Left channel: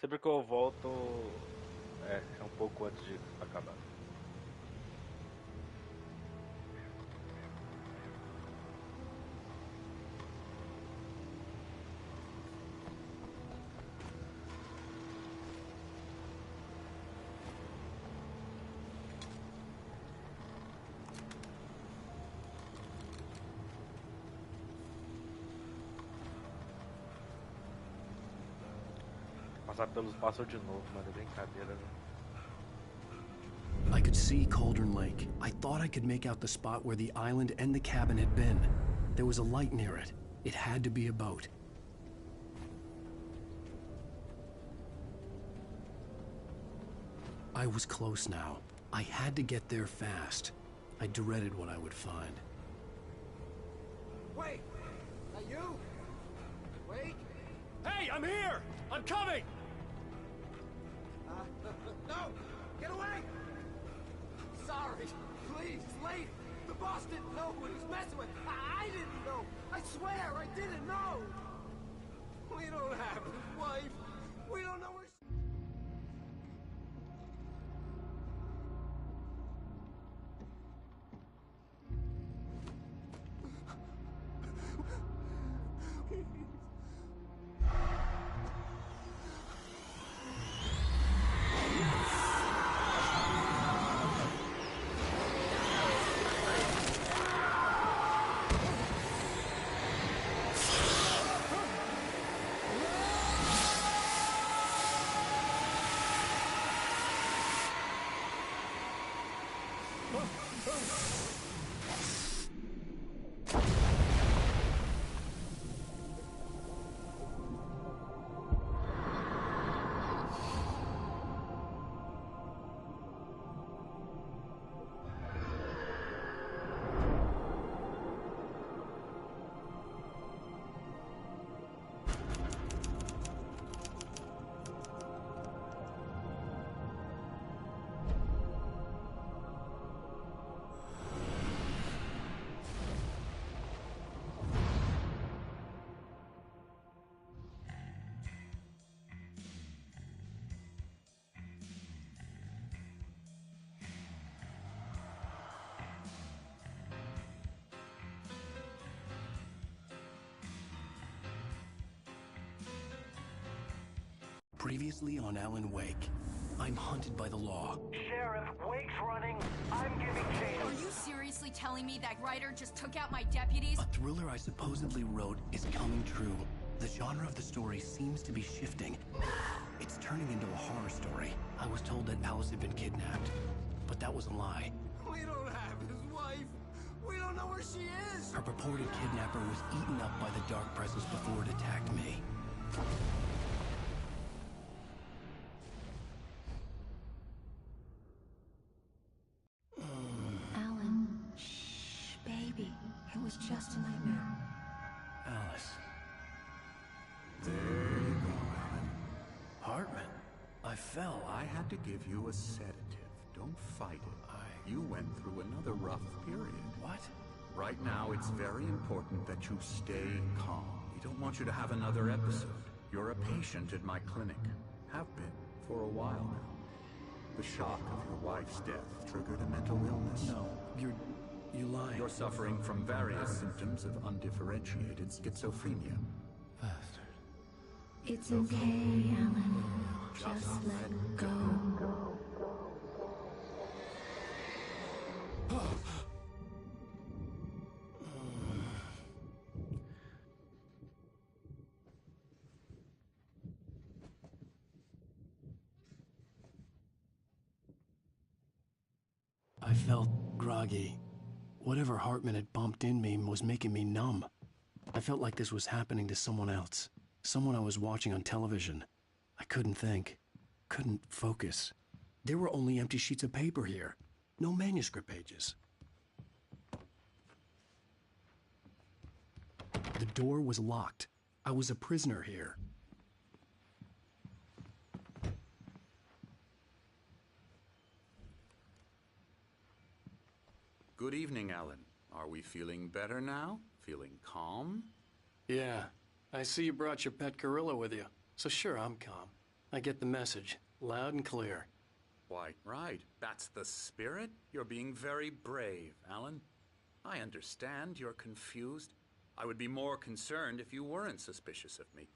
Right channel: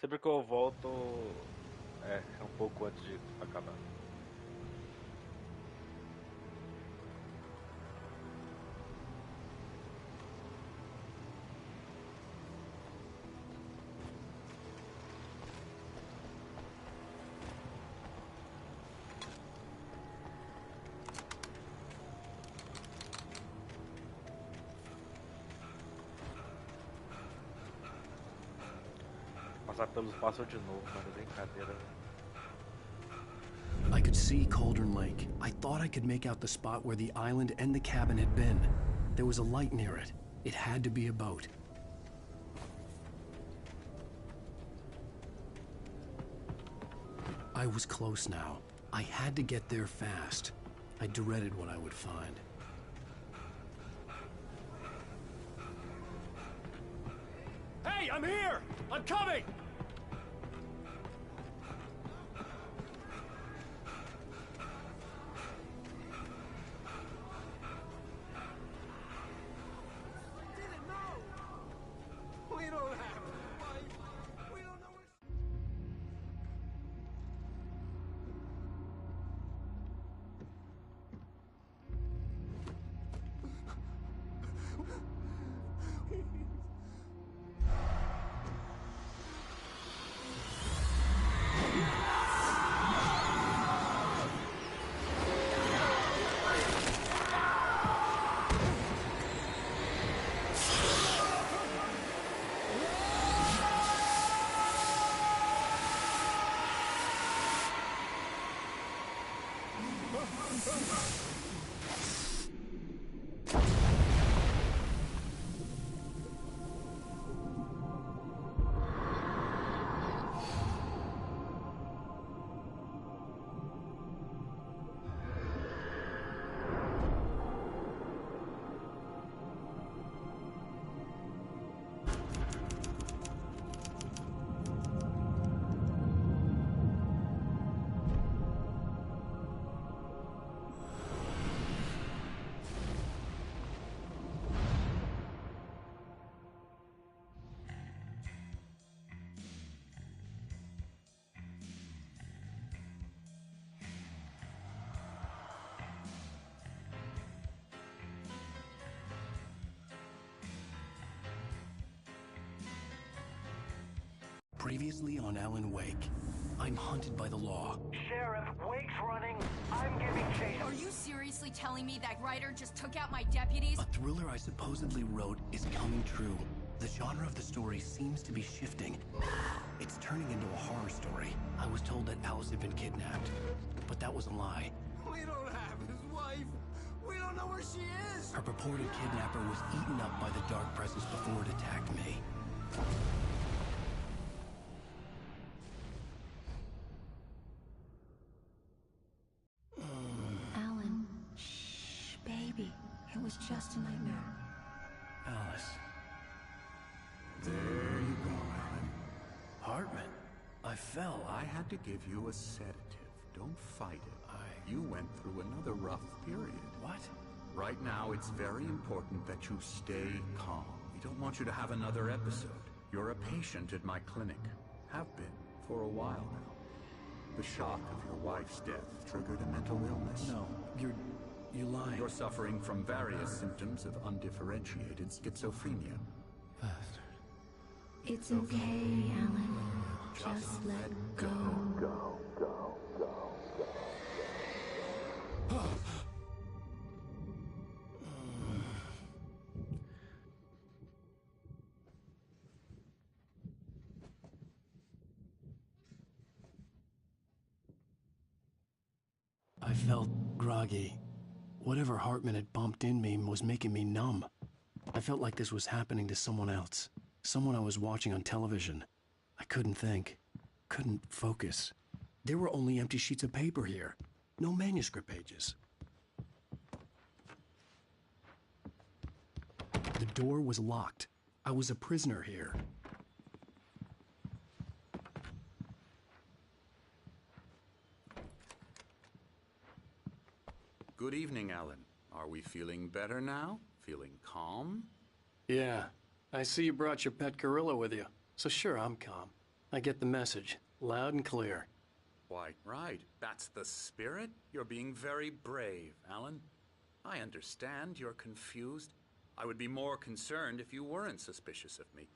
Sempre que eu volto, é um pouco antes de acabar. Passar pelos pássaros de novo, mano, é brincadeira, velho. I could see Cauldron Lake. I thought I could make out the spot where the island and the cabin had been. There was a light near it. It had to be a boat. I was close now. I had to get there fast. I dreaded what I would find. Wait! Are you? Wait! Hey, I'm here! I'm coming! No! Get away! Sorry. Please, wait! The boss didn't know what he was messing with. I didn't know. I swear, I didn't know. We don't have his wife. We don't know where she... Previously on Alan Wake, I'm hunted by the law. Sheriff, Wake's running. I'm giving chase. Are you seriously telling me that writer just took out my deputies? A thriller I supposedly wrote is coming true. The genre of the story seems to be shifting. It's turning into a horror story. I was told that Alice had been kidnapped, but that was a lie. We don't have his wife. We don't know where she is. Her purported kidnapper was eaten up by the dark presence before it attacked me. Alan, shh, baby. It was just a nightmare. Alice. There you go, Alan. Hartman. I fell. I had to give you a sedative. Don't fight it. You went through another rough period. What? Right now, it's very important that you stay calm. We don't want you to have another episode. You're a patient at my clinic. Have been for a while now. The shock of your wife's death triggered a mental illness. No, you lied. You're suffering from various symptoms of undifferentiated schizophrenia. Bastard. It's okay, Alan. Just let go. I felt groggy. Whatever Hartman had bumped in me was making me numb. I felt like this was happening to someone else. Someone I was watching on television. I couldn't think. Couldn't focus. There were only empty sheets of paper here. No manuscript pages. The door was locked. I was a prisoner here. Good evening, Alan. Are we feeling better now? Feeling calm? Yeah. I see you brought your pet gorilla with you. So sure, I'm calm. I get the message, loud and clear. Why, right. That's the spirit? You're being very brave, Alan. I understand you're confused. I would be more concerned if you weren't suspicious of me.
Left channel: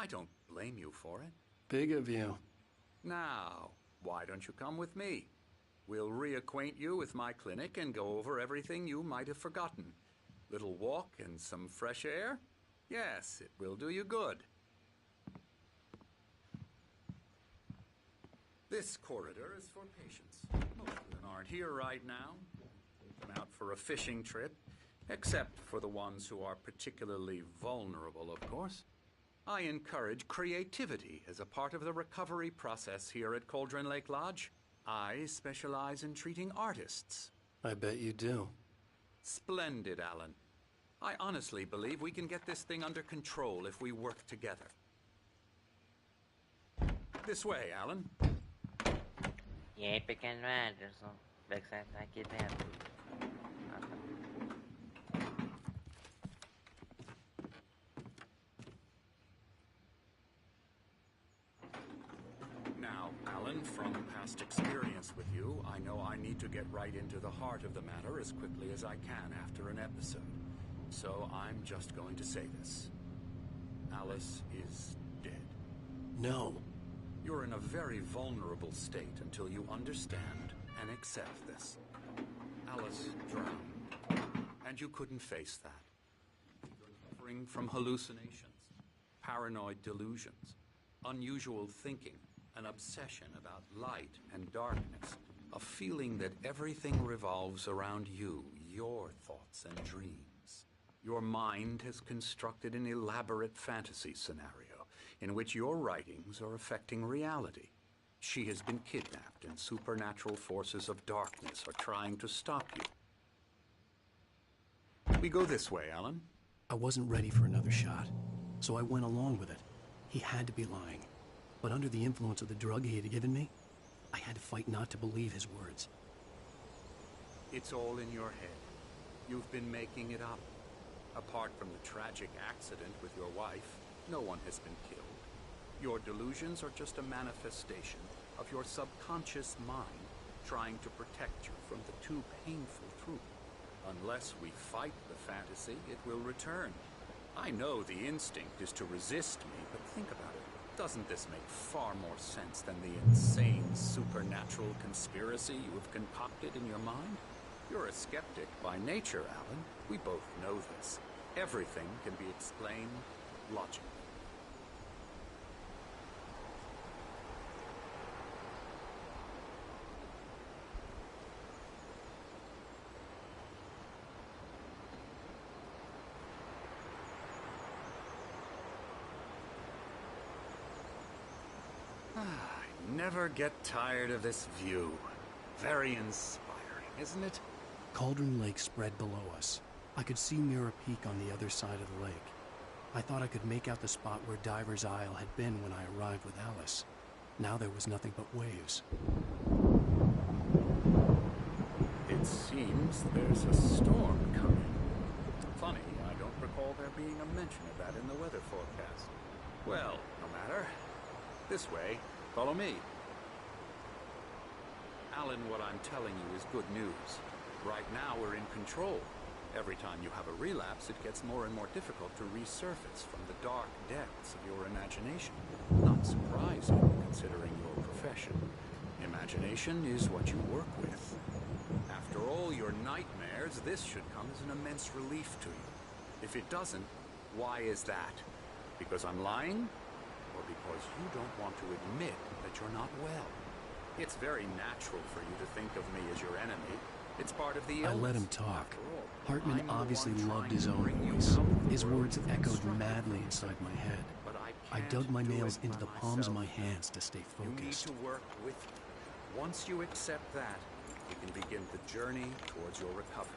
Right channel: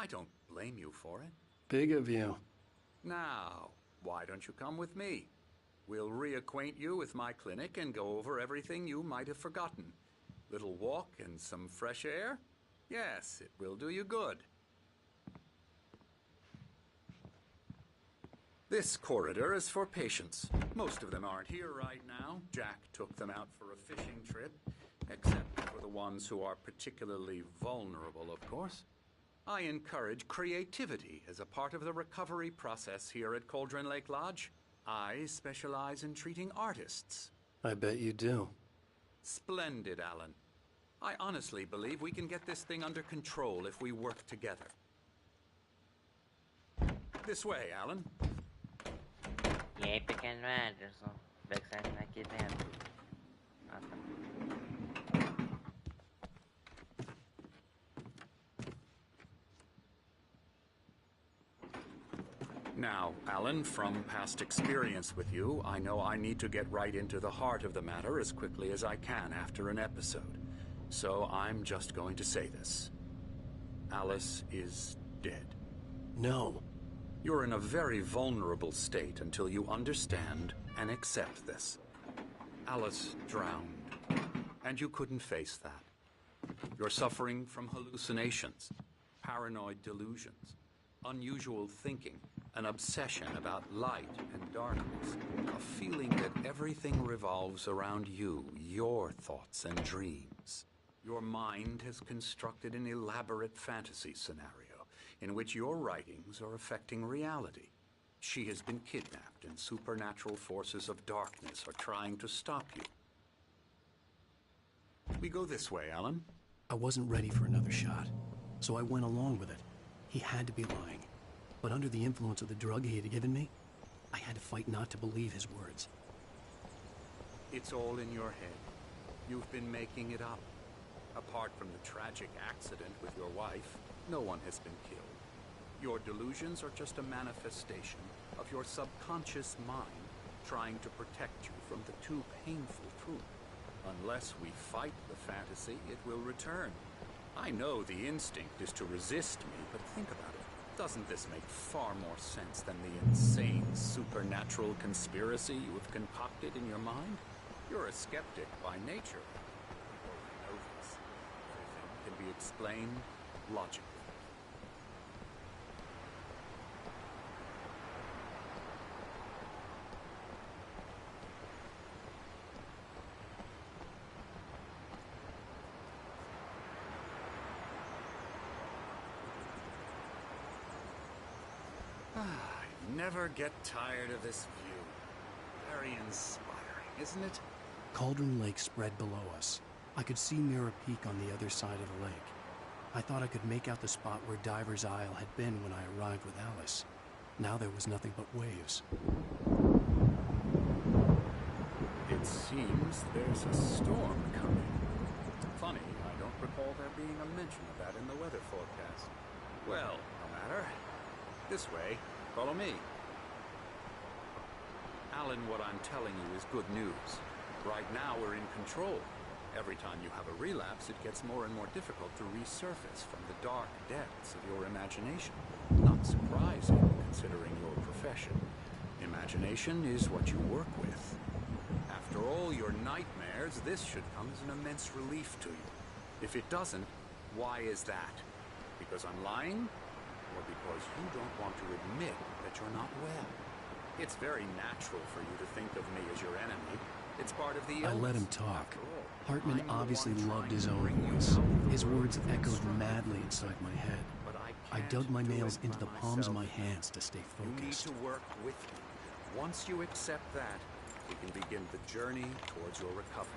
I don't blame you for it. Big of you. Now, why don't you come with me? We'll reacquaint you with my clinic and go over everything you might have forgotten. Little walk and some fresh air? Yes, it will do you good. This corridor is for patients. Most of them aren't here right now. Jack took them out for a fishing trip, except for the ones who are particularly vulnerable, of course. I encourage creativity as a part of the recovery process here at Cauldron Lake Lodge. I specialize in treating artists. I bet you do. Splendid, Alan. I honestly believe we can get this thing under control if we work together. This way, Alan. E aí, pequeno Anderson, vai que sai aqui dentro. Ah, tá. Now, Alan, from past experience with you, I know I need to get right into the heart of the matter as quickly as I can after an episode. So I'm just going to say this. Alice is dead. No. You're in a very vulnerable state until you understand and accept this. Alice drowned, and you couldn't face that. You're suffering from hallucinations, paranoid delusions, unusual thinking, an obsession about light and darkness, a feeling that everything revolves around you, your thoughts and dreams. Your mind has constructed an elaborate fantasy scenario in which your writings are affecting reality. She has been kidnapped and supernatural forces of darkness are trying to stop you. We go this way, Alan. I wasn't ready for another shot, so I went along with it. He had to be lying. But under the influence of the drug he had given me, I had to fight not to believe his words. It's all in your head. You've been making it up. Apart from the tragic accident with your wife, no one has been killed. Your delusions are just a manifestation of your subconscious mind trying to protect you from the too painful truth. Unless we fight the fantasy, it will return. I know the instinct is to resist me, but think about it. Doesn't this make far more sense than the insane supernatural conspiracy you have concocted in your mind? You're a skeptic by nature, Alan. We both know this. Everything can be explained logically. I never get tired of this view. Very inspiring, isn't it? Cauldron Lake spread below us. I could see Mirror Peak on the other side of the lake. I thought I could make out the spot where Diver's Isle had been when I arrived with Alice. Now there was nothing but waves. It seems there's a storm coming. Funny, I don't recall there being a mention of that in the weather forecast. Well, no matter. This way. Follow me. Alan, what I'm telling you is good news. Right now, we're in control. Every time you have a relapse, it gets more and more difficult to resurface from the dark depths of your imagination. Not surprising, considering your profession. Imagination is what you work with. After all your nightmares, this should come as an immense relief to you. If it doesn't, why is that? Because I'm lying? Or because you don't want to admit that you're not well? It's very natural for you to think of me as your enemy. It's part of the illness. I let him talk. After all, Hartman I'm the obviously one loved trying his to own bring you voice. out of the His world words you've echoed constructed madly for inside my yourself. head. But I can't dug my do nails it into by the palms of my myself. hands to stay You need focused. to work with me. Once you accept that, we can begin the journey towards your recovery.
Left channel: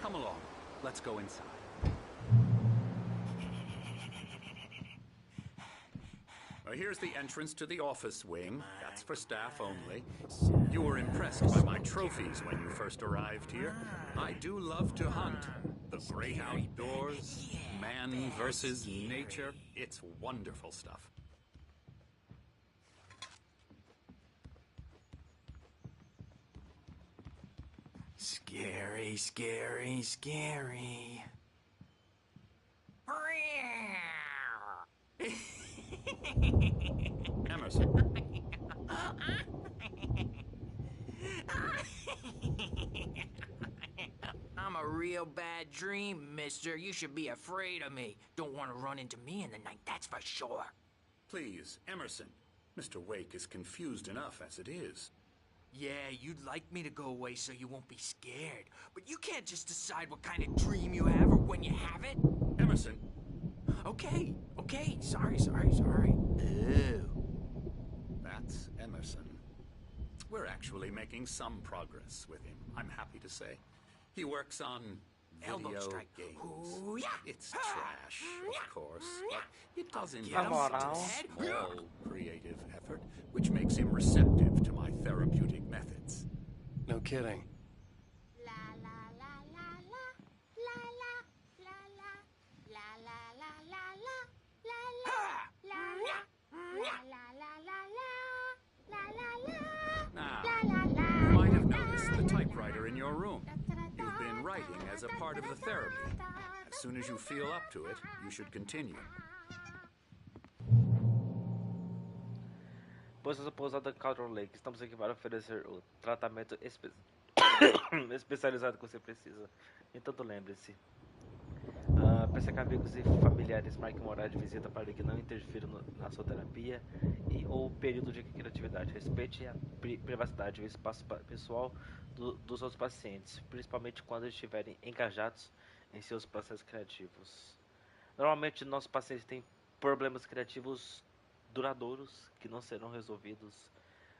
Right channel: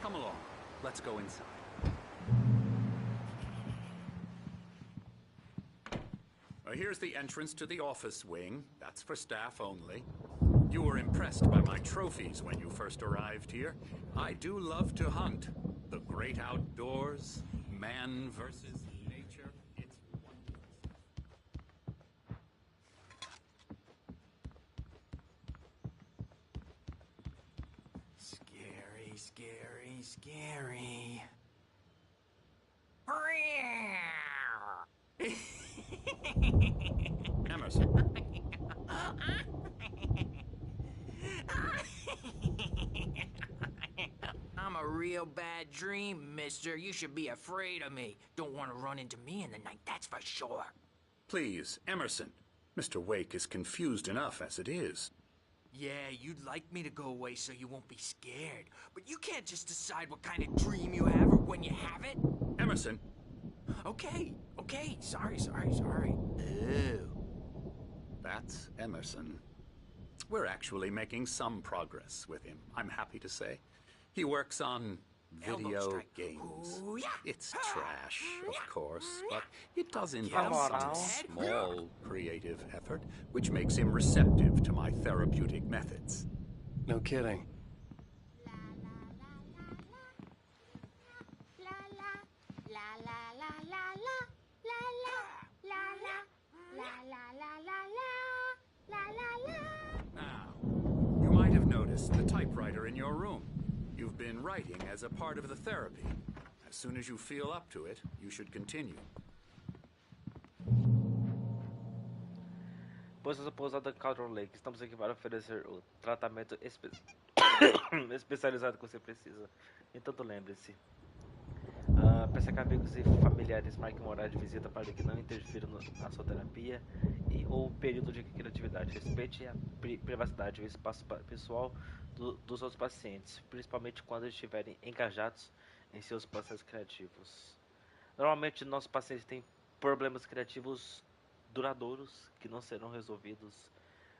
Come along. Let's go inside. Here's the entrance to the office wing. That's for staff only. You were impressed by my trophies when you first arrived here. I do love to hunt. The great outdoors, man versus nature. It's wonderful stuff. Scary, scary, scary. Emerson. I'm a real bad dream, mister. You should be afraid of me. Don't want to run into me in the night, that's for sure. Please, Emerson. Mr. Wake is confused enough as it is. Yeah, you'd like me to go away so you won't be scared. But you can't just decide what kind of dream you have or when you have it. Emerson. Okay. Sorry. Ew. That's Emerson. We're actually making some progress with him, I'm happy to say. He works on Elbow video strike. games. Ooh, yeah. It's trash, of course, but it does him involve some some head. small creative effort, which makes him receptive to my therapeutic methods. No kidding. Now, you might have noticed the typewriter in your room. You've been writing as a part of the therapy. As soon as you feel up to it, you should continue. Pois a pousada Caldron Lake, estamos aqui para oferecer o tratamento especializado que você precisa. Entanto, lembre-se. Peça que amigos e familiares marquem um horário de visita para que não interfira na sua terapia e ou período de criatividade. Respeite a privacidade e o espaço pessoal dos outros pacientes, principalmente quando estiverem engajados em seus processos criativos. Normalmente, nossos pacientes têm problemas criativos duradouros que não serão resolvidos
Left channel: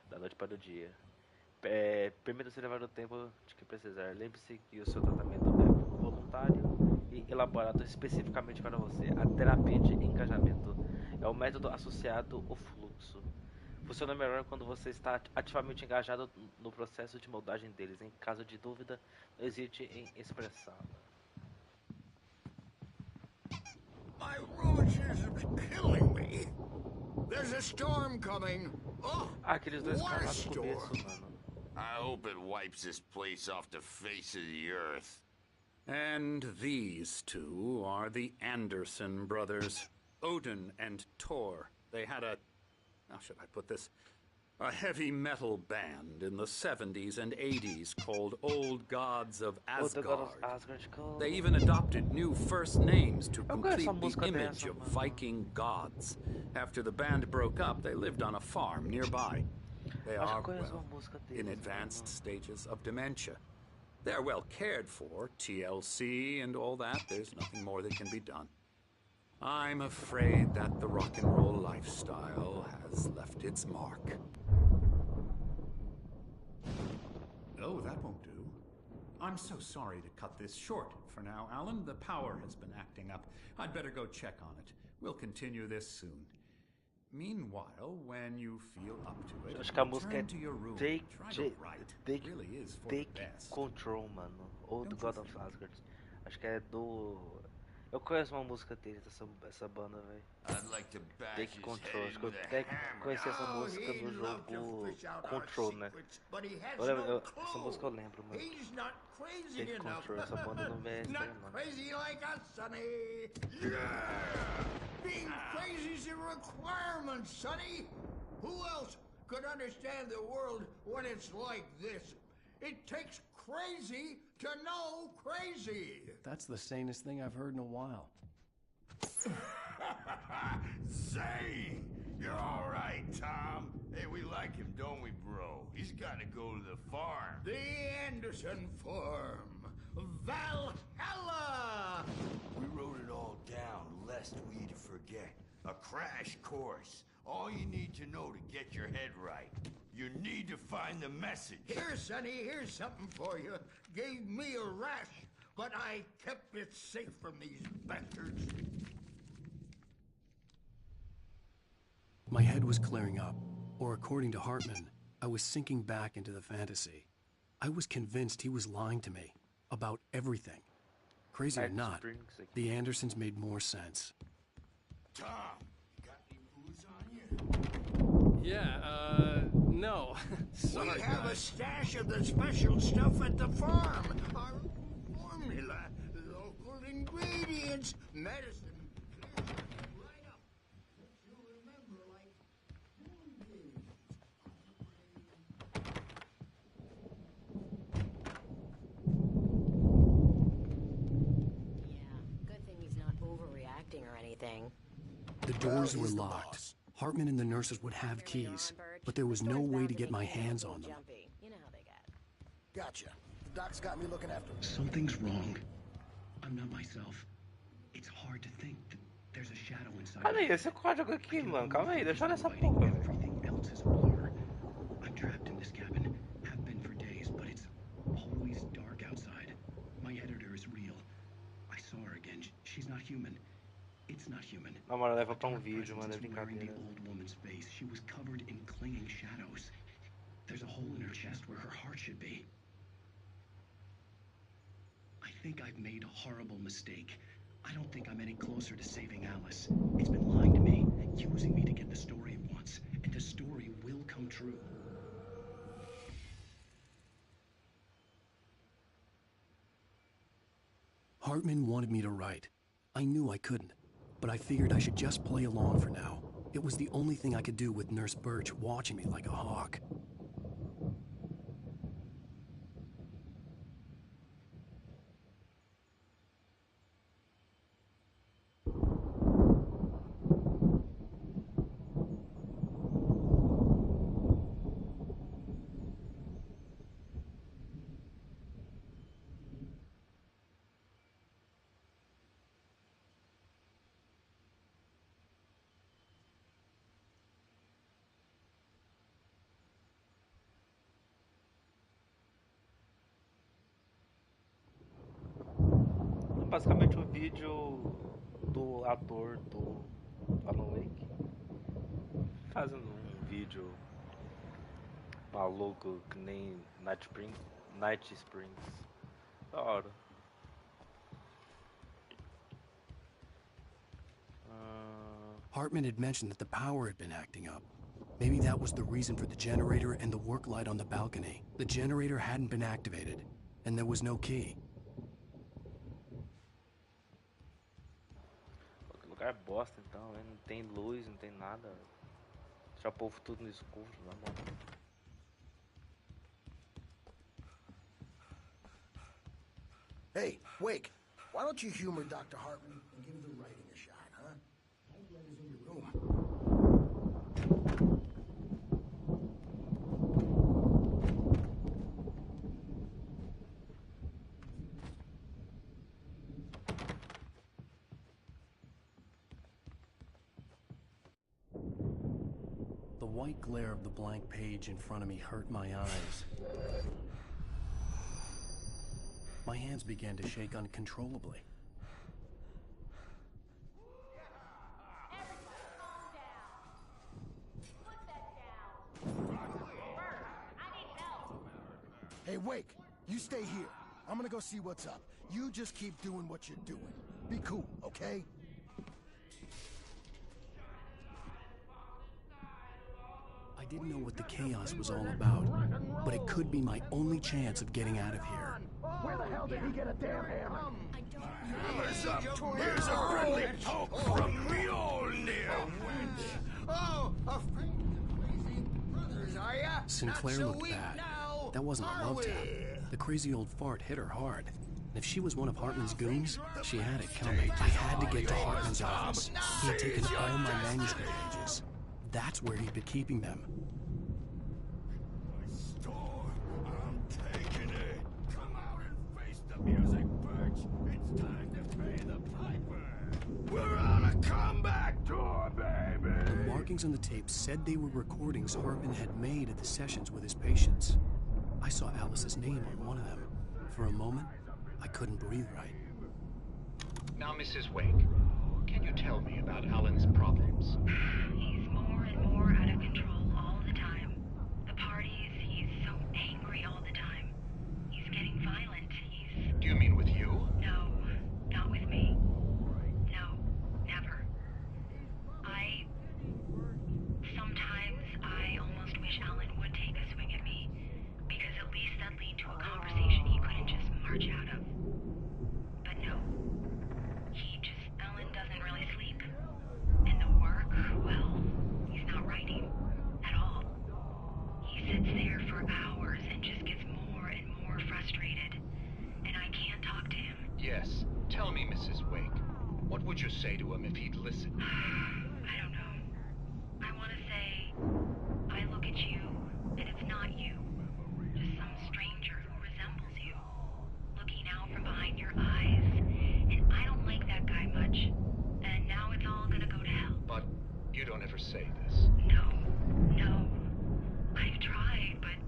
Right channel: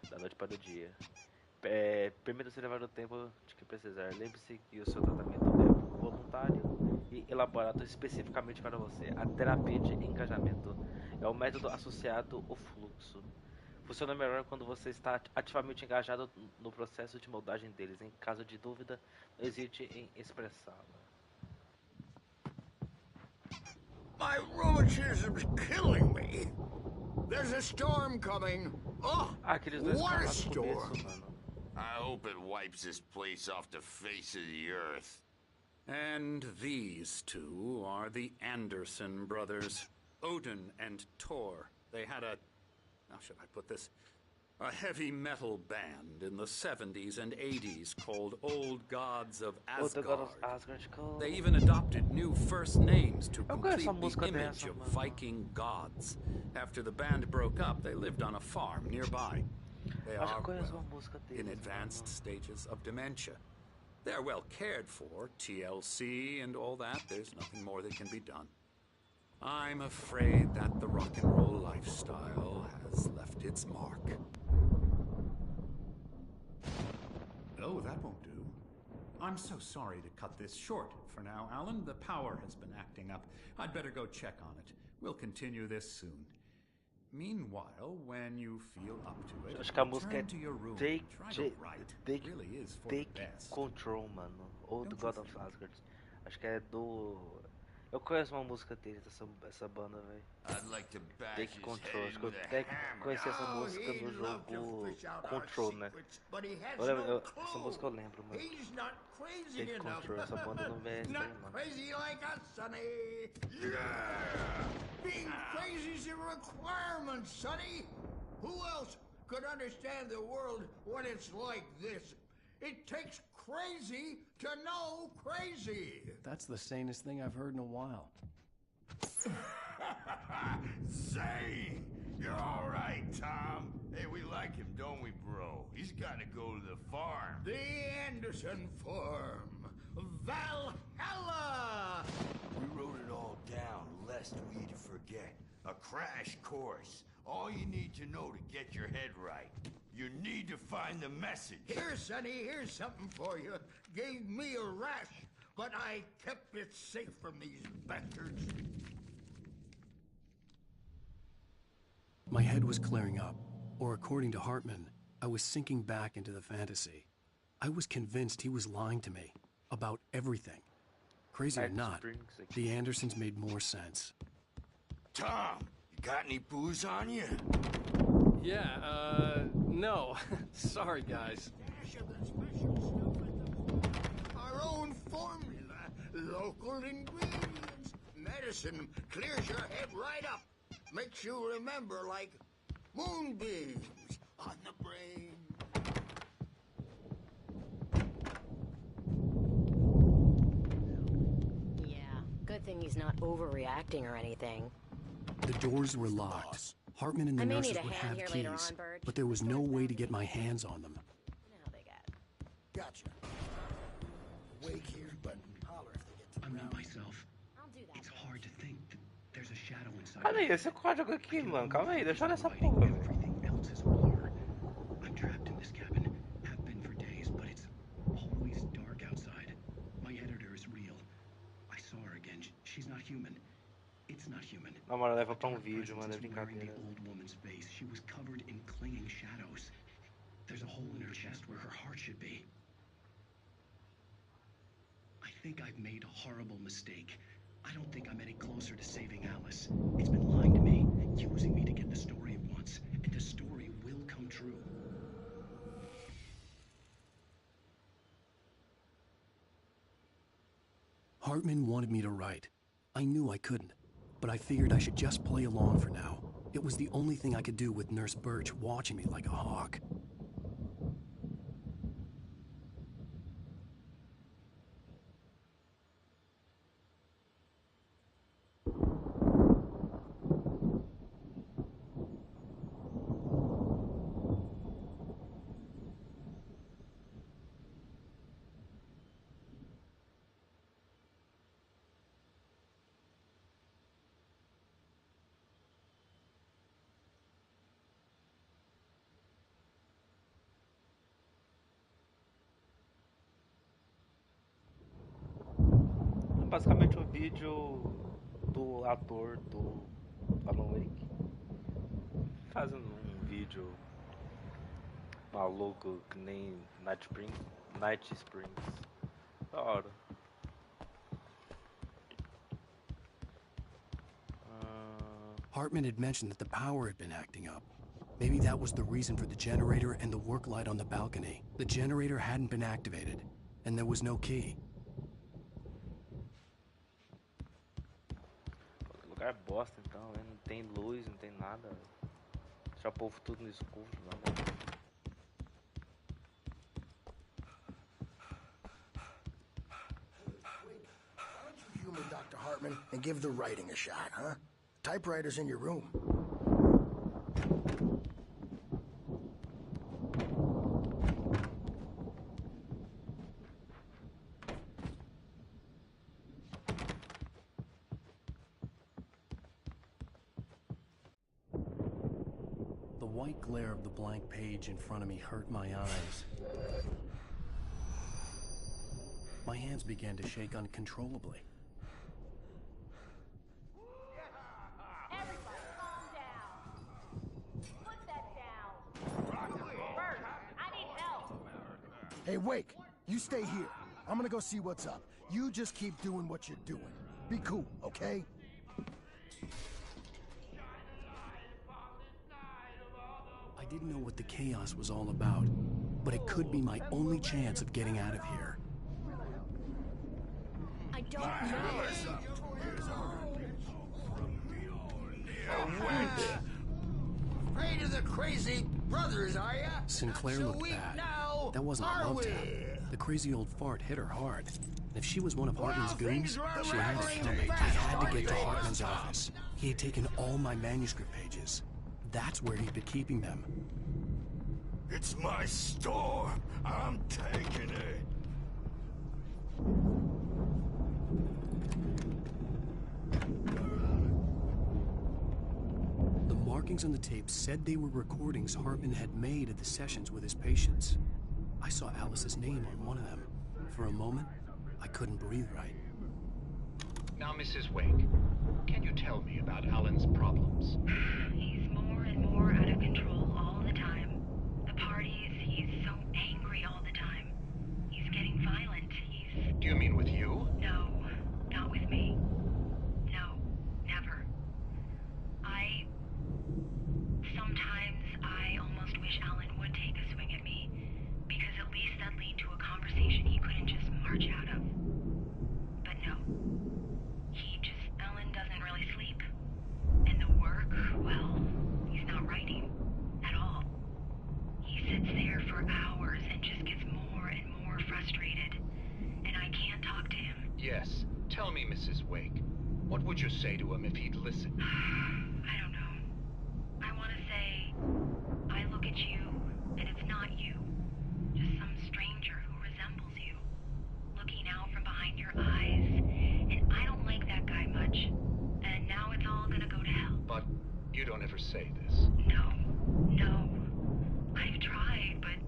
da noite para o dia. Permita-se levar o tempo de que precisar. Lembre-se que o seu tratamento é voluntário e elaborado especificamente para você. A terapia de engajamento é o método associado ao fluxo. Funciona melhor quando você está ativamente engajado no processo de moldagem deles. Em caso de dúvida, não hesite em expressá-la. My rheumatism's killing me. There's a storm coming. Oh, Aqueles dois what a caras do começo, storm. mano. I hope it wipes this place off the face of the earth. And these two are the Anderson brothers, Odin and Thor. They had how should I put this? A heavy metal band in the 70s and 80s called Old Gods of Asgard. They even adopted new first names to complete the image of Viking gods. After the band broke up, they lived on a farm nearby. They are, well, in advanced stages of dementia. They're well cared for, TLC and all that. There's nothing more that can be done. I'm afraid that the rock and roll lifestyle has left its mark. Oh, that won't do. I'm so sorry to cut this short for now, Alan. The power has been acting up. I'd better go check on it. We'll continue this soon. Meanwhile, when you feel up to it, Acho que a música return é to your room. Take, Try to write. It really is for the Take best. Control, mano. Ou do Don't God you of think? Asgard. Acho que é do... Eu conheço uma música deles, essa banda, velho. I'd like to bash Take his Control. head Acho que eu with a até hammer. conheci essa Oh, música he'd no love to jogo fish out our Control, né? secrets, but he has Eu lembro, no essa música eu clue. lembro, mano. He's not crazy Take enough. Control, essa banda não vê Not mano. crazy like us, Sonny. Yeah! Being crazy's a requirement, Sonny. Who else could understand the world when it's like this? It takes crazy to know crazy. That's the sanest thing I've heard in a while. Say, you're all right, Tom. Hey, we like him, don't we, bro? He's got to go to the farm. The Anderson Farm. Valhalla! We wrote it all down, lest we forget. A crash course. All you need to know to get your head right. You need to find the message. Here, Sonny, here's something for you. Gave me a rash, but I kept it safe from these bastards. My head was clearing up, or according to Hartman, I was sinking back into the fantasy. I was convinced he was lying to me about everything. Crazy or not, the Andersons made more sense. Tom, you got any booze on you? Yeah, no. Sorry, We have a guys. stash of the special stuff at the farm. Our own formula. Local ingredients. Medicine clears your head right up. Makes you remember like moonbeams on the brain. Yeah, good thing he's not overreacting or anything. The doors were locked. Hartman and the nurses would have keys, but there was no way to get my hands on them. You know how they get. Gotcha. Doc's got me looking after Rick. Something's wrong. I'm not myself. It's hard to think that there's a shadow inside. Calma aí, esse código aqui, mano. Calma aí, deixa eu olhar essa porra, velho. Everything else is a blur. I'm trapped in this cabin. Have been for days, but it's always dark outside. My editor is real. I saw her again. She's not human. It's not human. Não, mano, leva pra vídeo, mano, é brincadeira. The old woman's face. She was covered in clinging shadows. There's a hole in her chest where her heart should be. I think I've made a horrible mistake. I don't think I'm any closer to saving Alice. It's been lying to me, using me to get the story it wants, and the story will come true. Hartman wanted me to write. I knew I couldn't, but I figured I should just play along for now. It was the only thing I could do with Nurse Birch watching me like a hawk. Basicamente um vídeo do ator do Alan Wake fazendo um vídeo maluco que nem Night Springs. Da hora. Hartman had mentioned that the power had been acting up. Maybe that was the reason for the generator and the work light on the balcony. The generator hadn't been activated, and there was no key. Lugar bosta então, né? Não tem luz, não tem nada. Deixa o povo tudo no escuro, na mão. Hey, Wake, why don't you humor Dr. Hartman and give the writing a shot, huh? Typewriter's in your room. The white glare of the blank page in front of me hurt my eyes. My hands began to shake uncontrollably. Everybody calm down. Put that down. Bert, I need help. Hey, Wake, you stay here. I'm gonna go see what's up. You just keep doing what you're doing. Be cool, okay? I didn't know what the chaos was all about, but it could be my only chance of getting out of here. Where the hell did he get a damn hammer? I don't know. Here's a friendly poke from Mjolnir, wench. Oh, afraid of the crazy brothers, are ya? Sinclair Not so looked weak bad. now, That wasn't a are love we? tap. The crazy old fart hit her hard. And if she was one of Hartman's goons, she had it coming. I had to get to Hartman's office. He had taken all my manuscript pages. That's where he'd been keeping them. It's my store. I'm taking it. Come out and face the music, Birch. It's time to pay the piper. We're on a comeback tour, baby. The markings on the tape said they were recordings Hartman had made at the sessions with his patients. I saw Alice's name on one of them. For a moment, I couldn't breathe right. Now, Mrs. Wake, can you tell me about Alan's problems? He's more and more out of control all the time. The parties, he's so angry all the time. He's getting violent. Do you mean with you? No, not with me. No, never. Sometimes say to him if he'd listen? I don't know. I want to say, I look at you, and it's not you. Just some stranger who resembles you. Looking out from behind your eyes, and I don't like that guy much. And now it's all gonna go to hell. But you don't ever say this. No. I've tried, but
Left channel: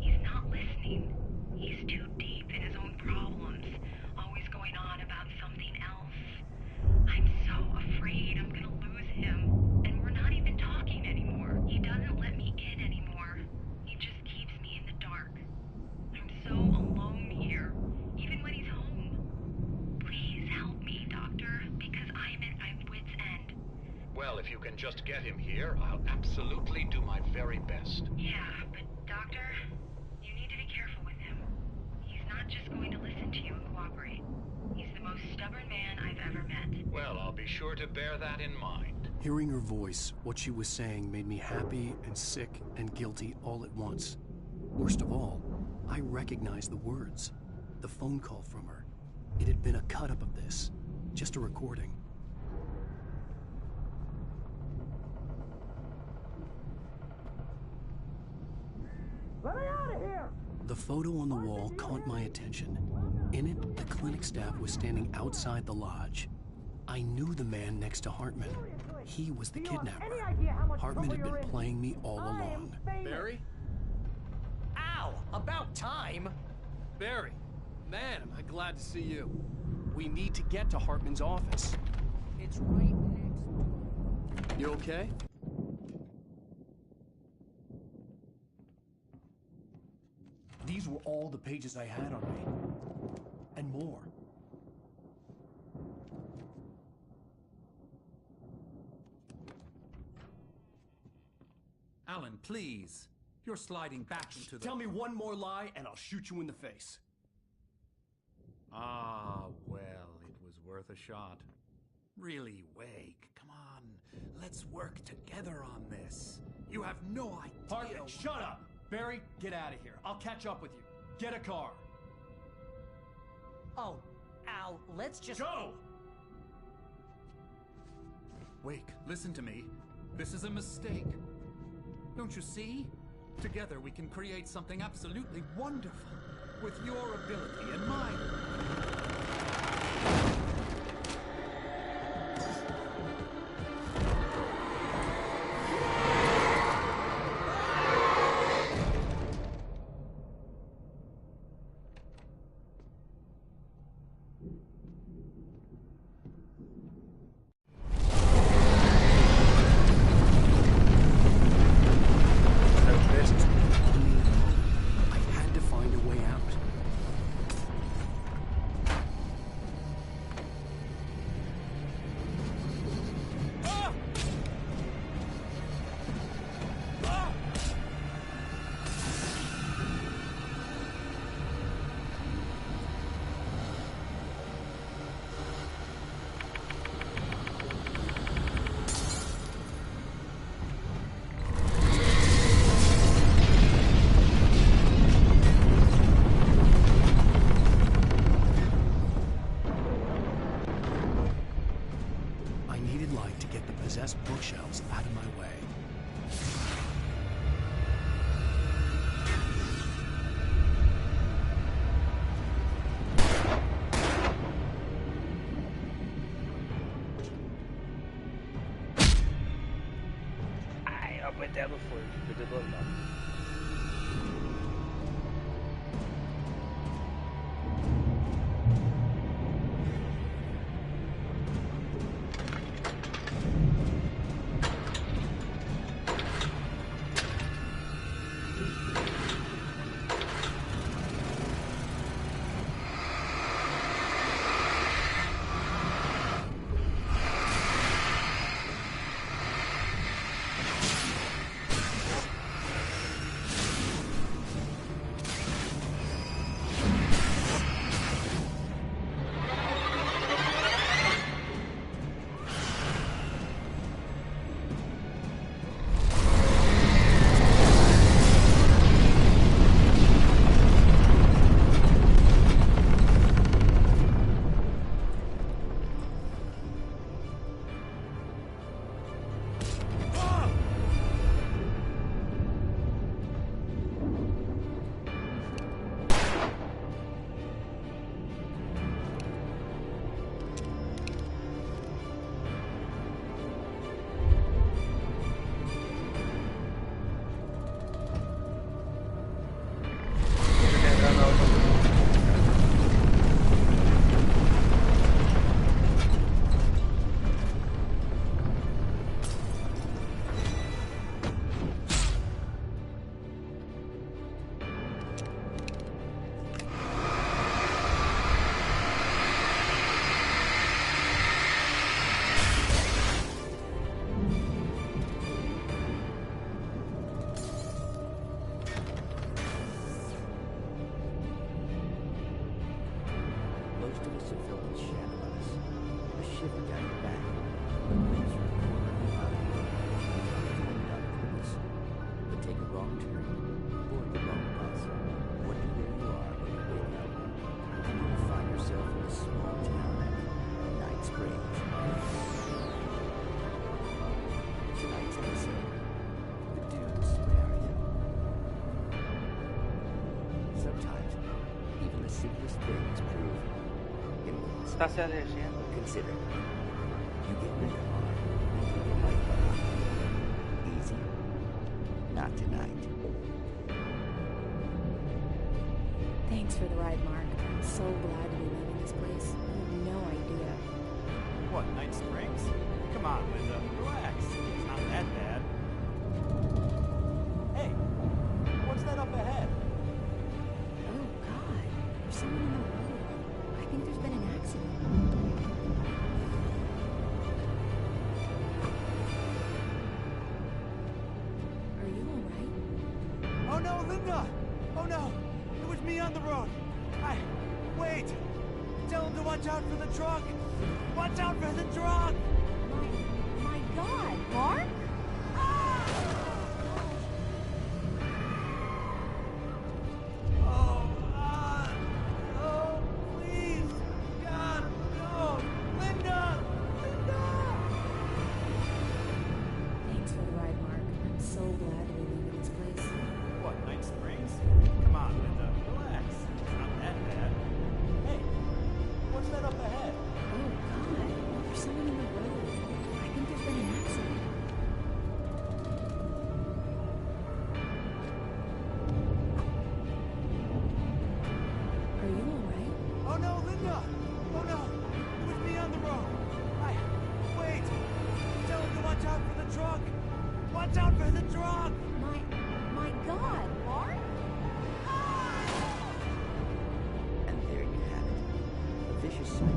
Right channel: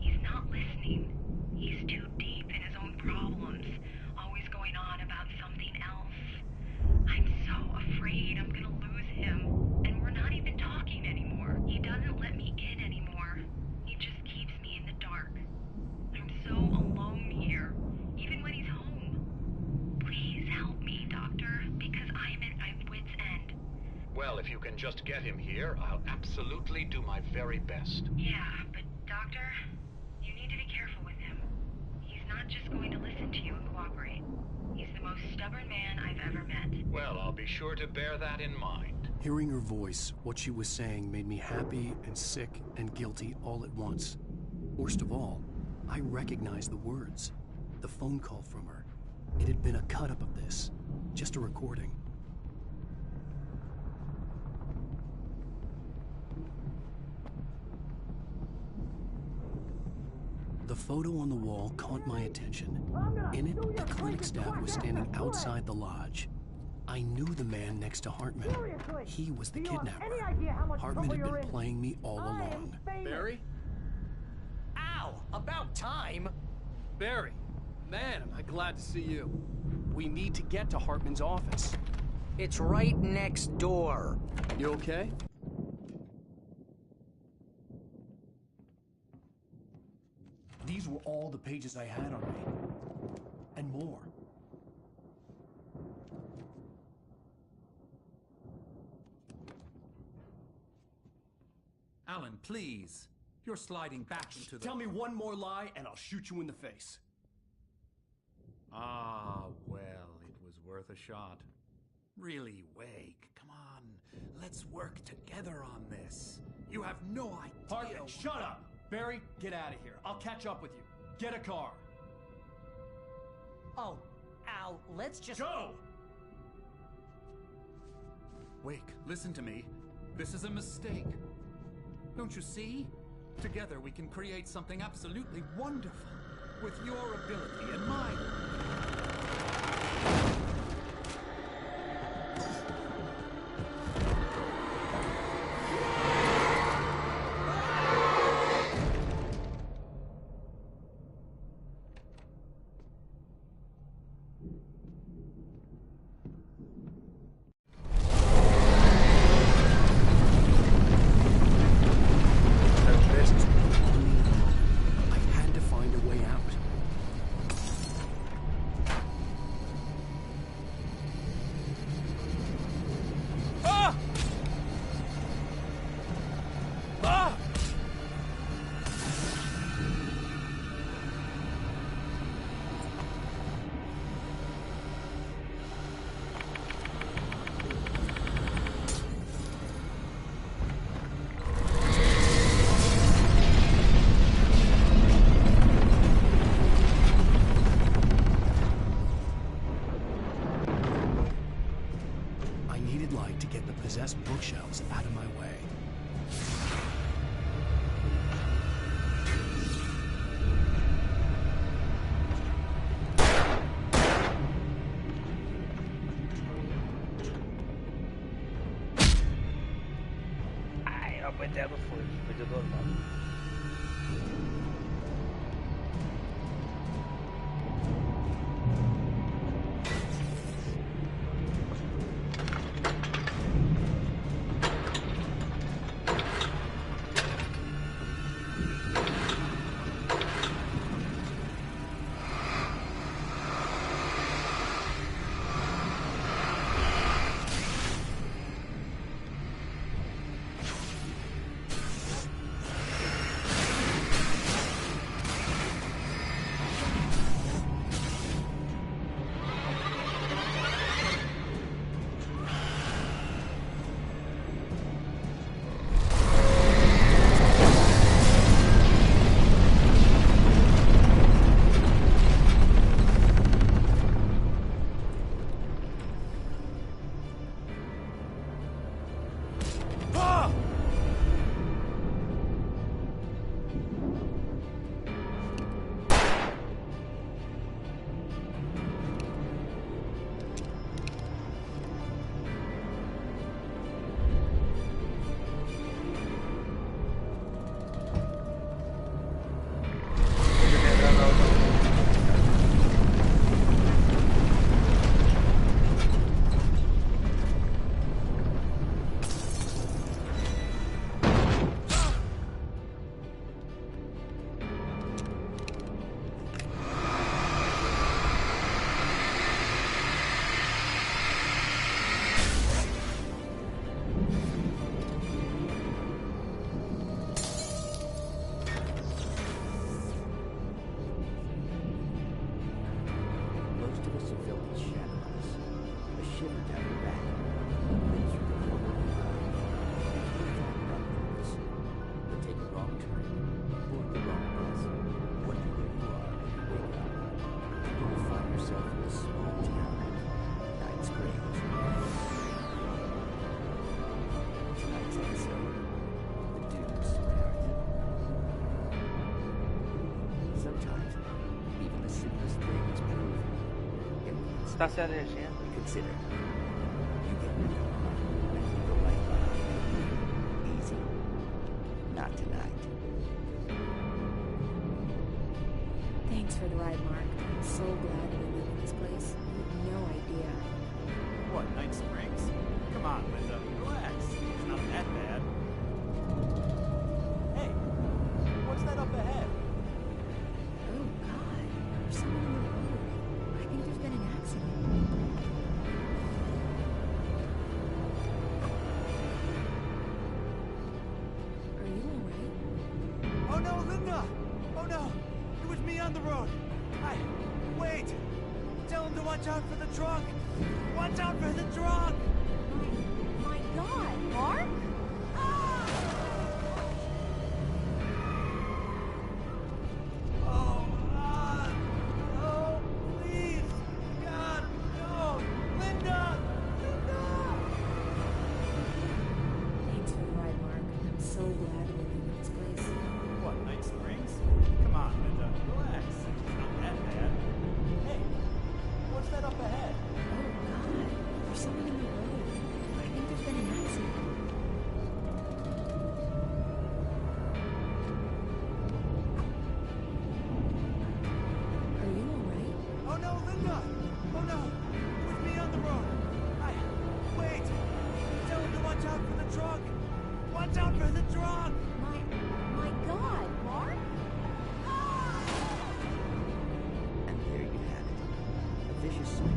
he's not listening. He's too deep in his own problems, always going on about something else. I'm so afraid I'm gonna lose him, and we're not even talking anymore. He doesn't let me in anymore. He just keeps me in the dark. I'm so alone here, even when he's home. Please help me, Doctor, because I'm at my wit's end. Well, if you can just get him here, I'll absolutely do my very best. Yeah, but Doctor, you need to be careful with him. He's not just going to listen to you and cooperate. He's the most stubborn man I've ever met. Well, I'll be sure to bear that in mind. Hearing her voice, what she was saying made me happy and sick and guilty all at once. Worst of all, I recognized the words. The phone call from her. It had been a cut-up of this. Just a recording. The photo on the wall caught my attention. In it, the clinic staff was standing outside the lodge. I knew the man next to Hartman. He was the kidnapper. Hartman had been playing me all along. Barry? Ow! About time! Barry, man, am I glad to see you. We need to get to Hartman's office. It's right next door. You okay? These were all the pages I had on me. And more. Alan, please. You're sliding back into the... Tell me one more lie and I'll shoot you in the face. Ah, well, it was worth a shot. Really, Wake, come on. Let's work together on this. You have no idea... Hartman, shut up! Barry, get out of here. I'll catch up with you. Get a car. Oh, Al, let's just... Go! Wake, listen to me. This is a mistake. Don't you see? Together we can create something absolutely wonderful. With your ability and mine. I had to find a way out. Light to get the possessed bookshelves out of my way. Ai, eu apertei no fogo, perdeu normal. Most of us have felt its shadow on us. A shiver down your back. It lives through the corner of the eye. You can't climb it on purpose. But take a wrong turn, board the wrong bus, wonder where you are when you wake up, and you will find yourself in the small town of Night Springs. Tonight's episode, the dudes surround you. Sometimes, even the simplest things prove impossible. Tá se a legenda. Consider, you get in a car and leave your life behind. Easy? Not tonight. Thanks for the ride, Mark. I'm so glad to be leaving this place. You have no idea. What, Night Springs? Come on, Linda. Relax. It's not that bad. Hey, what's that up ahead? Oh, God. There's someone in the road. I think there's been an accident. Are you all right? Oh no, Linda! Oh no! It was me on the road! Wait! Tell him to watch out for the truck! Watch out for the truck! My God, Mark? Oh, please! God, no! Linda! Linda! Thanks for the ride, Mark. I'm so glad to be leaving this place. What, Night Springs? Come on, Linda. Relax. It's not that bad. Hey, what's that up ahead? Oh, God. There's someone in the road. I think there's been an accident. Are you all right? Oh no, Linda! Oh no! It was me on the road! Wait! Tell him to watch out for the truck! Watch out for the truck! My God, Mark? And there you have it. A vicious cycle,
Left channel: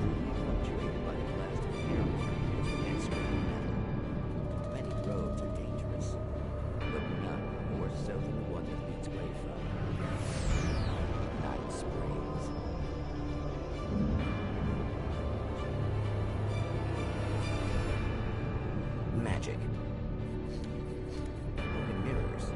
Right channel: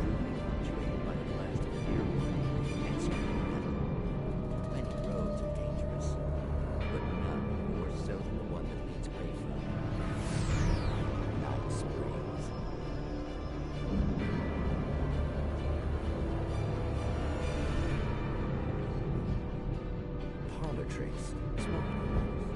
brutally punctuated by the blast of air water and screaming metal. Many roads are dangerous, but none more so than the one that leads away from Night Springs. Magic, parlor tricks, smoke and mirrors.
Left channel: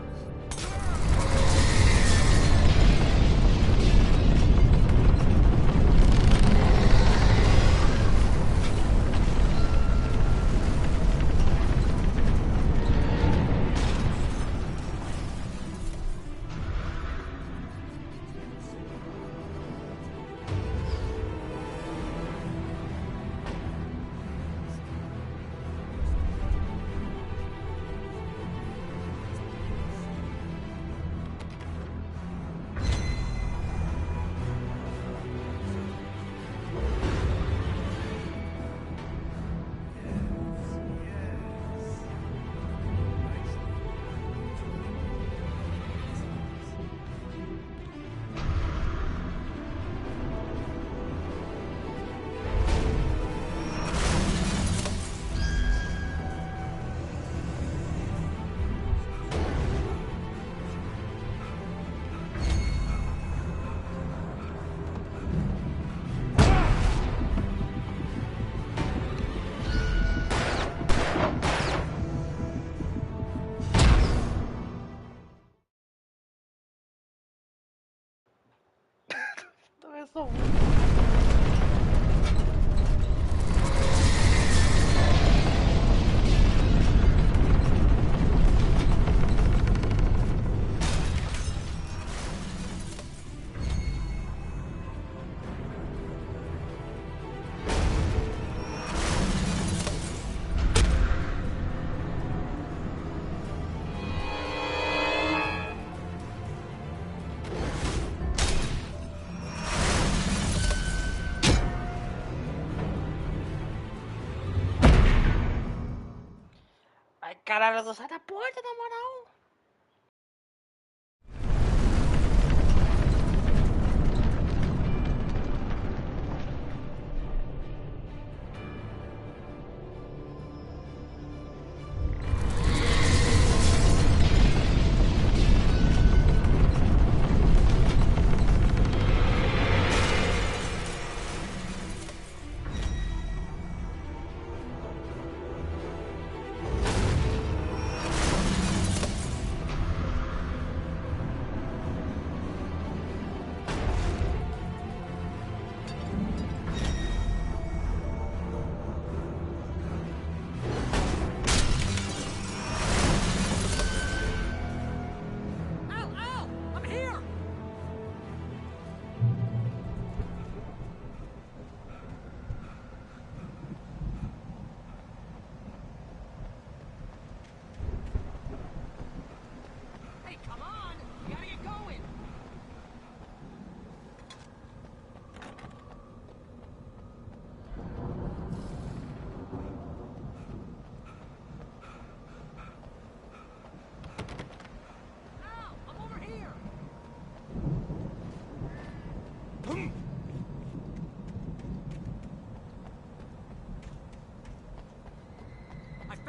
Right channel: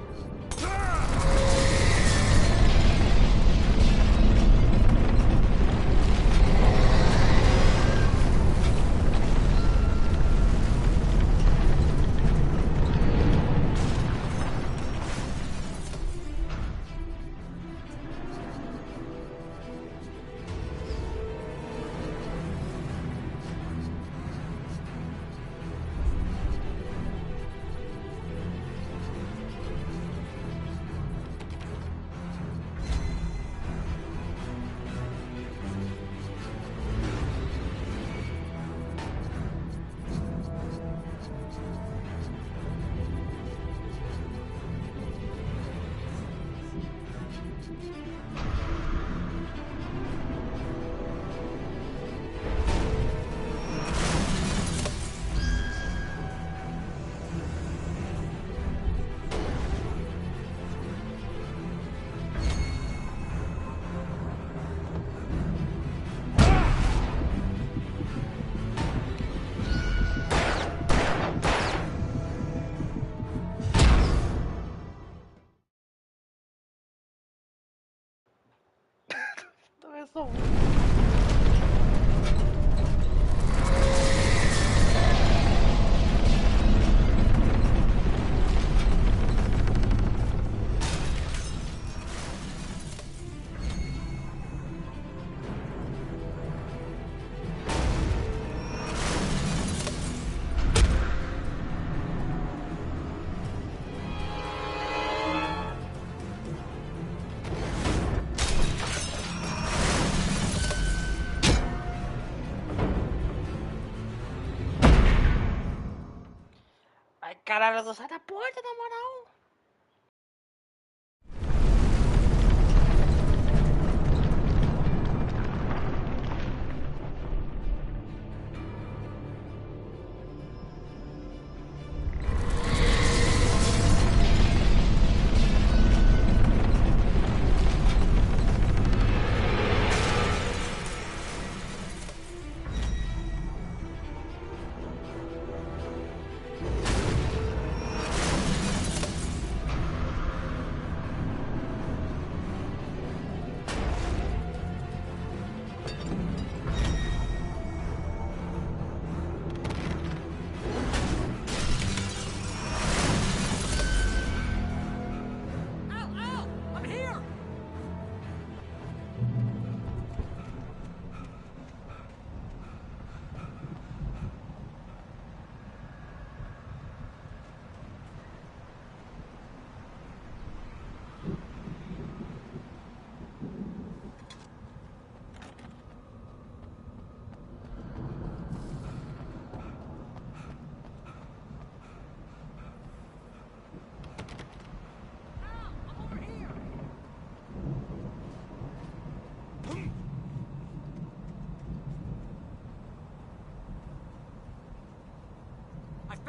Ai, caralho, não sai da porta, na moral.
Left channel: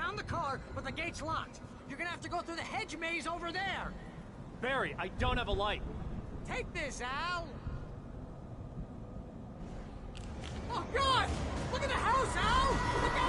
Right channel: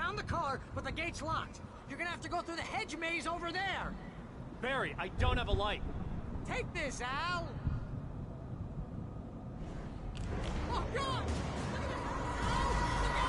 found the car, but the gate's locked. You're gonna have to go through the hedge maze over there. Barry, I don't have a light. Take this, Al. Oh, God! Look at the house, Al! Look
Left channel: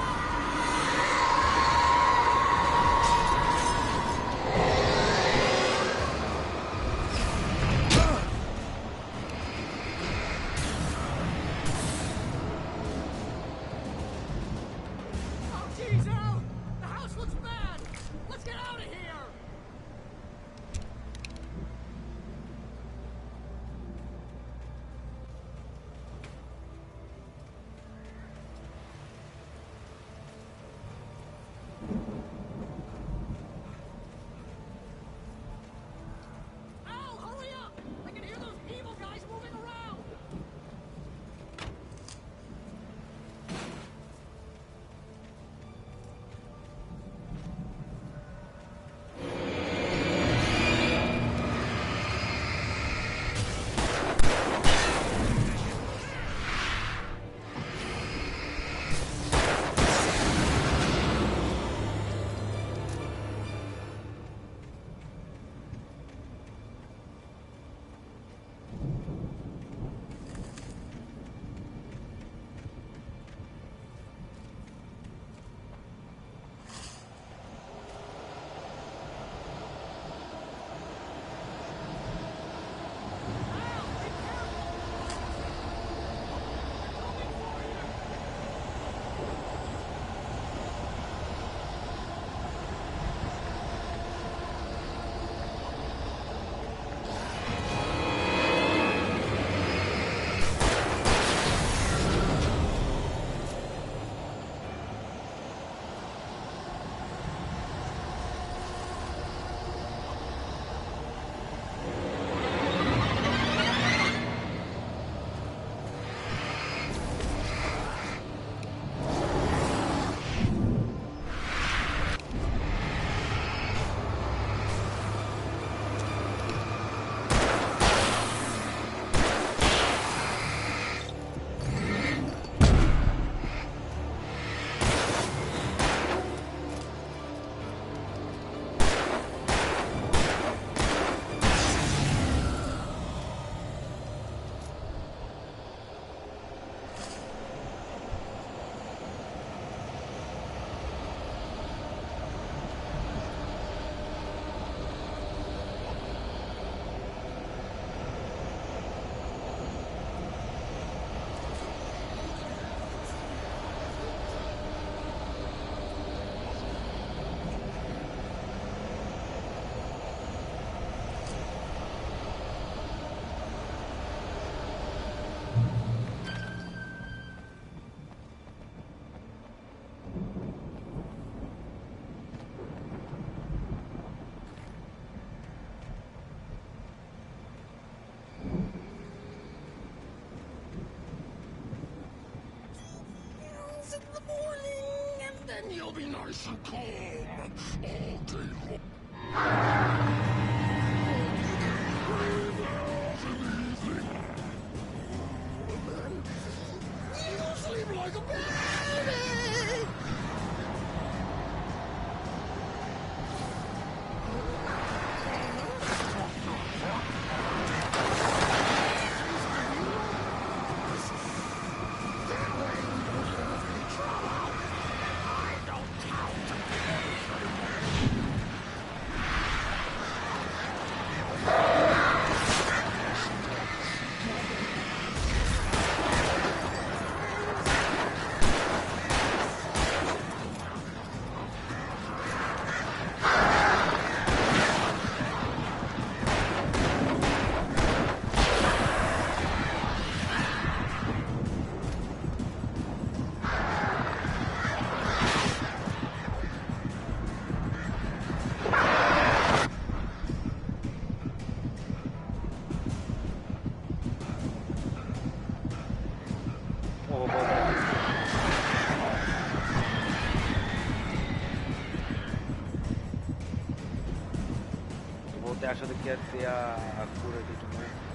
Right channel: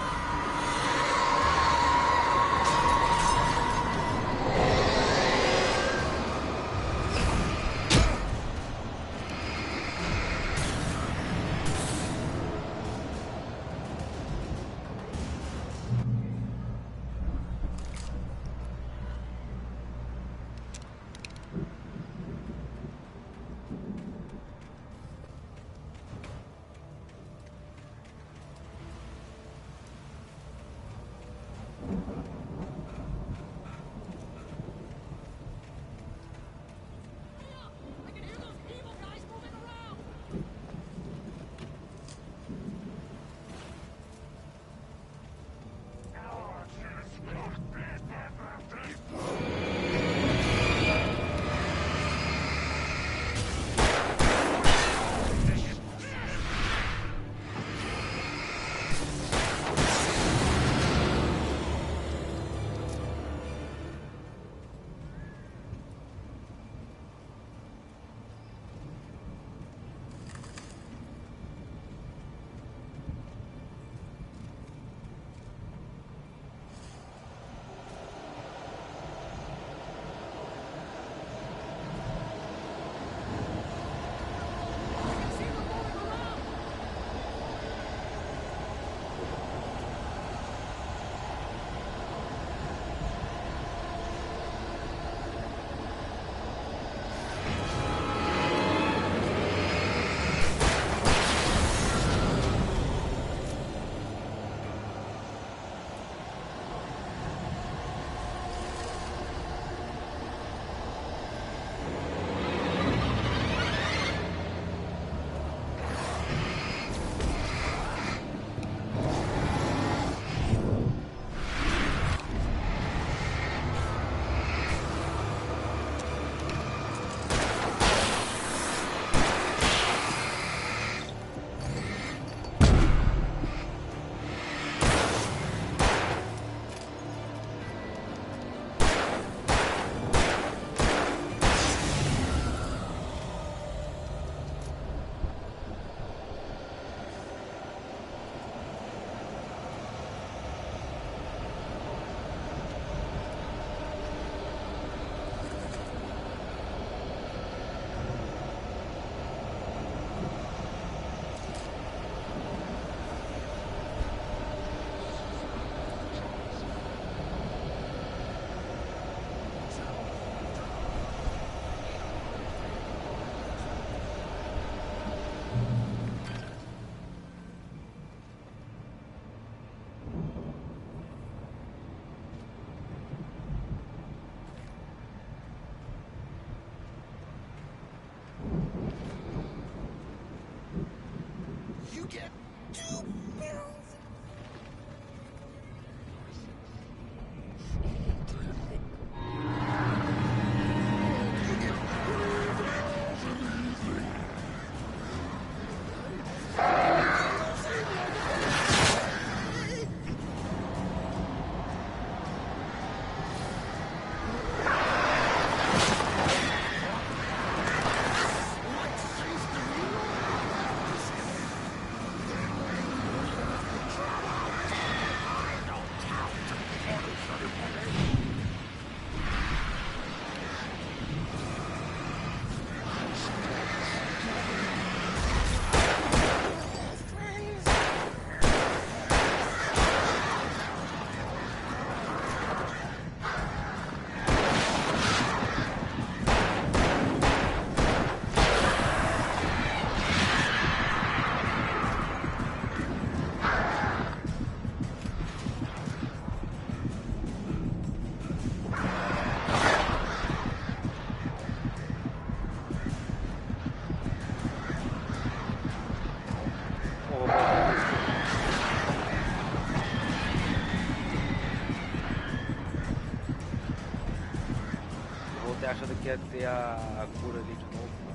achando que ia ter a cura ali de novo.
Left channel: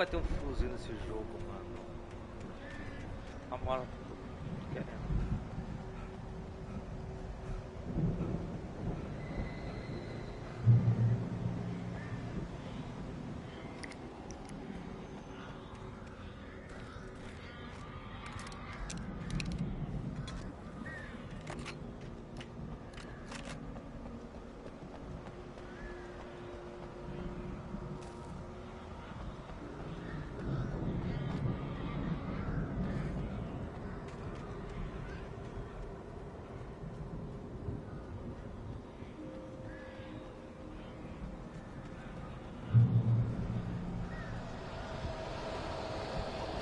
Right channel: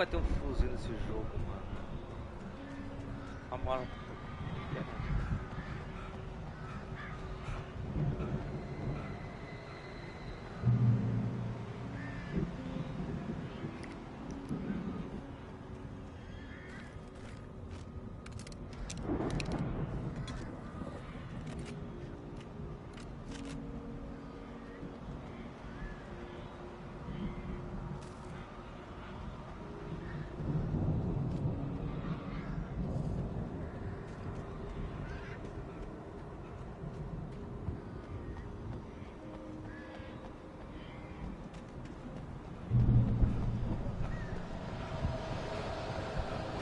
vai ter um fuzil nesse jogo, mano. A mola querendo.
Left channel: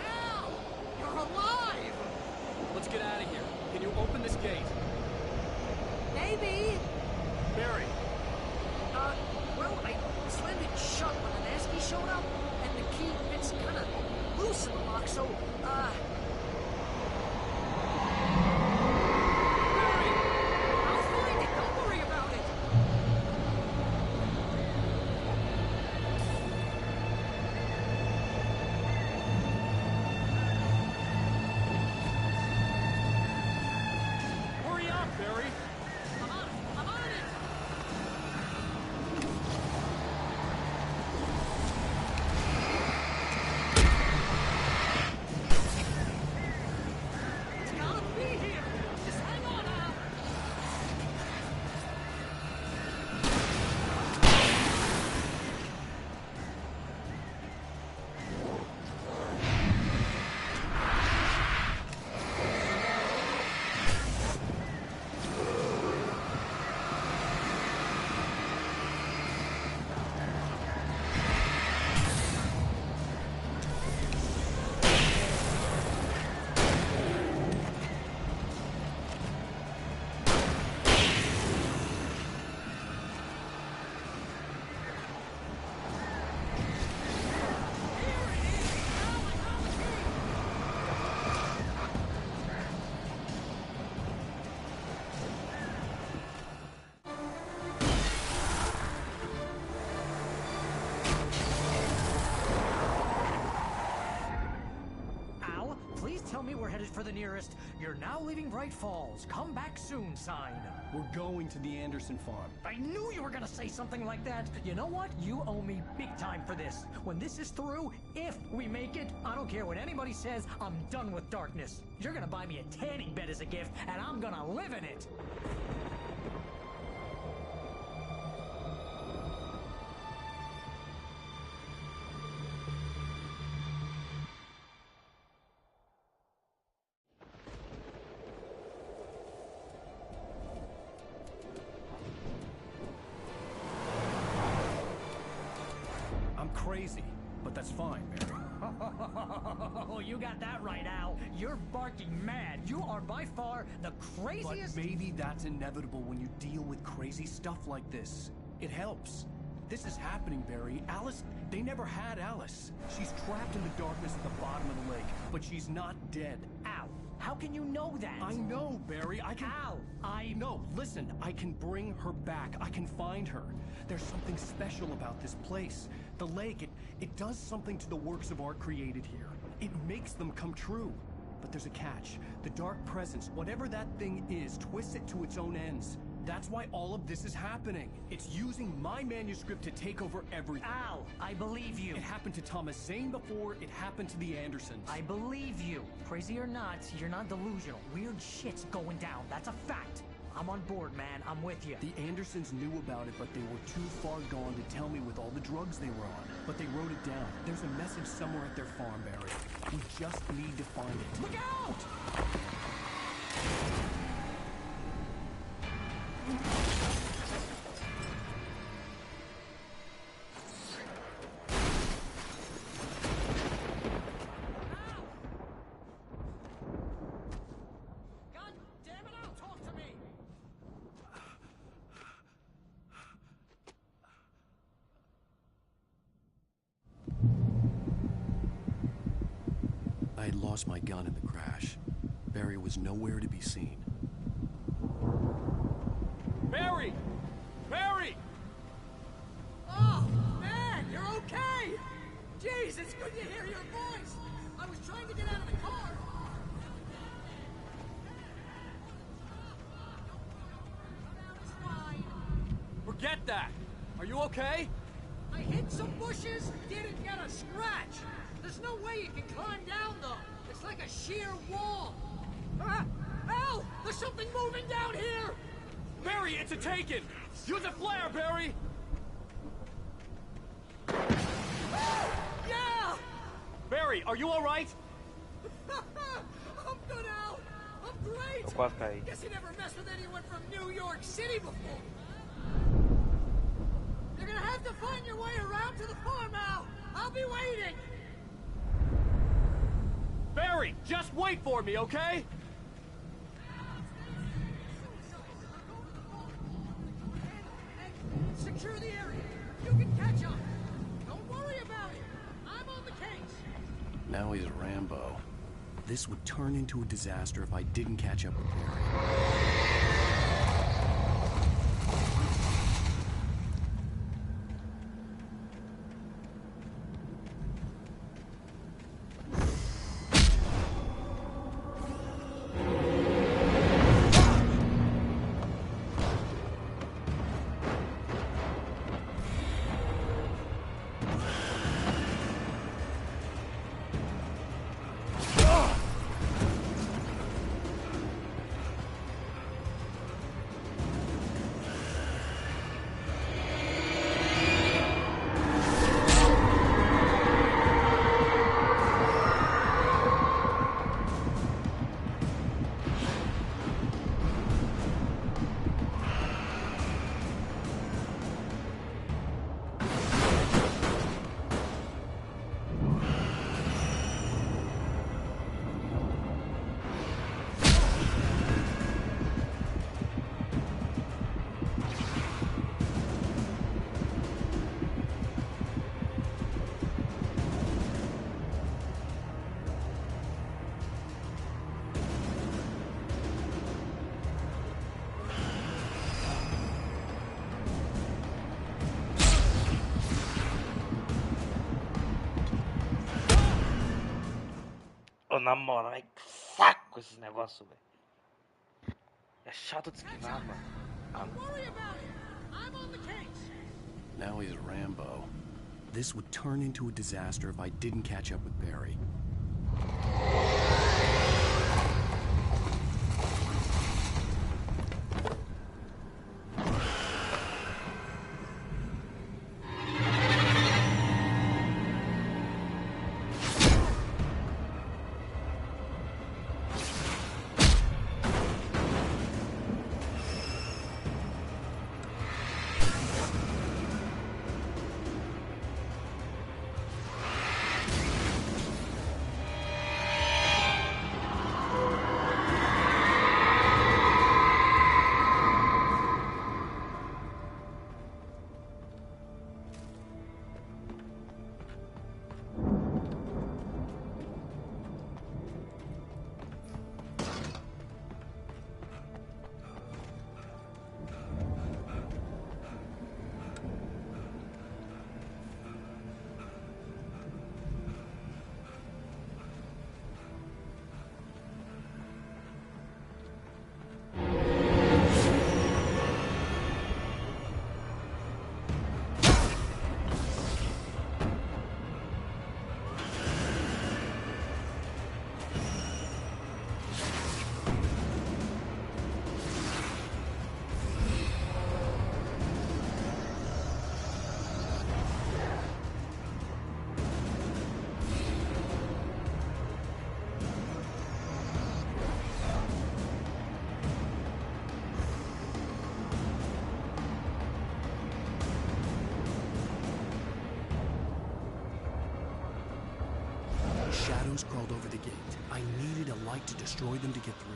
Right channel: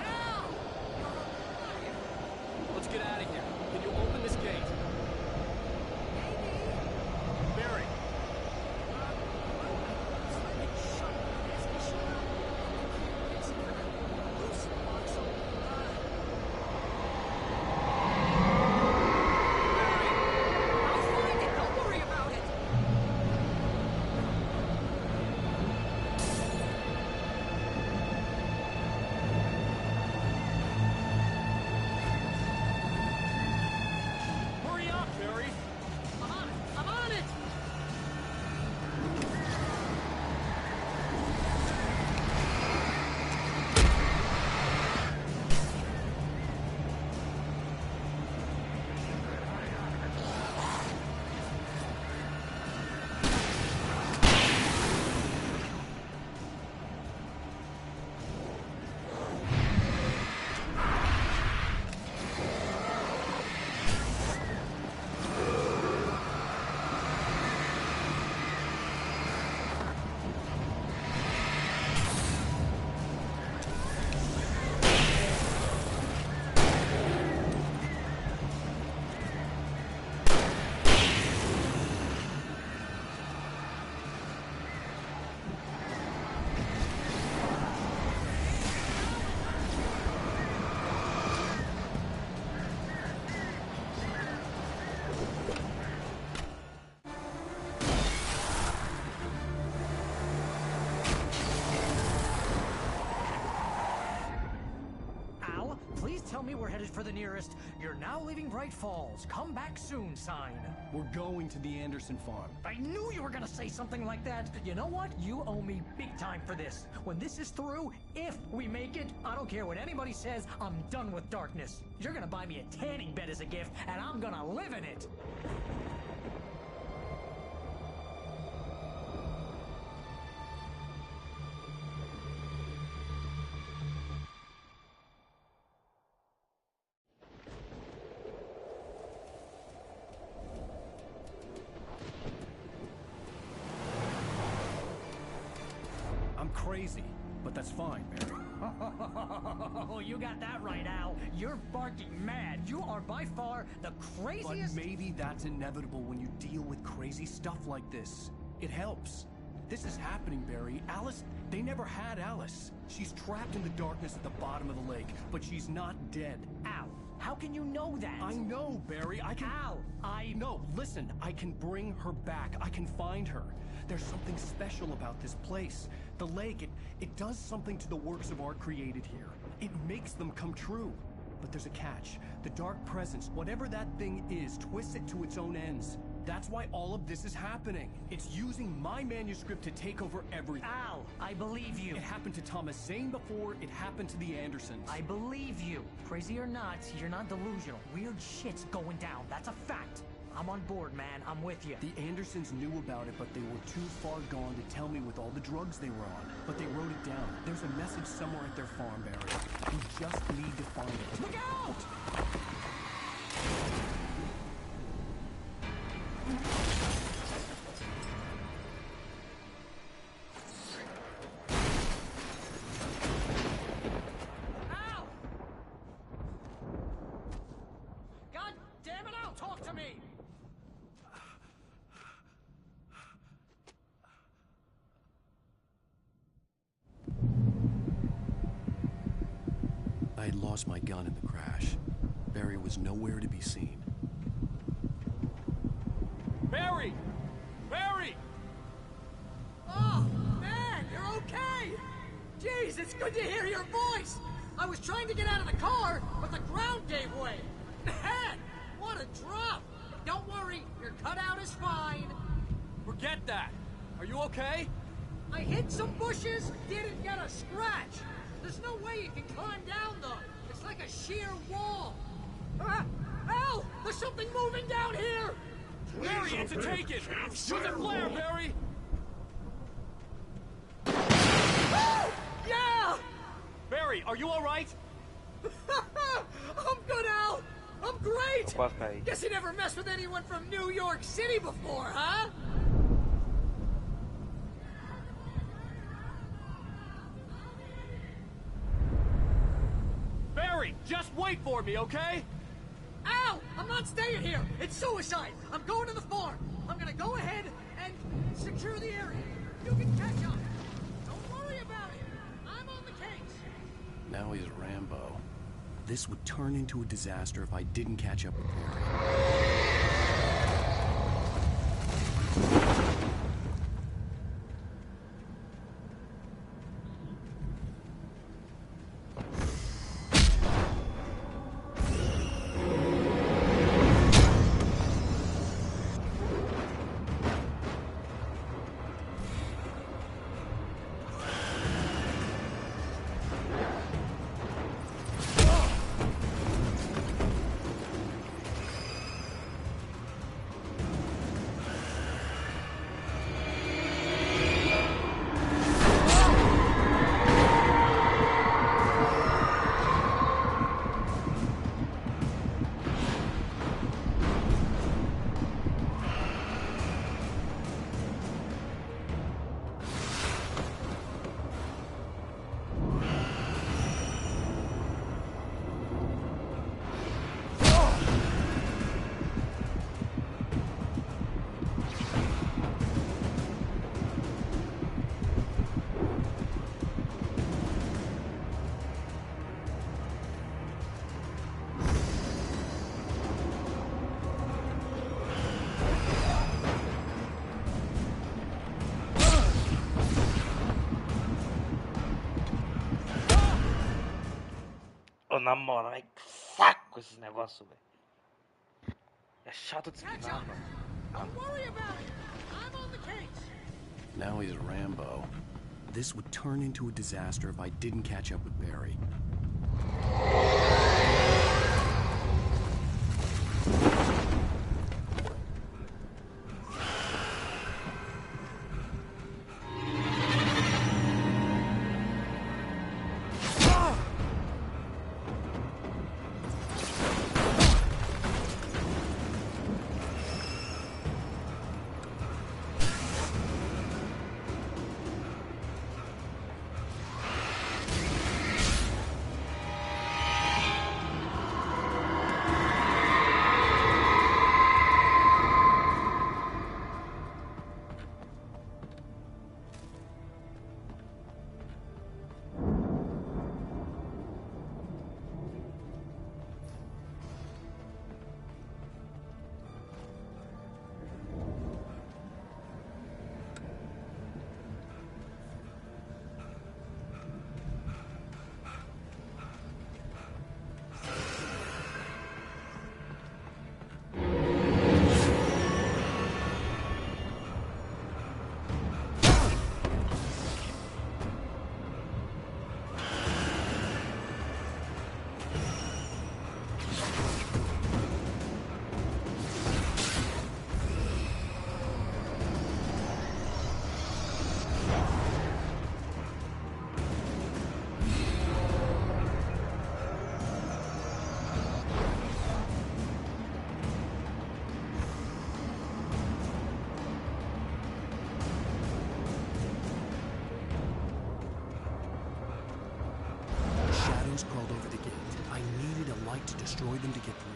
Al! You're alive! Let's get out of here. Can you open this gate? Maybe. Barry! Well, I slammed it shut when the Nasty showed up, and the key fits kind of loose in the lock, so, Barry! I'll find it, don't worry about it! Hurry up, Barry! I'm on it! I'm on it! It's gotta be here! Just hang on, Al! Al, please tell me we're headed for the nearest "You're now leaving Bright Falls. Come back soon" sign. We're going to the Anderson farm. I knew you were gonna say something like that. You know what? You owe me big time for this. When this is through, if we make it, I don't care what anybody says, I'm done with darkness. You're gonna buy me a tanning bed as a gift, and I'm gonna live in it. I'm crazy, but that's fine, Barry. Oh, you got that right, Al. You're barking mad. You are by far the craziest. But maybe that's inevitable when you deal with crazy stuff like this. It helps. This is happening, Barry. Alice, they never had Alice. She's trapped in the darkness at the bottom of the lake, but she's not dead. Al, how can you know that? I know, Barry. I can... Al, No, listen. I can bring her back. I can find her. There's something special about this place. The lake, it does something to the works of art created here. It makes them come true. But there's a catch. The dark presence, whatever that thing is, twists it to its own ends. That's why all of this is happening. It's using my manuscript to take over everything. Al, I believe you. It happened to Thomas Zane before, it happened to the Andersons. I believe you. Crazy or not, you're not delusional. Weird shit's going down. That's a fact. I'm on board, man. I'm with you. The Andersons knew about it, but they were too far gone to tell me with all the drugs they were on. But they wrote it down. There's a message somewhere at their farm, Barry. We just need to find it. Look out! Al! God damn it, Al, talk to me! I had lost my gun in the crash. Barry was nowhere to be seen. Barry! Barry! Oh, man, you're okay! Jeez, it's good to hear your voice! I was trying to get out of the car, but the ground gave way. Man, what a drop! Don't worry, your cutout is fine. Forget that. Are you okay? I hit some bushes, didn't get a scratch. There's no way you can climb down, though. It's like a sheer wall. Al! There's something moving down here! Barry, it's a taken! Use a flare, Barry! Yeah! Barry, are you alright? I'm good, Al! I'm great! Eu quase caí. Guess you never messed with anyone from New York City before, huh? You're gonna have to find your way around to the farm, Al. I'll be waiting. Barry, just wait for me, okay? Al, I'm not staying here. It's suicide. I'm going to the farm. I'm gonna go ahead and secure the area. You can catch up. Don't worry about it. I'm on the case. Now he's Rambo. This would turn into a disaster if I didn't catch up with Barry. Ô, na moral, é saco esses negócios, velho. É chato de explicar, mano. Don't worry about it. I'm on the case. Now he's Rambo. This would turn into a disaster if I didn't catch up with Barry. Shadows crawled over the gate. I needed a light to destroy them to get through.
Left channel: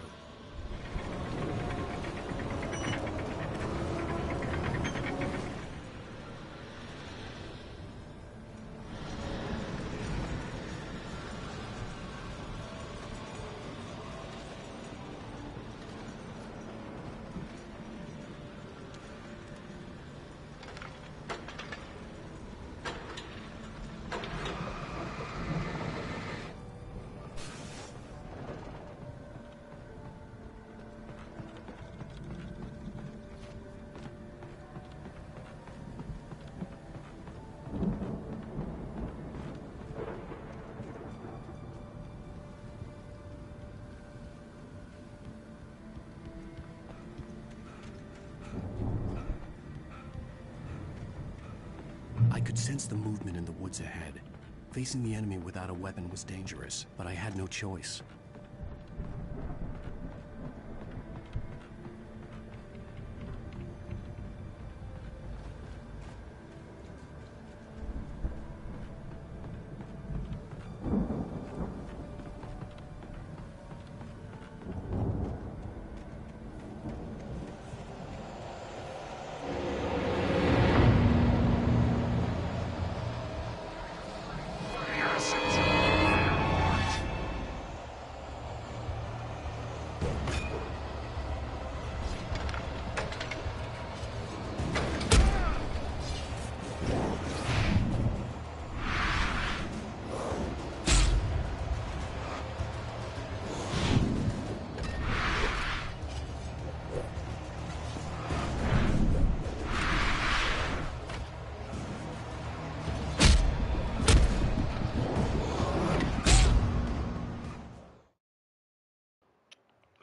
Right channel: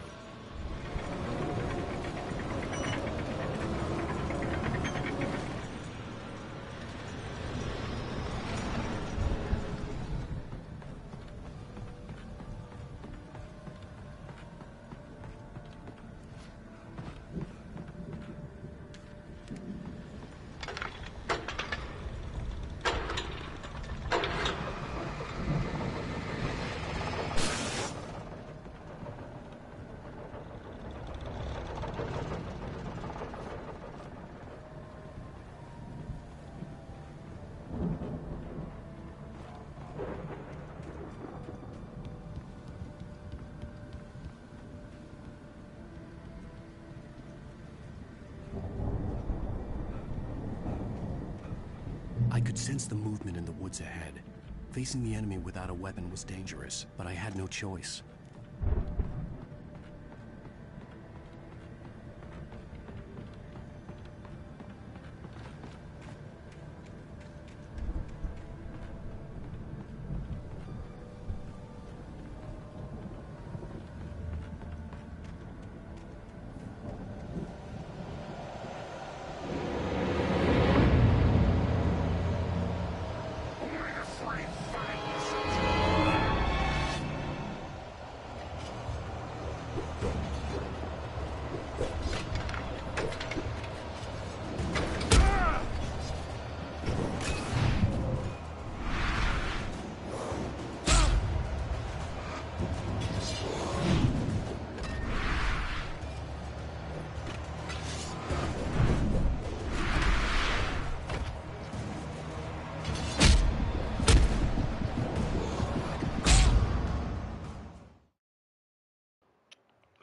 could sense the movement in the woods ahead. Facing the enemy without a weapon was dangerous, but I had no choice.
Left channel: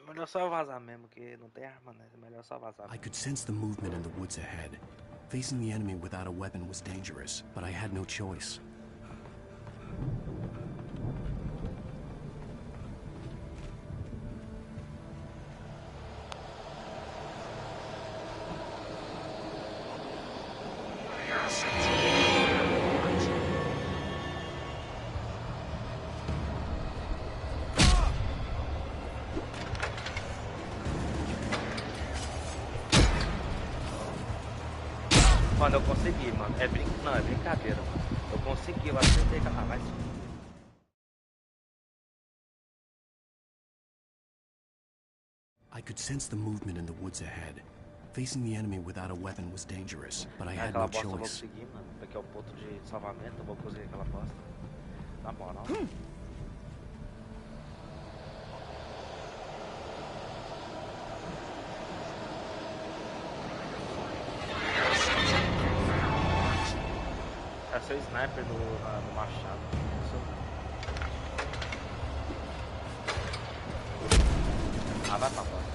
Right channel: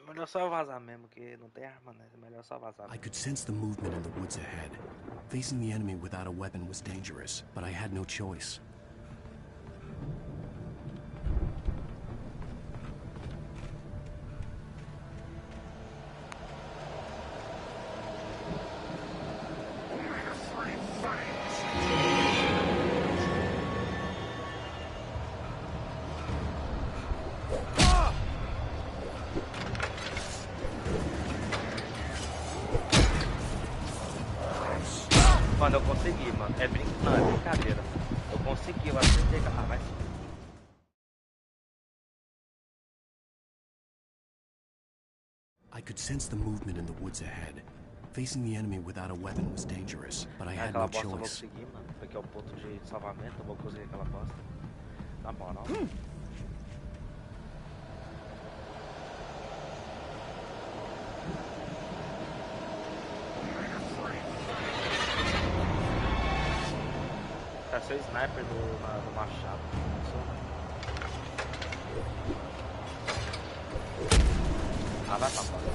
Melhor só vazar mesmo, que não tem arma, né? Melhor só vazar I mesmo. could sense the movement in the woods ahead. Facing the enemy without a weapon was dangerous, but I had no choice. Mano, eu consegui, mano. Não, é brincadeira, mano. Eu consegui, eu acertei. Ah, vai se fuder. I could sense the movement in the woods ahead. Facing the enemy without a weapon was dangerous, but I had Aquela no bosta eu vou choice. conseguir, mano. Porque é o ponto de salvamento, eu vou conseguir aquela bosta. Na moral. Cara, seu sniper do machado. Ah, vai pra bosta.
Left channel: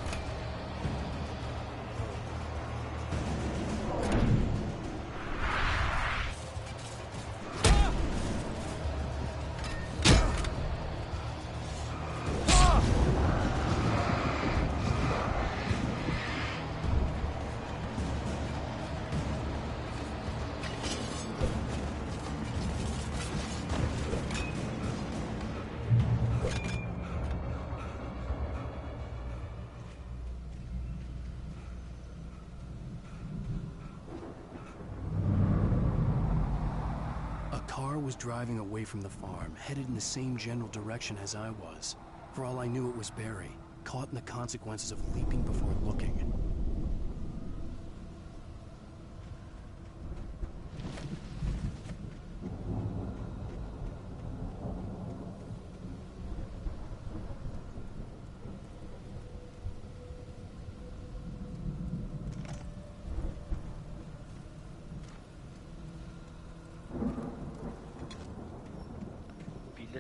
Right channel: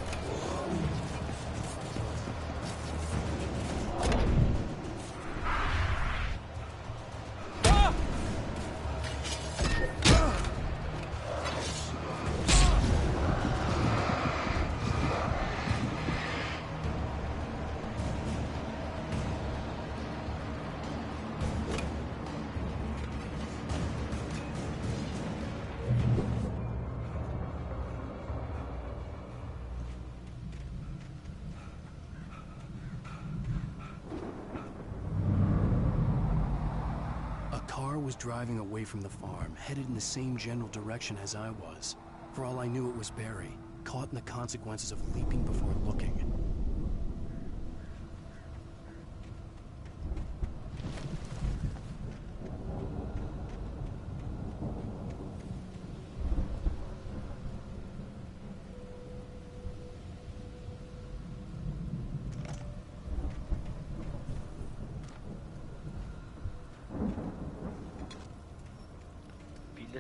Was driving away from the farm, headed in the same general direction as I was. For all I knew, it was Barry, caught in the consequences of leaping before looking.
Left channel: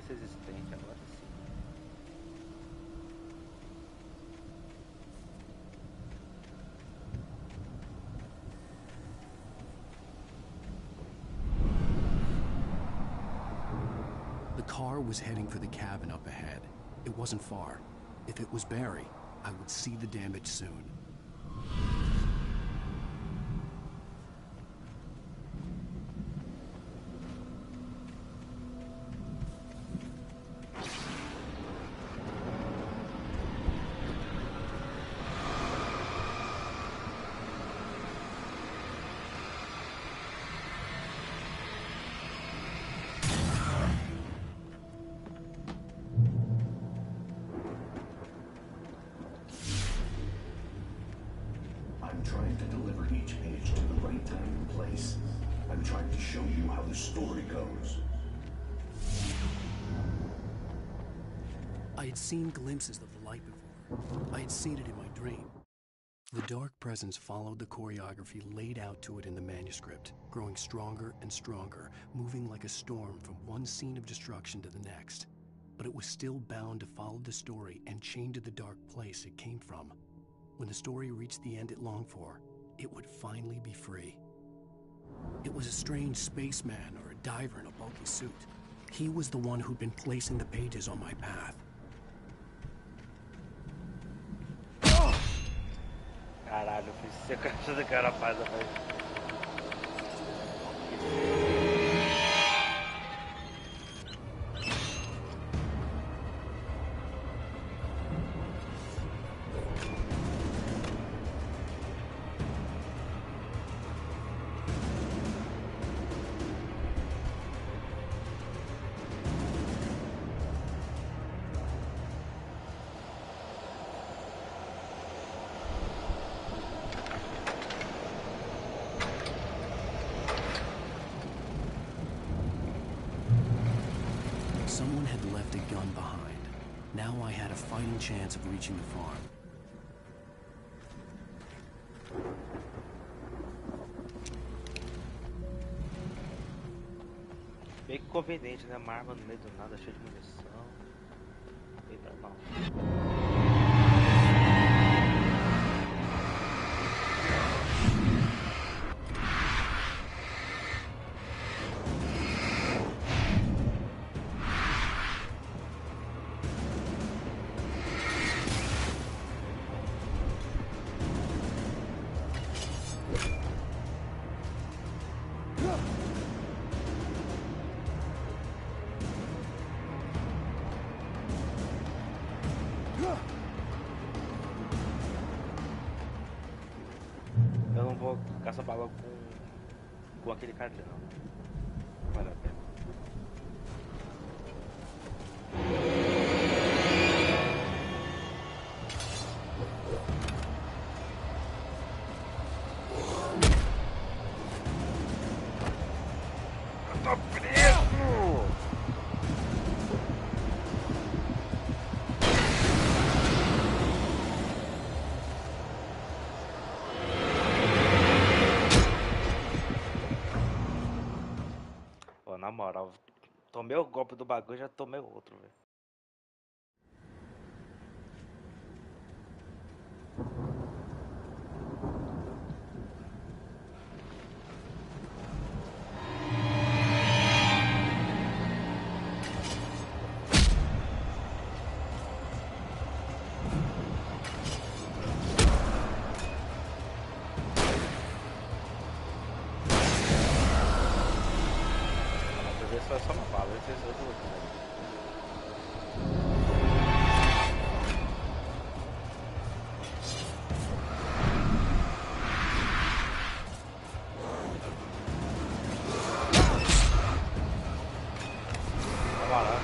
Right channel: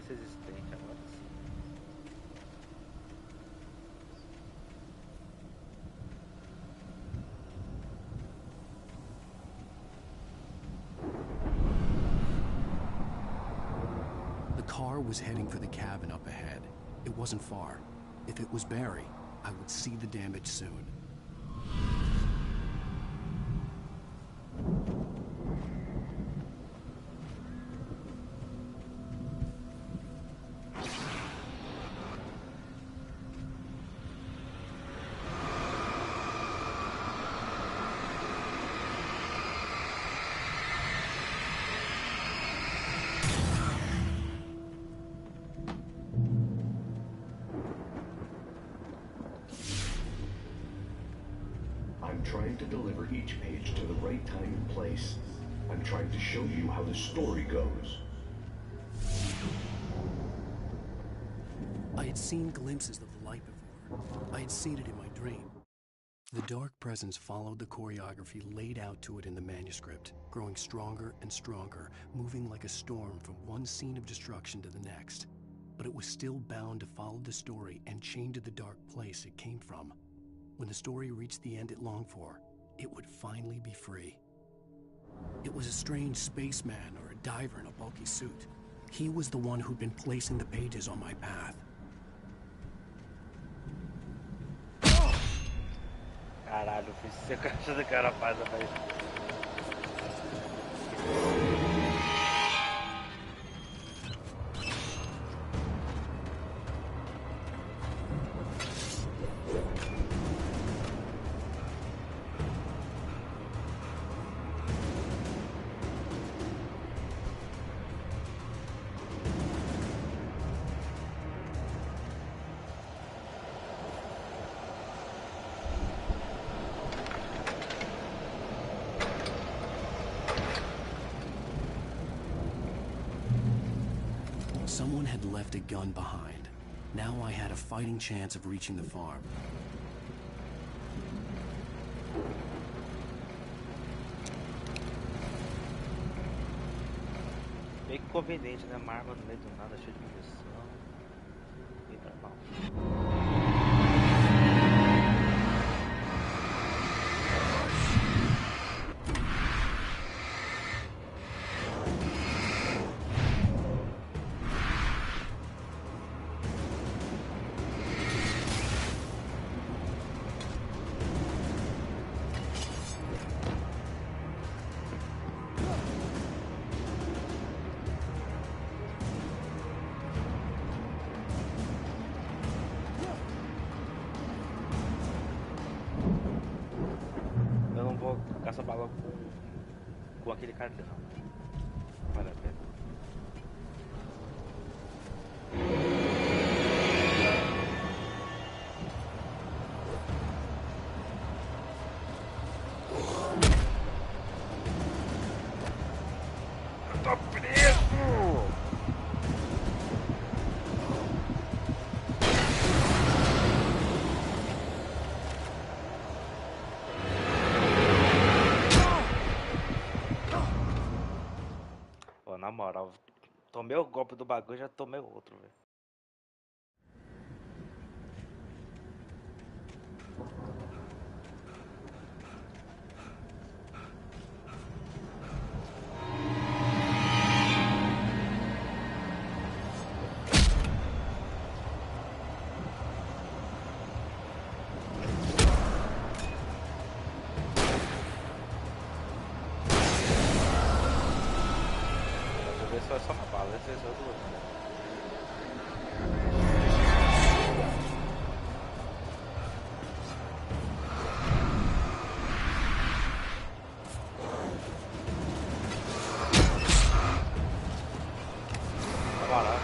Resistente, agora sim. The car was heading for the cabin up ahead. It wasn't far. If it was Barry, I would see the damage soon. I'm trying to deliver each page to the right time and place. I'm trying to show you how the story goes. I had seen glimpses of the light before. I had seen it in my dream. The dark presence followed the choreography laid out to it in the manuscript, growing stronger and stronger, moving like a storm from one scene of destruction to the next. But it was still bound to follow the story and chained to the dark place it came from. When the story reached the end it longed for, it would finally be free. It was a strange spaceman or a diver in a bulky suit. He was the one who'd been placing the pages on my path. Caralho, eu fui ser caixa do cara faz, rapaz. Someone had left a gun behind. Now I had a fighting chance of reaching the farm. Meio que conveniente, né? Uma arma no meio do nada, cheia de munição. E pra mal. Eu não vou caçar bala com aquele cara ali, não. Não vale a pena. Eu tô preso! Na moral, tomei o golpe do bagulho e já tomei outro, velho. Esse foi só uma bala, esse é o do outro, né? Vai lá.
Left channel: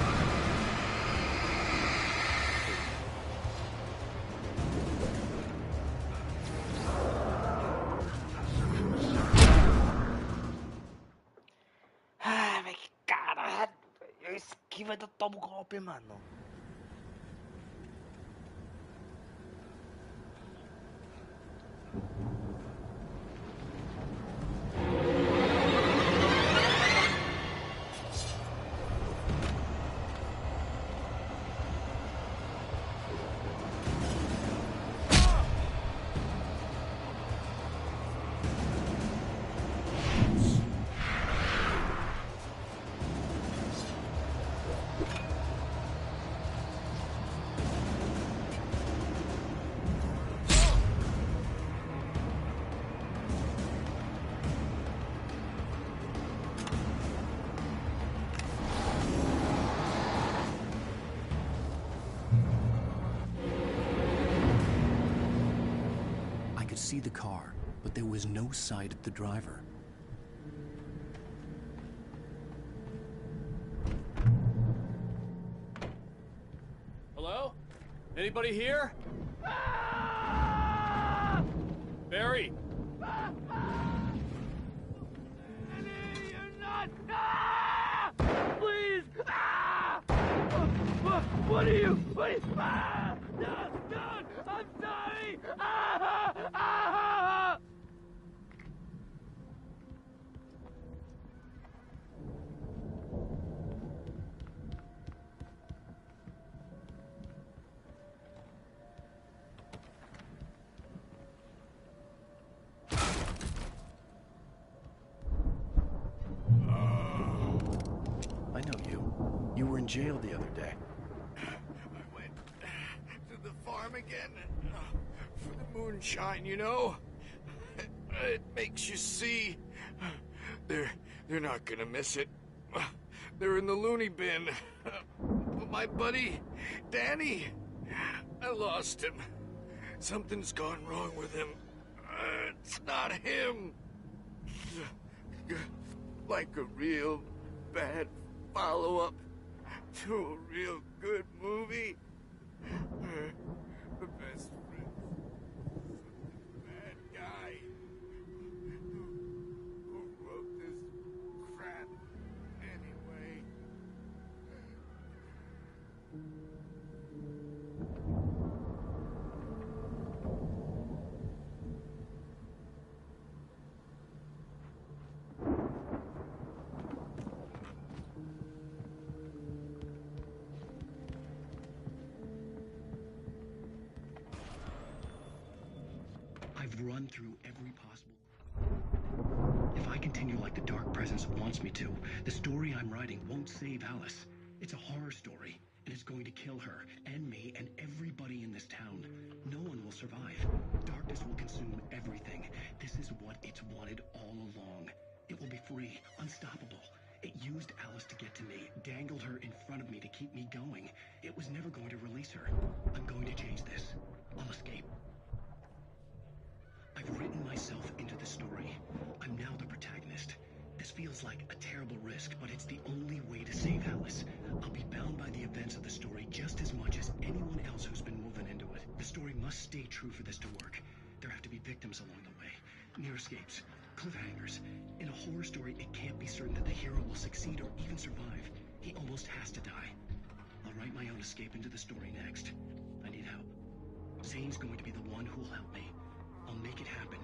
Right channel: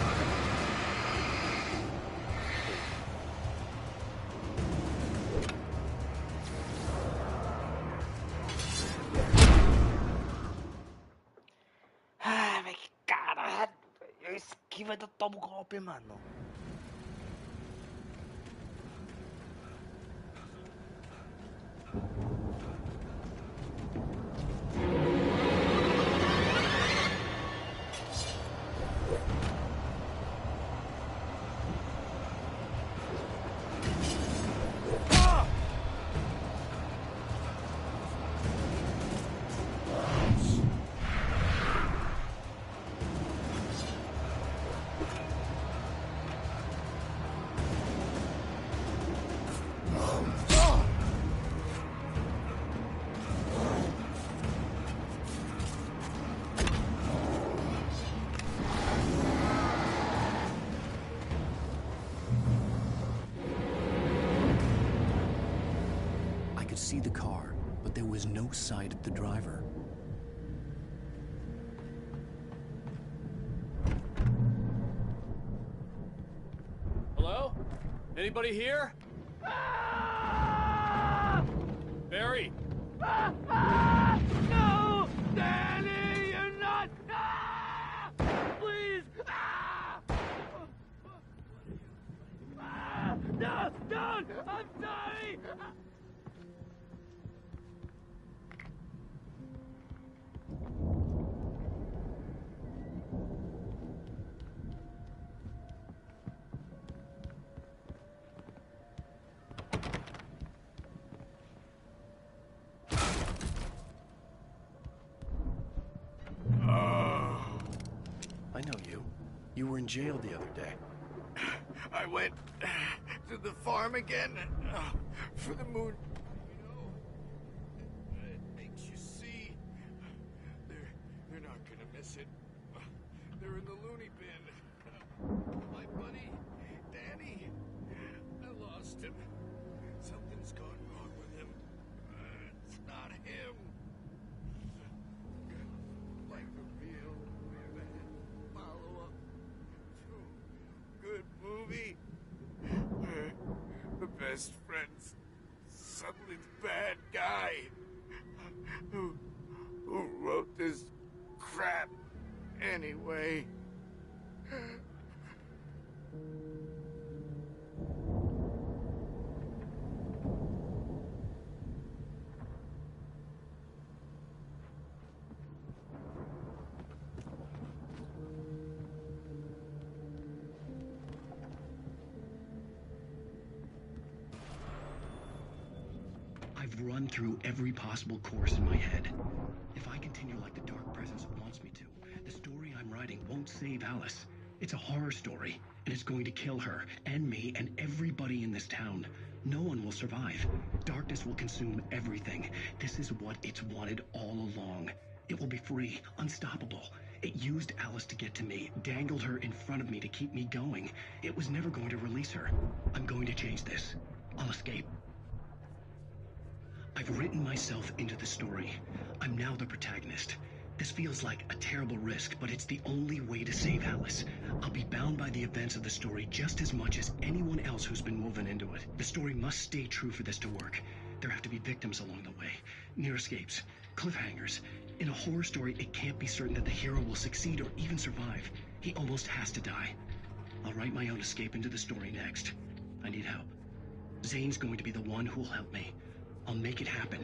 Ah, mas que caralho! Eu esquivo e ainda tomo golpe, mano. I could see the car, but there was no sight of the driver. Hello? Anybody here? Barry! No! Danny, you're not! Please! What are you? No! Don't! I'm sorry! jail the other day. I went to the farm again for the moonshine, you know? It makes you see. They're not gonna miss it. They're in the loony bin. My buddy, Danny, I lost him. Something's gone wrong with him. It's not him. Like a real bad follow-up to a real good movie. The best friend's something's bad guy who wrote this crap anyway. I've run through every possible course in my head. If I continue like the Dark Presence wants me to, the story I'm writing won't save Alice. It's a horror story, and it's going to kill her, and me, and everybody in this town. No one will survive. Darkness will consume everything. This is what it's wanted all along. It will be free, unstoppable. It used Alice to get to me, dangled her in front of me to keep me going. It was never going to release her. I'm going to change this. I'll escape. I've written myself into the story. I'm now the protagonist. This feels like a terrible risk, but it's the only way to save Alice. I'll be bound by the events of the story just as much as anyone else who's been woven into it. The story must stay true for this to work. There have to be victims along the way, near escapes, cliffhangers. In a horror story, it can't be certain that the hero will succeed or even survive. He almost has to die. I'll write my own escape into the story next. I need help. Zane's going to be the one who'll help me. I'll make it happen.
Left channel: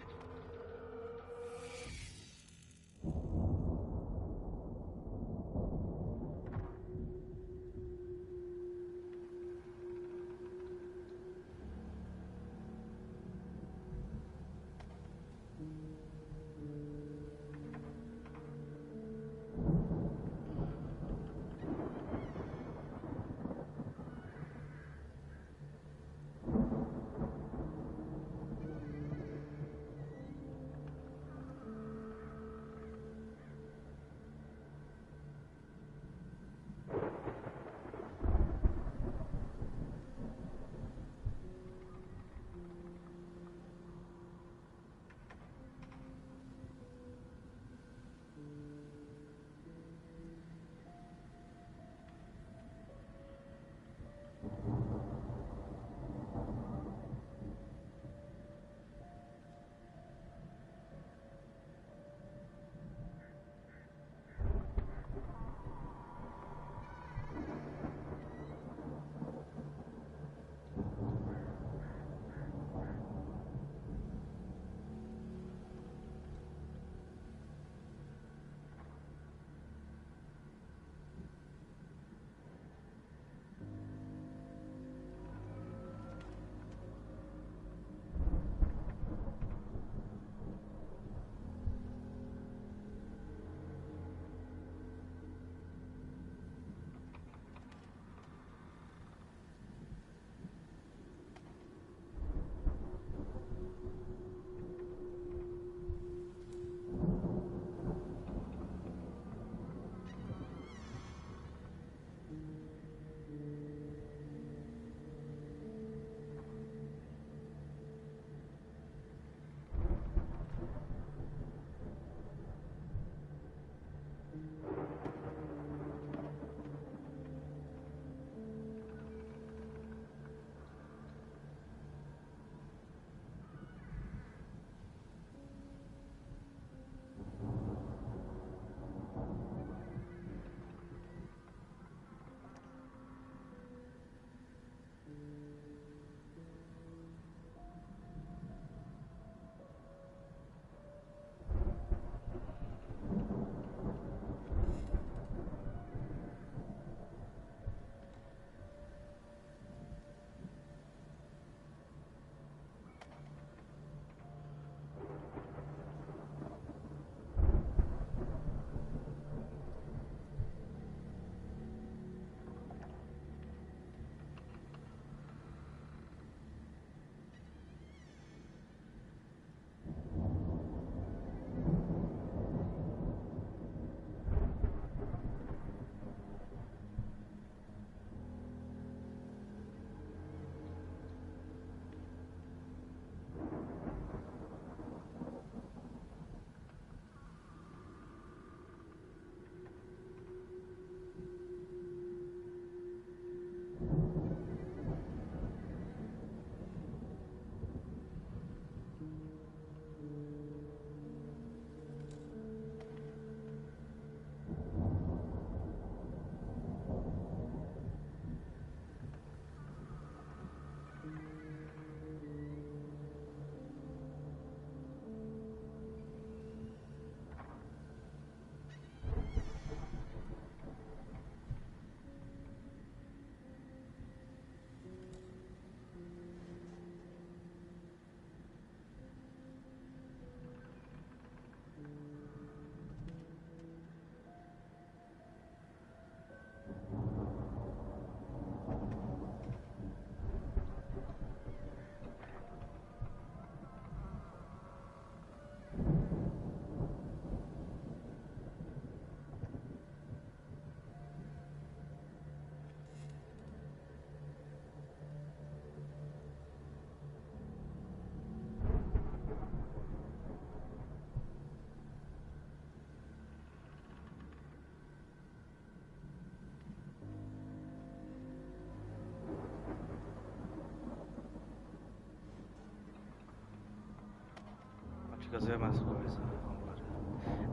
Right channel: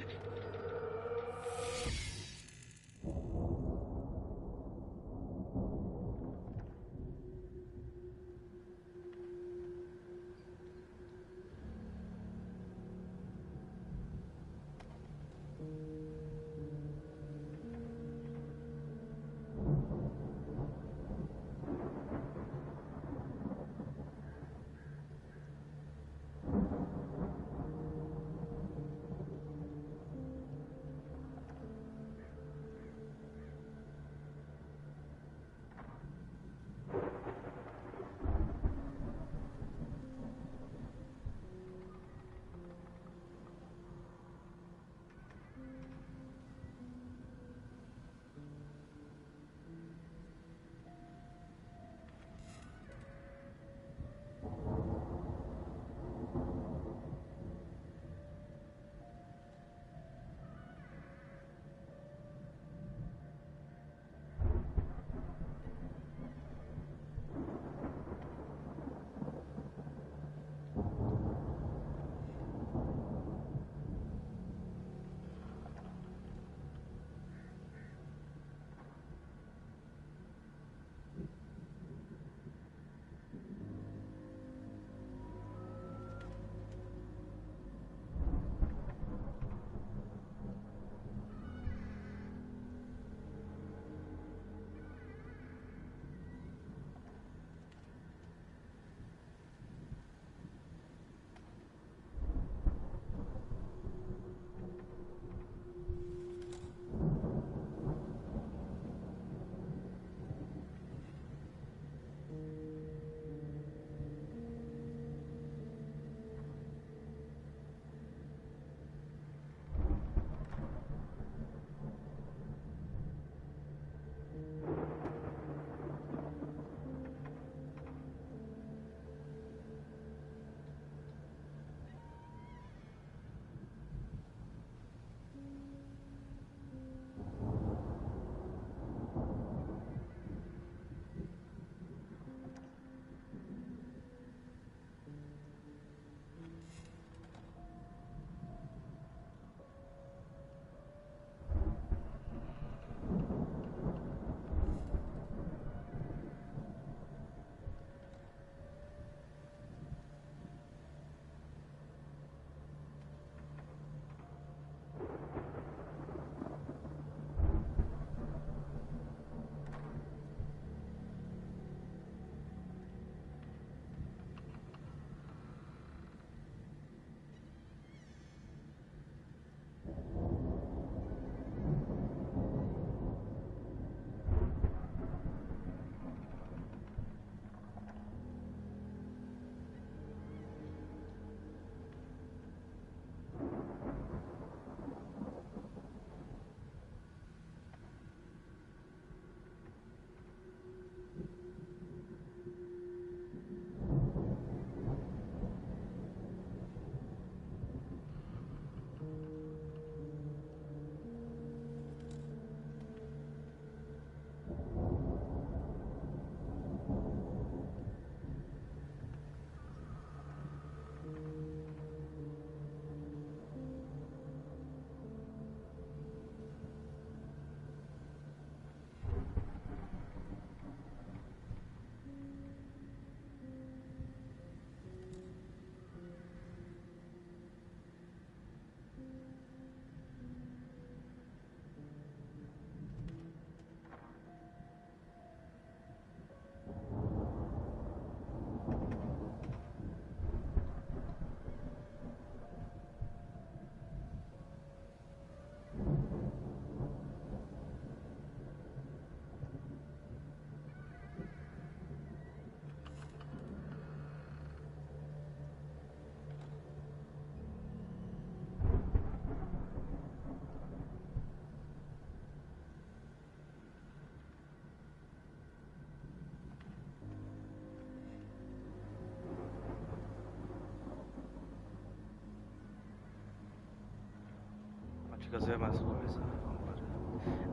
Fica ver mais coisa. Vambora.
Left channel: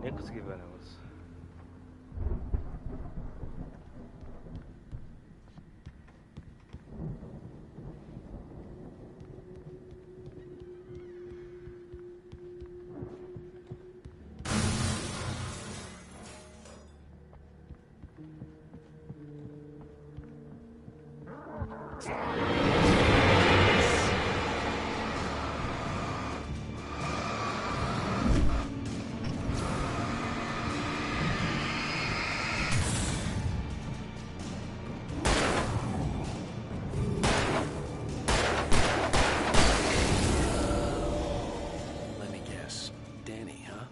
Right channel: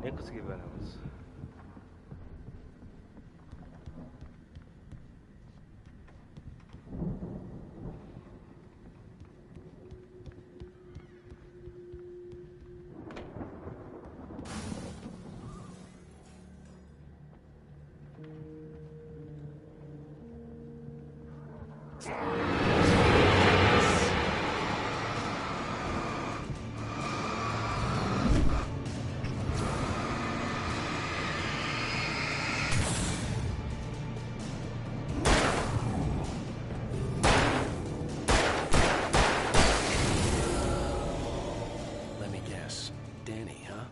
Nem consegui ver o negócio. Let me guess. Danny, huh?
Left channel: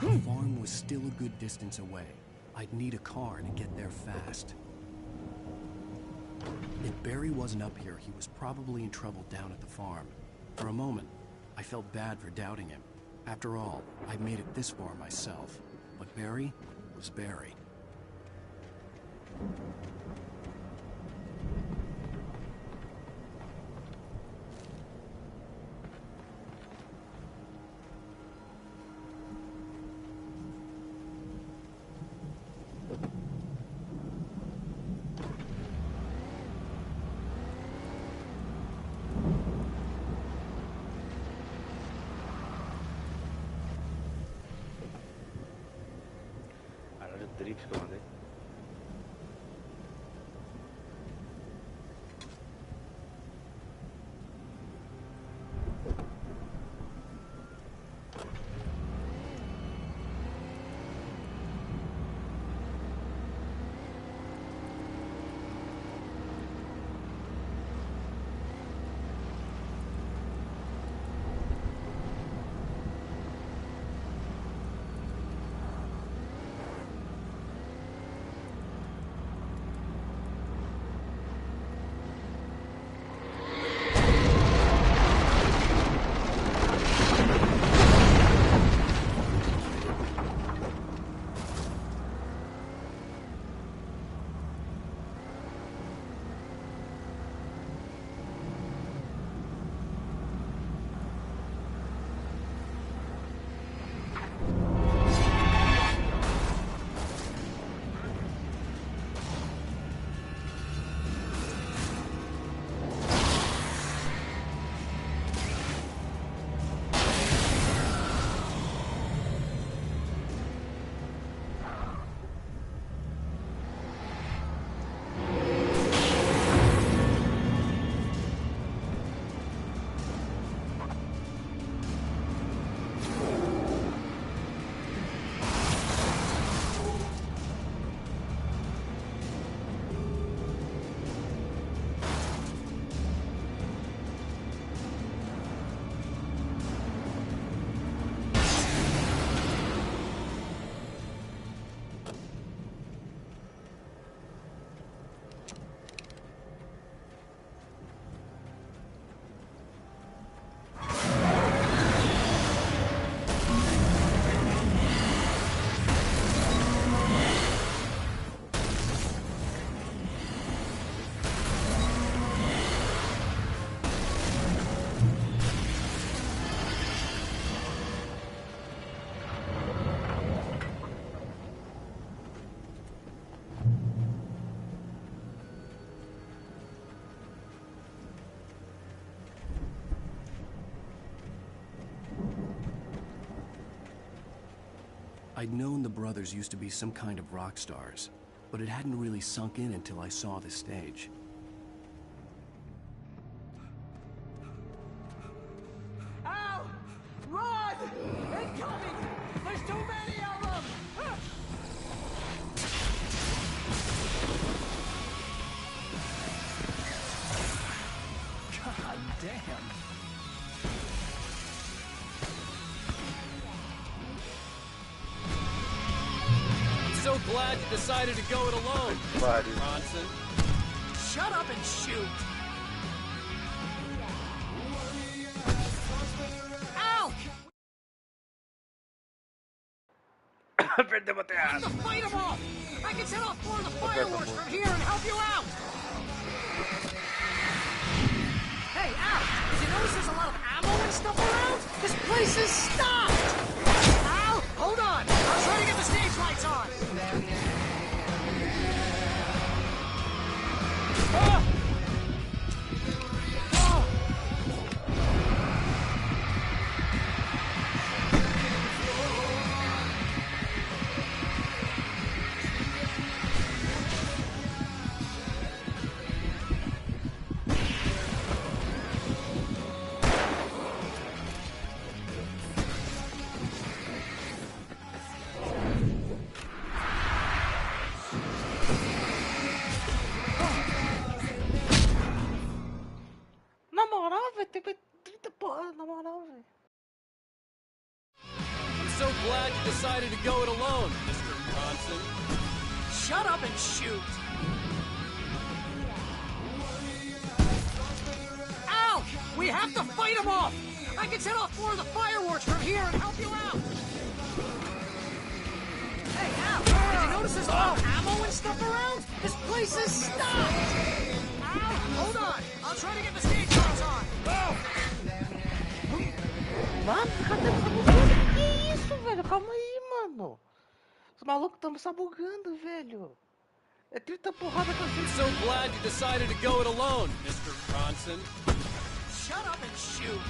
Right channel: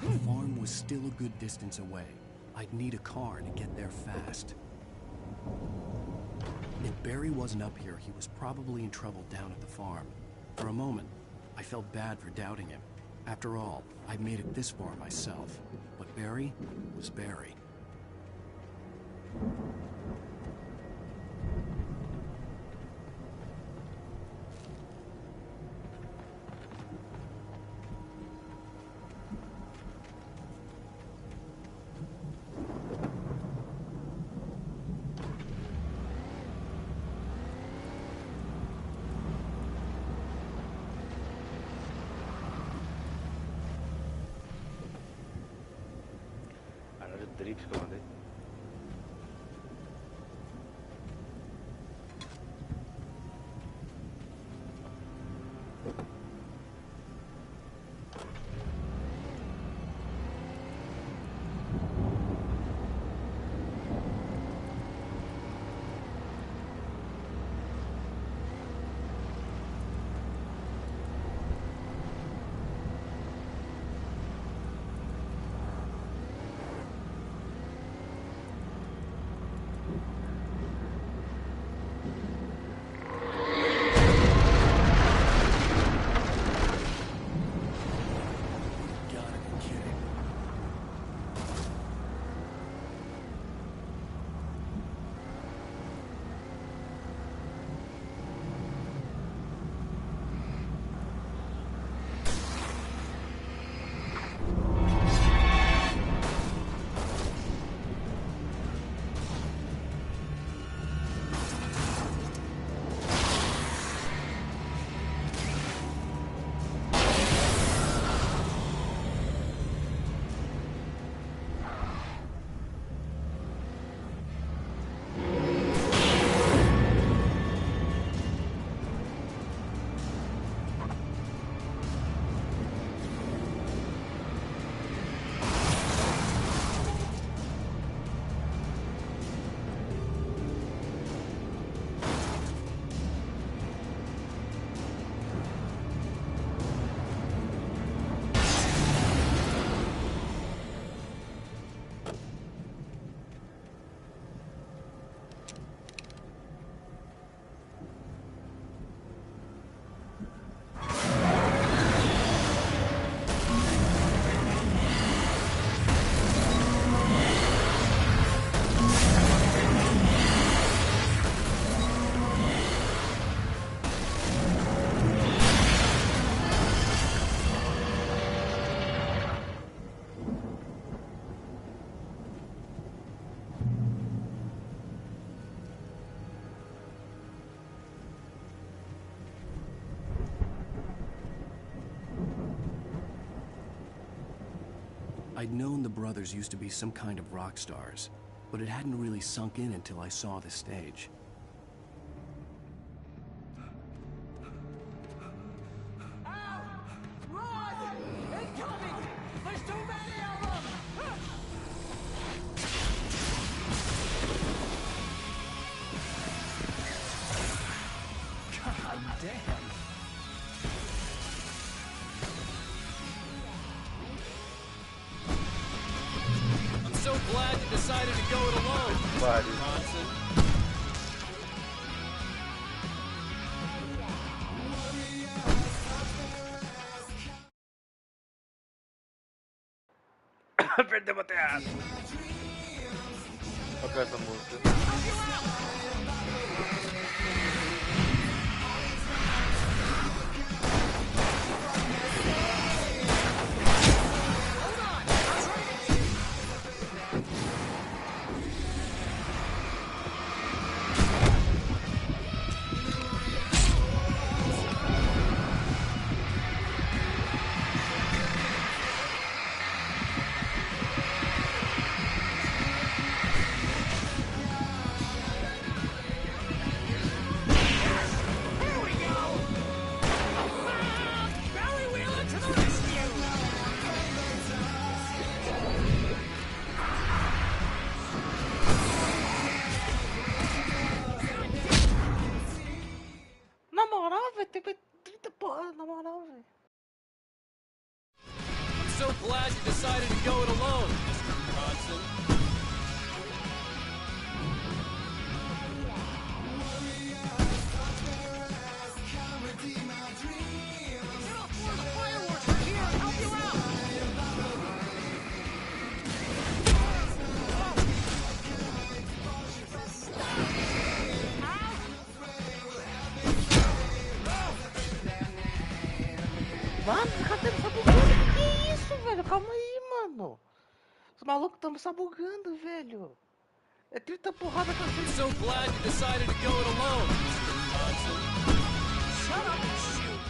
The farm was still a good distance away. I'd need a car to get there fast. If Barry wasn't up here, he was probably in trouble down at the farm. For a moment, I felt bad for doubting him. After all, I'd made it this far myself. But Barry was Barry. Caralho, o drift que eu mandei. I'd known the brothers used to be some kind of rock stars, but it hadn't really sunk in until I saw the stage. Ow! Run! Incoming! There's too many of them! God damn. I'm so glad you decided to go it alone, Bronson. Shut up and shoot! Perdemos a teatro. Eu quero essa música. Hold on! I'm trying to get the stage lights on! Na moral, velho, tem 30 porra, na moral, velho. I'm so glad you decided to go it alone, Mr. Bronson. Shut up and shoot! Ow! We have to fight them off! I can set off more of the fireworks from here and help you out! Hey, Al! Notice there's all ammo and stuff around? This place is stopped! Al! Hold on! I'll try to get the stage lights on! Mano, cadê essa bugando? Que isso, velho? Calma aí, mano. Os malucos estão sabugando, velho. É 30 porrada pra I'm so glad you decided to go it alone, Mr. Bronson. Shut up and shoot!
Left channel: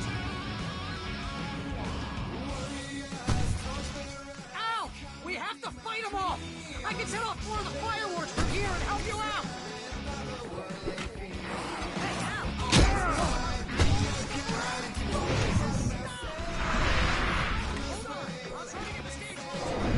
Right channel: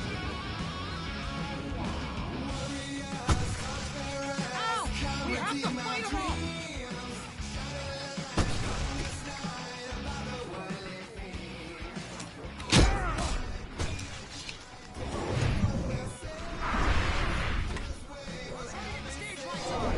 Ow! We have to fight them off! I can set off more of the fireworks from here and help you out! I'll try to get the stage lights on!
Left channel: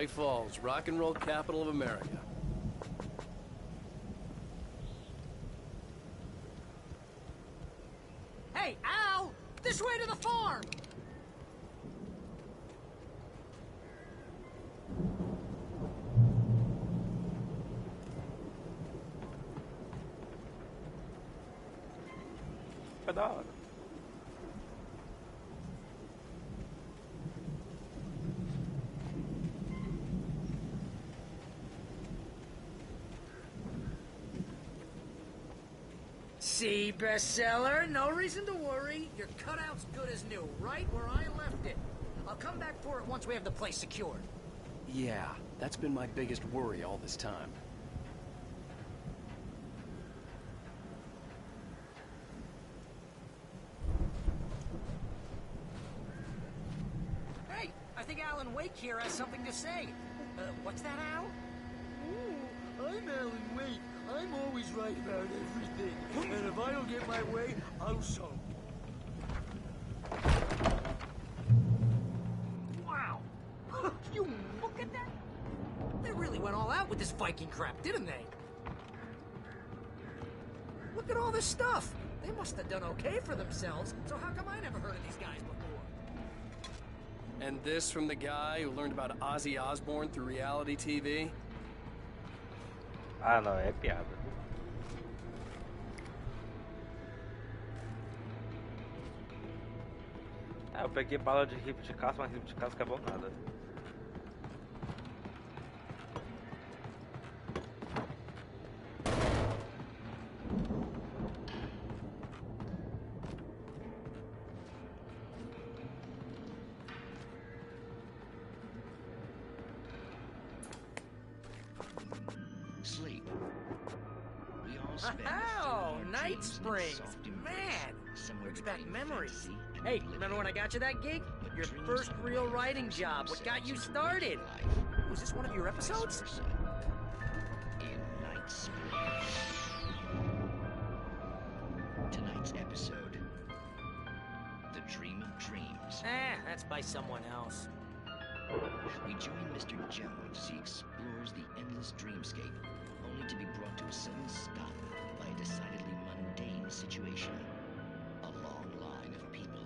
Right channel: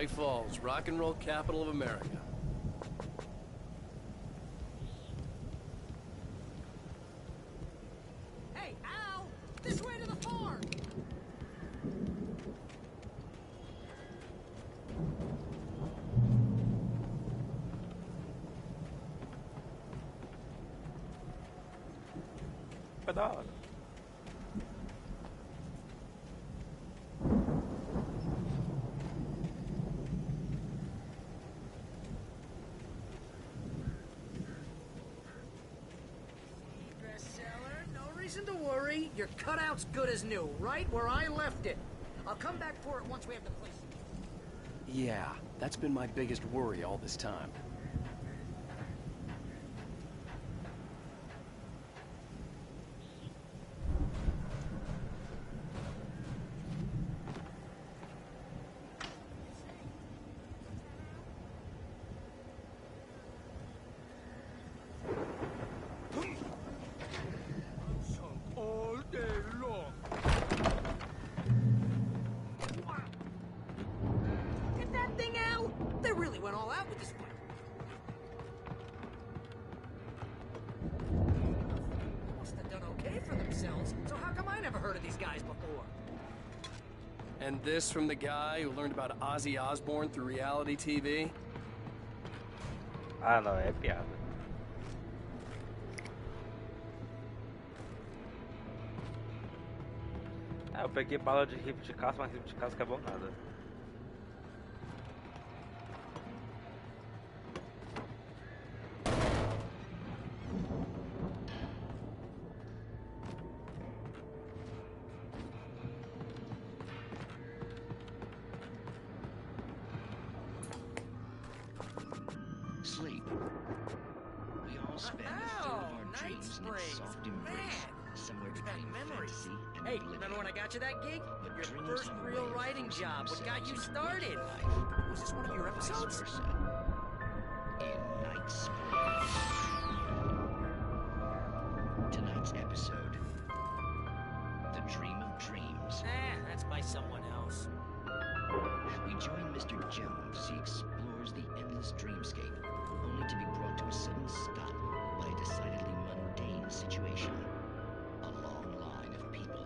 Bright Falls, rock and roll capital of America. Hey, Al! This way to the farm! Foi da hora. See, bestseller, no reason to worry. Your cutout's good as new, right where I left it. I'll come back for it once we have the place secured. Yeah, that's been my biggest worry all this time. Hey, I think Alan Wake here has something to say. What's that, Al? Ooh, I'm Alan Wake. I'm always right about everything. And if I don't get my way, I'll sulk all day long. Wow! You look at that thing, Al! They really went all out with this Viking crap, didn't they? Look at all this stuff. They must have done okay for themselves, so how come I never heard of these guys before? And this from the guy who learned about Ozzy Osbourne through reality TV? Ah, não, é piada. Ah, eu peguei bala de rifle de caça, mas rifle de caça que é bom nada. Sleep. We all spend Oh, Night Springs! Man! Brings back memories. Hey, remember when I got you that gig? Your first real writing job. What got you started? Was this one of your episodes? In Night Springs. Tonight's episode. The Dream of Dreams. That's by someone else. We join Mr. Jones as he explores the endless dreamscape, only to be brought to a sudden stop by a decidedly mundane situation. A long line of people.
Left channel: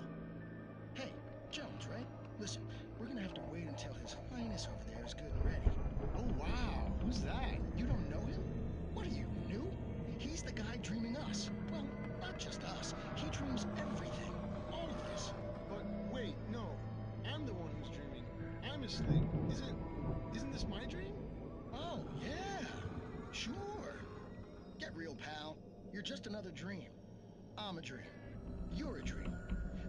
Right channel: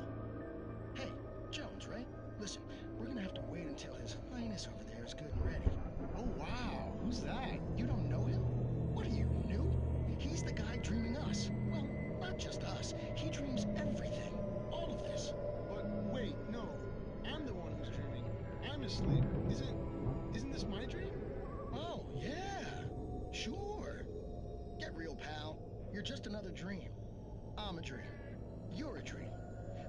Hey, Jones, right? Listen, we're gonna have to wait until His Highness over there is good and ready. Oh, wow. Who's that? You don't know him? What are you, new? He's the guy dreaming us. Well, not just us. He dreams everything. All of this. But wait, no. I'm the one who's dreaming. I'm asleep. Isn't this my dream? Oh, yeah. Sure. Get real, pal. You're just another dream. I'm a dream. You're a dream.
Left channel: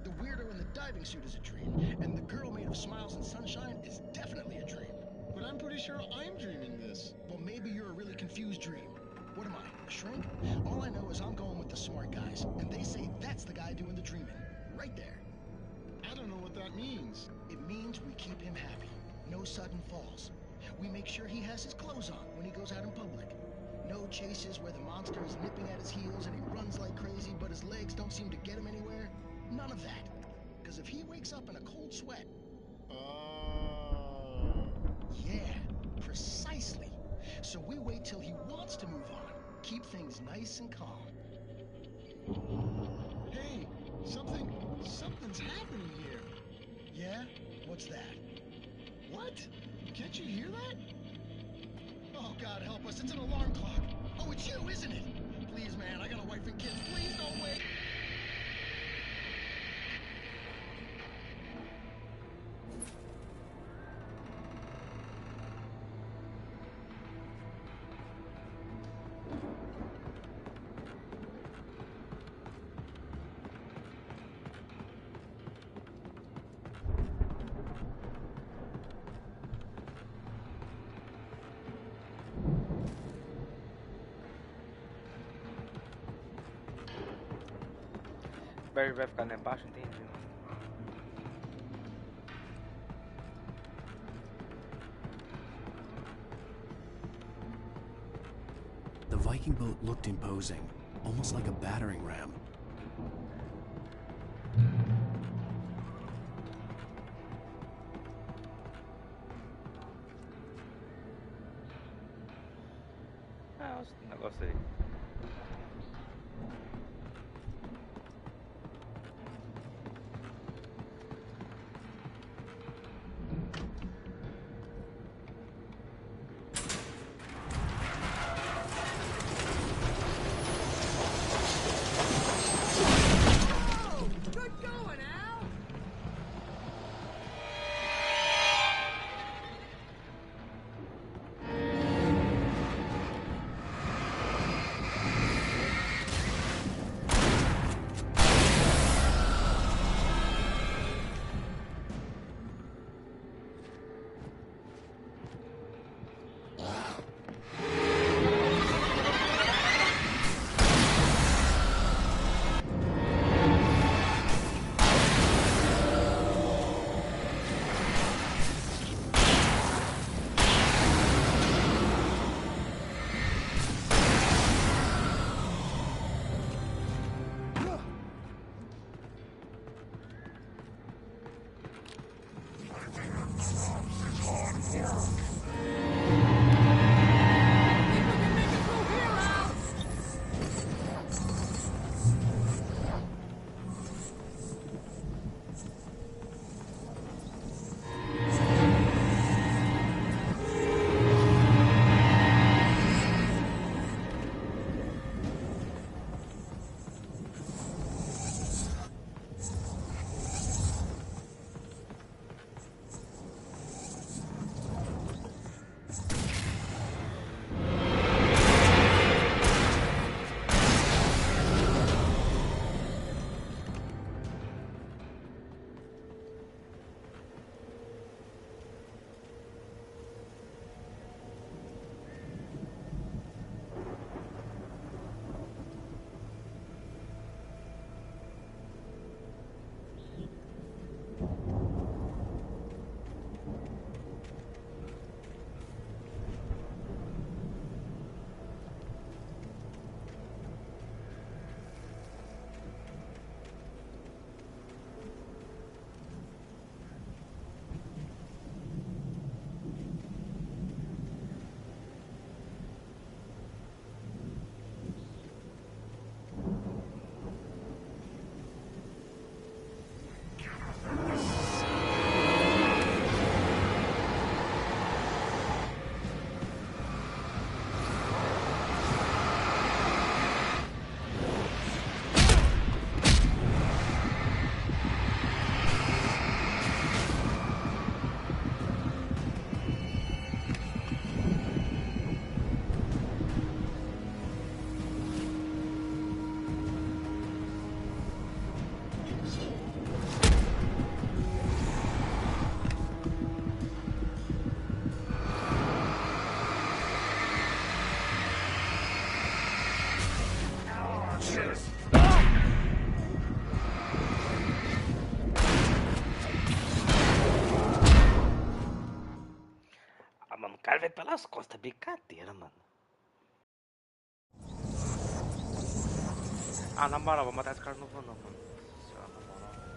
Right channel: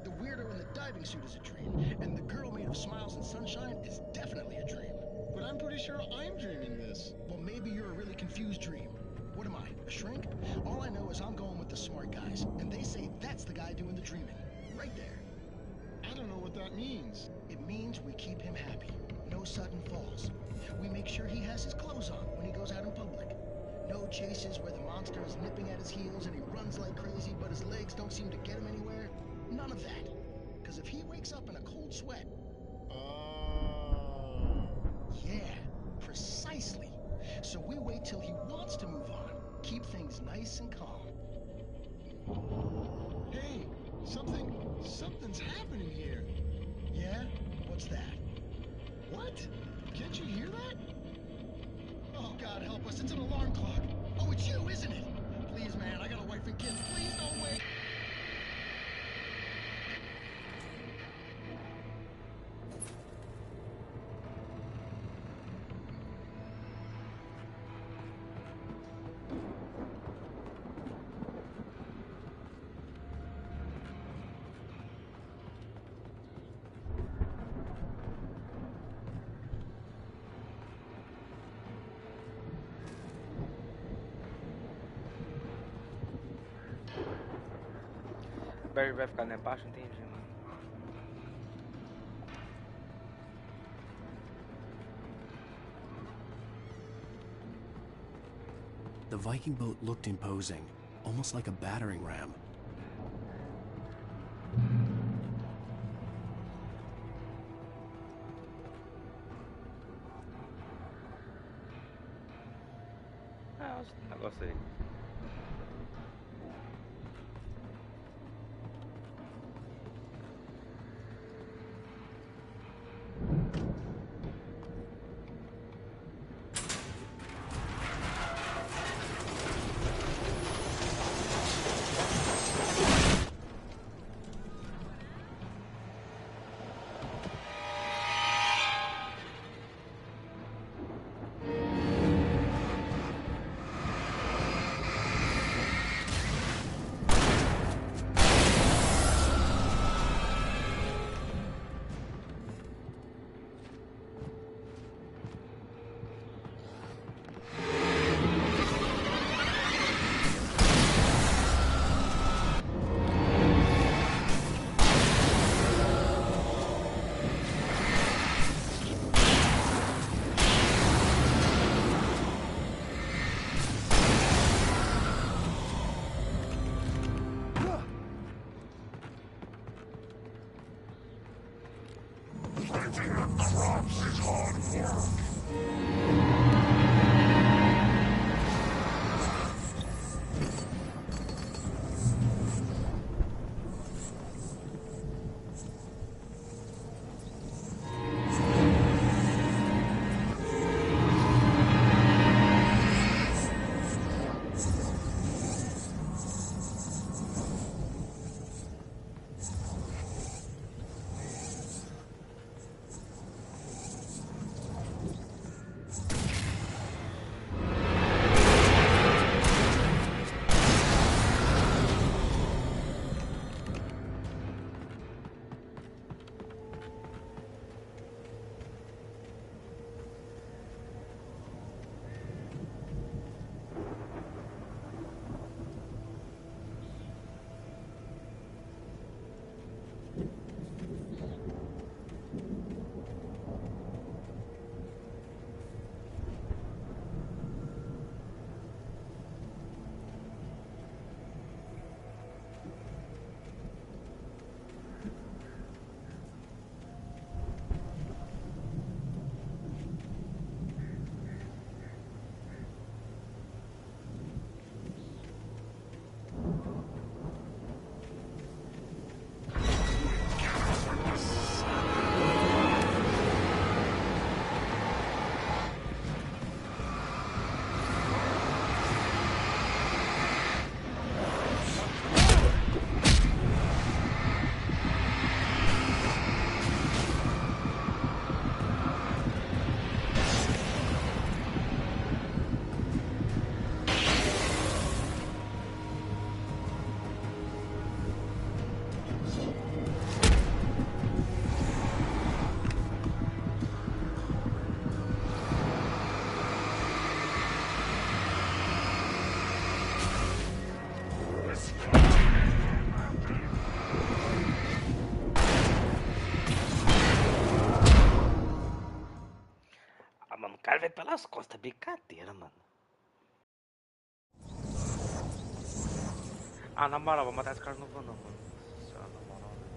The weirdo in the diving suit is a dream, and the girl made of smiles and sunshine is definitely a dream. But I'm pretty sure I'm dreaming this. Well, maybe you're a really confused dream. What am I, a shrink? All I know is I'm going with the smart guys, and they say that's the guy doing the dreaming. Right there. I don't know what that means. It means we keep him happy. No sudden falls. We make sure he has his clothes on when he goes out in public. No chases where the monster is nipping at his heels and he runs like crazy, but his legs don't seem to get him anywhere. None of that. Because if he wakes up in a cold sweat... Yeah, precisely. So we wait till he wants to move on. Keep things nice and calm. Hey, something's happening here. Yeah? What's that? What? Can't you hear that? Oh, God help us, it's an alarm clock. Oh, it's you, isn't it? Please, man, I got a wife and kids. Please don't wait. Barry vai ficar lá embaixo, entendi, mano. The Viking boat looked imposing, almost like a battering ram. esse negócio aí. Ah, mano, o cara vem pelas costas, brincadeira, mano. Ah, na moral, vou matar esse cara, não vou não, mano. Nossa senhora, na moral, velho.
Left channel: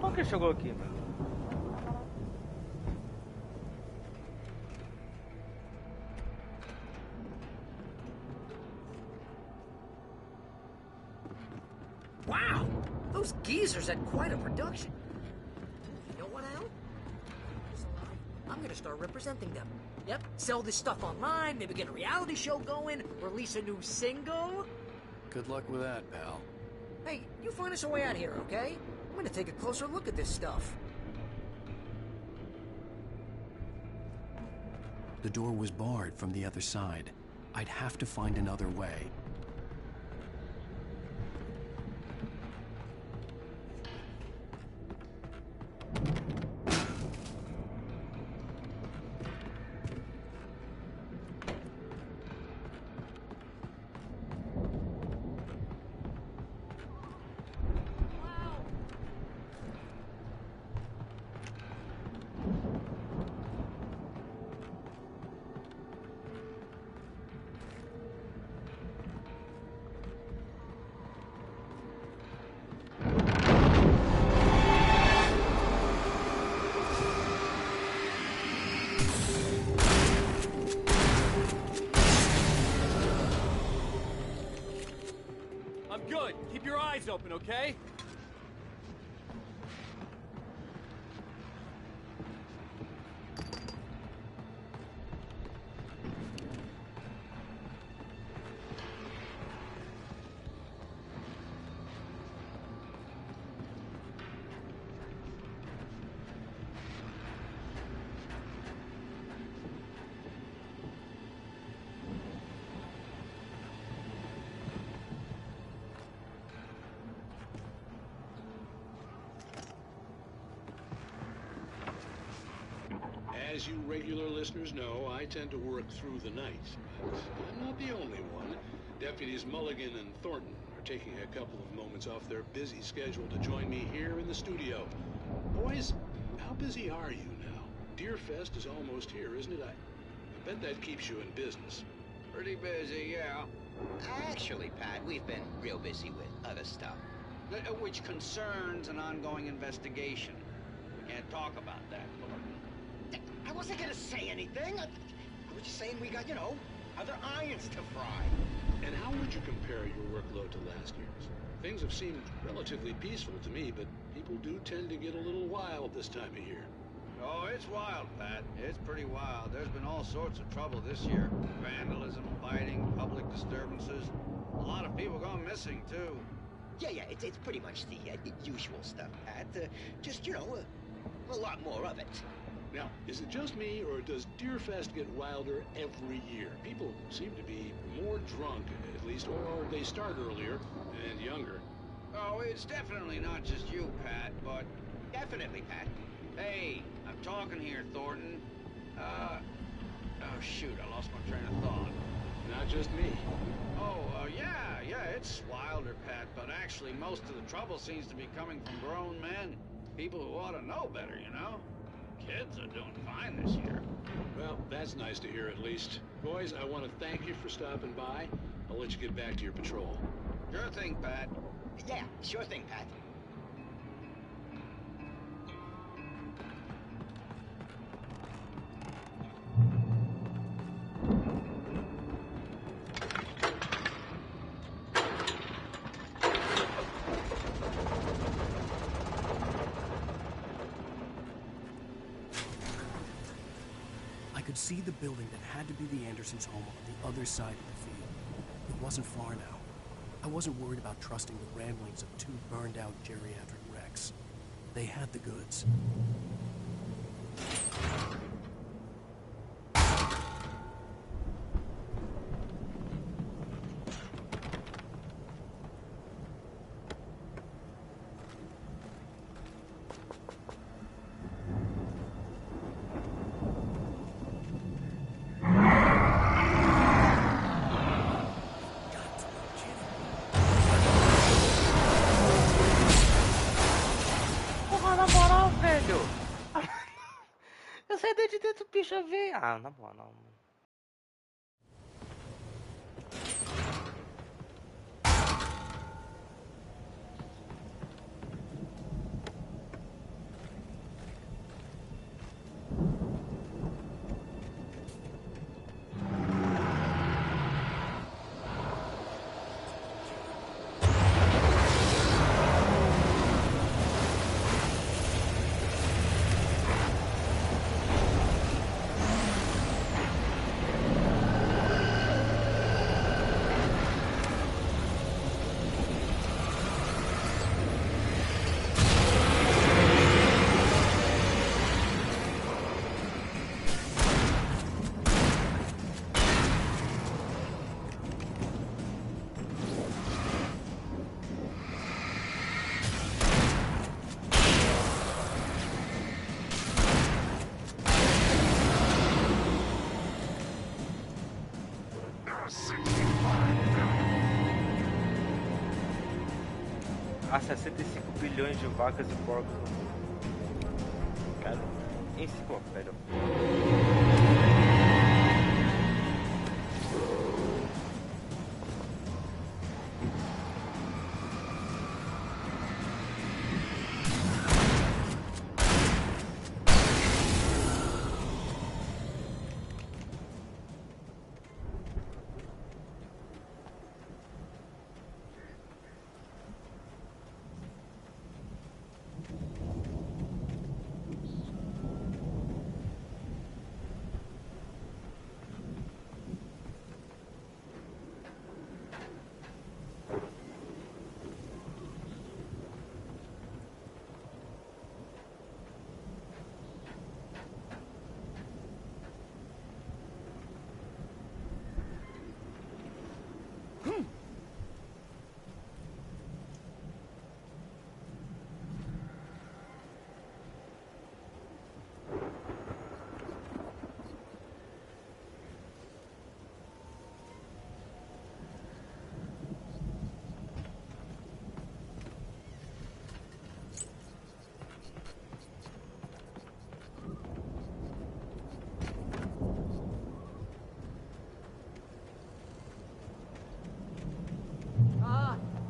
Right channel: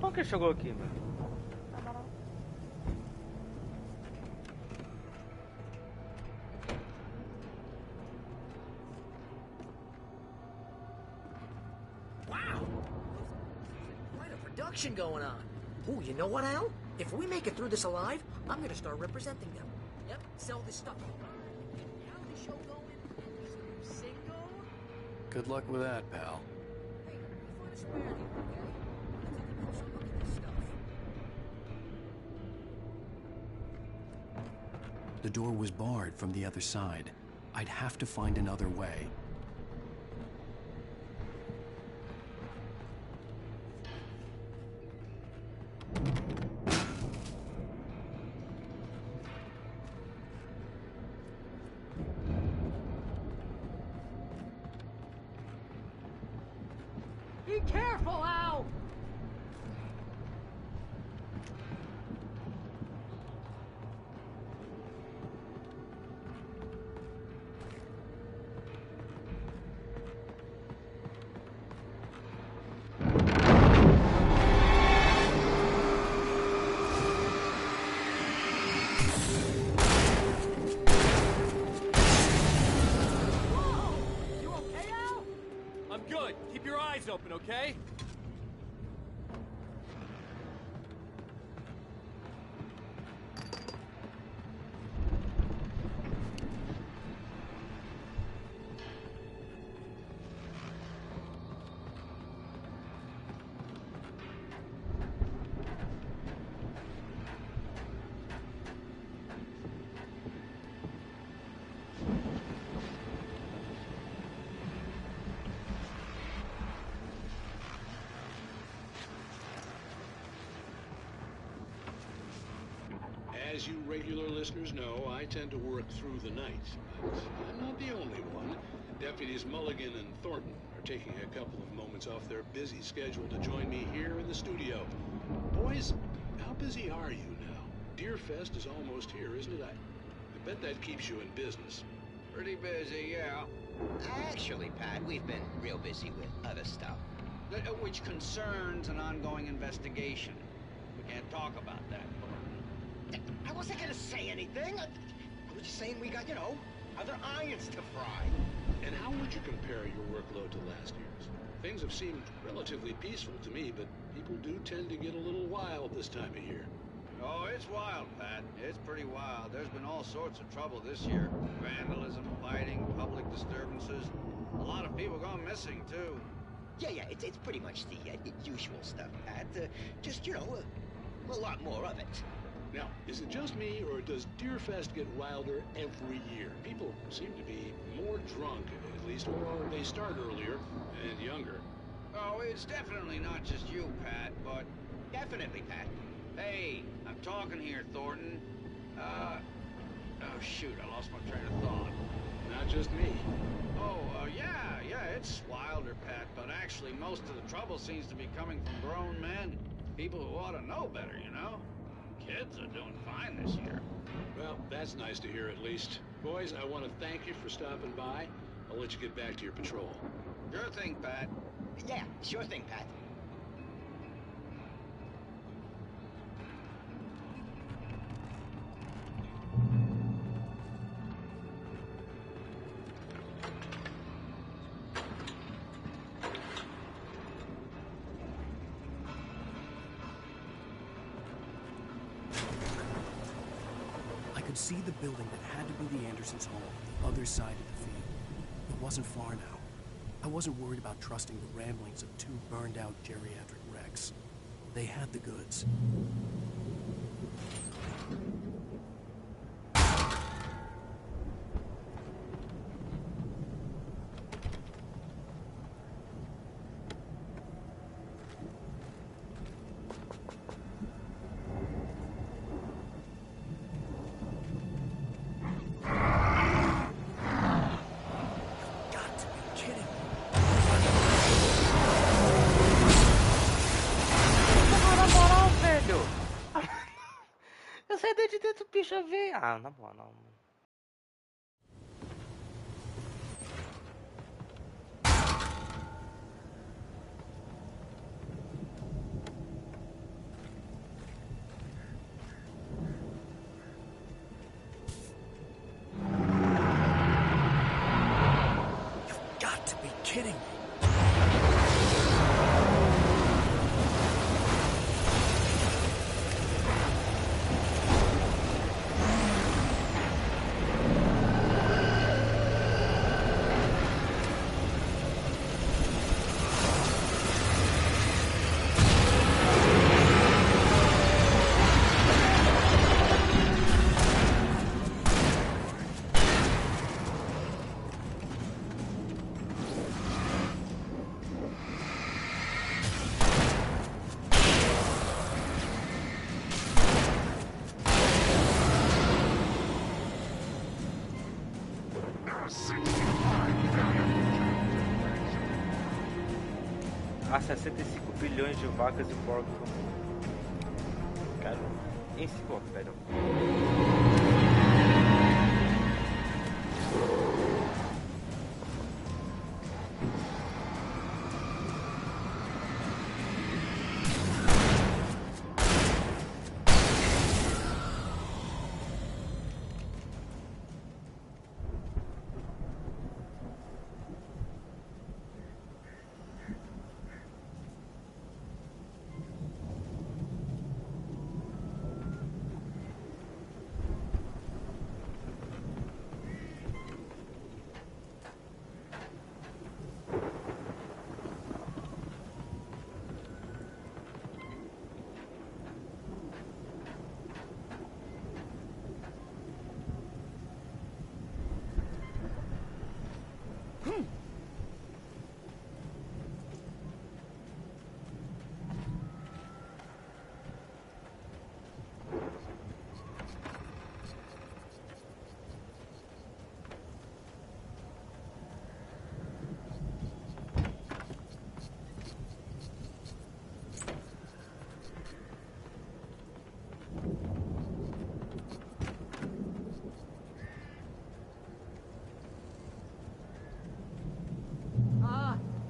Como que ele chegou aqui, mano? Wow! Those geezers had quite a production going on. Ooh, you know what, Al? If we make it through this alive, I'm gonna start representing them. Yep, sell this stuff online, maybe get a reality show going, release a new single. Good luck with that, pal. Hey, you find us a way out here, okay? I'm gonna take a closer look at this stuff. The door was barred from the other side. I'd have to find another way. Be careful, Al! I'm good. Keep your eyes open, okay? As you regular listeners know, I tend to work through the night, but I'm not the only one. Deputies Mulligan and Thornton are taking a couple of moments off their busy schedule to join me here in the studio. Boys, how busy are you now? Deerfest is almost here, isn't it? I bet that keeps you in business. Pretty busy, yeah. Actually, Pat, we've been real busy with other stuff, which concerns an ongoing investigation. We can't talk about that, Thornton. I wasn't gonna say anything. I was just saying we got, other irons to fry. And how would you compare your workload to last year's? Things have seemed relatively peaceful to me, but people do tend to get a little wild this time of year. Oh, it's wild, Pat. It's pretty wild. There's been all sorts of trouble this year. Vandalism, fighting, public disturbances. A lot of people gone missing, too. Yeah, it's pretty much the usual stuff, Pat. Just, a lot more of it. Now, is it just me, or does Deerfest get wilder every year? People seem to be more drunk, at least, or they start earlier and younger. Oh, it's definitely not just you, Pat, but... Definitely, Pat. Hey, I'm talking here, Thornton. Oh, shoot, I lost my train of thought. Not just me. Oh, yeah, it's wilder, Pat, but actually most of the trouble seems to be coming from grown men. People who ought to know better, Kids are doing fine this year. Well, that's nice to hear at least. Boys, I want to thank you for stopping by. I'll let you get back to your patrol. Sure thing, Pat. Yeah, sure thing, Pat. I could see the building that had to be the Andersons' home on the other side of the field. It wasn't far now. I wasn't worried about trusting the ramblings of two burned-out geriatric wrecks. They had the goods. Eu saí daí de dentro, o bicho veio. Ah, na boa, não. You've got to be kidding me. há 65 bilhões de vacas e porcos no mundo. Cara, enciclopédia.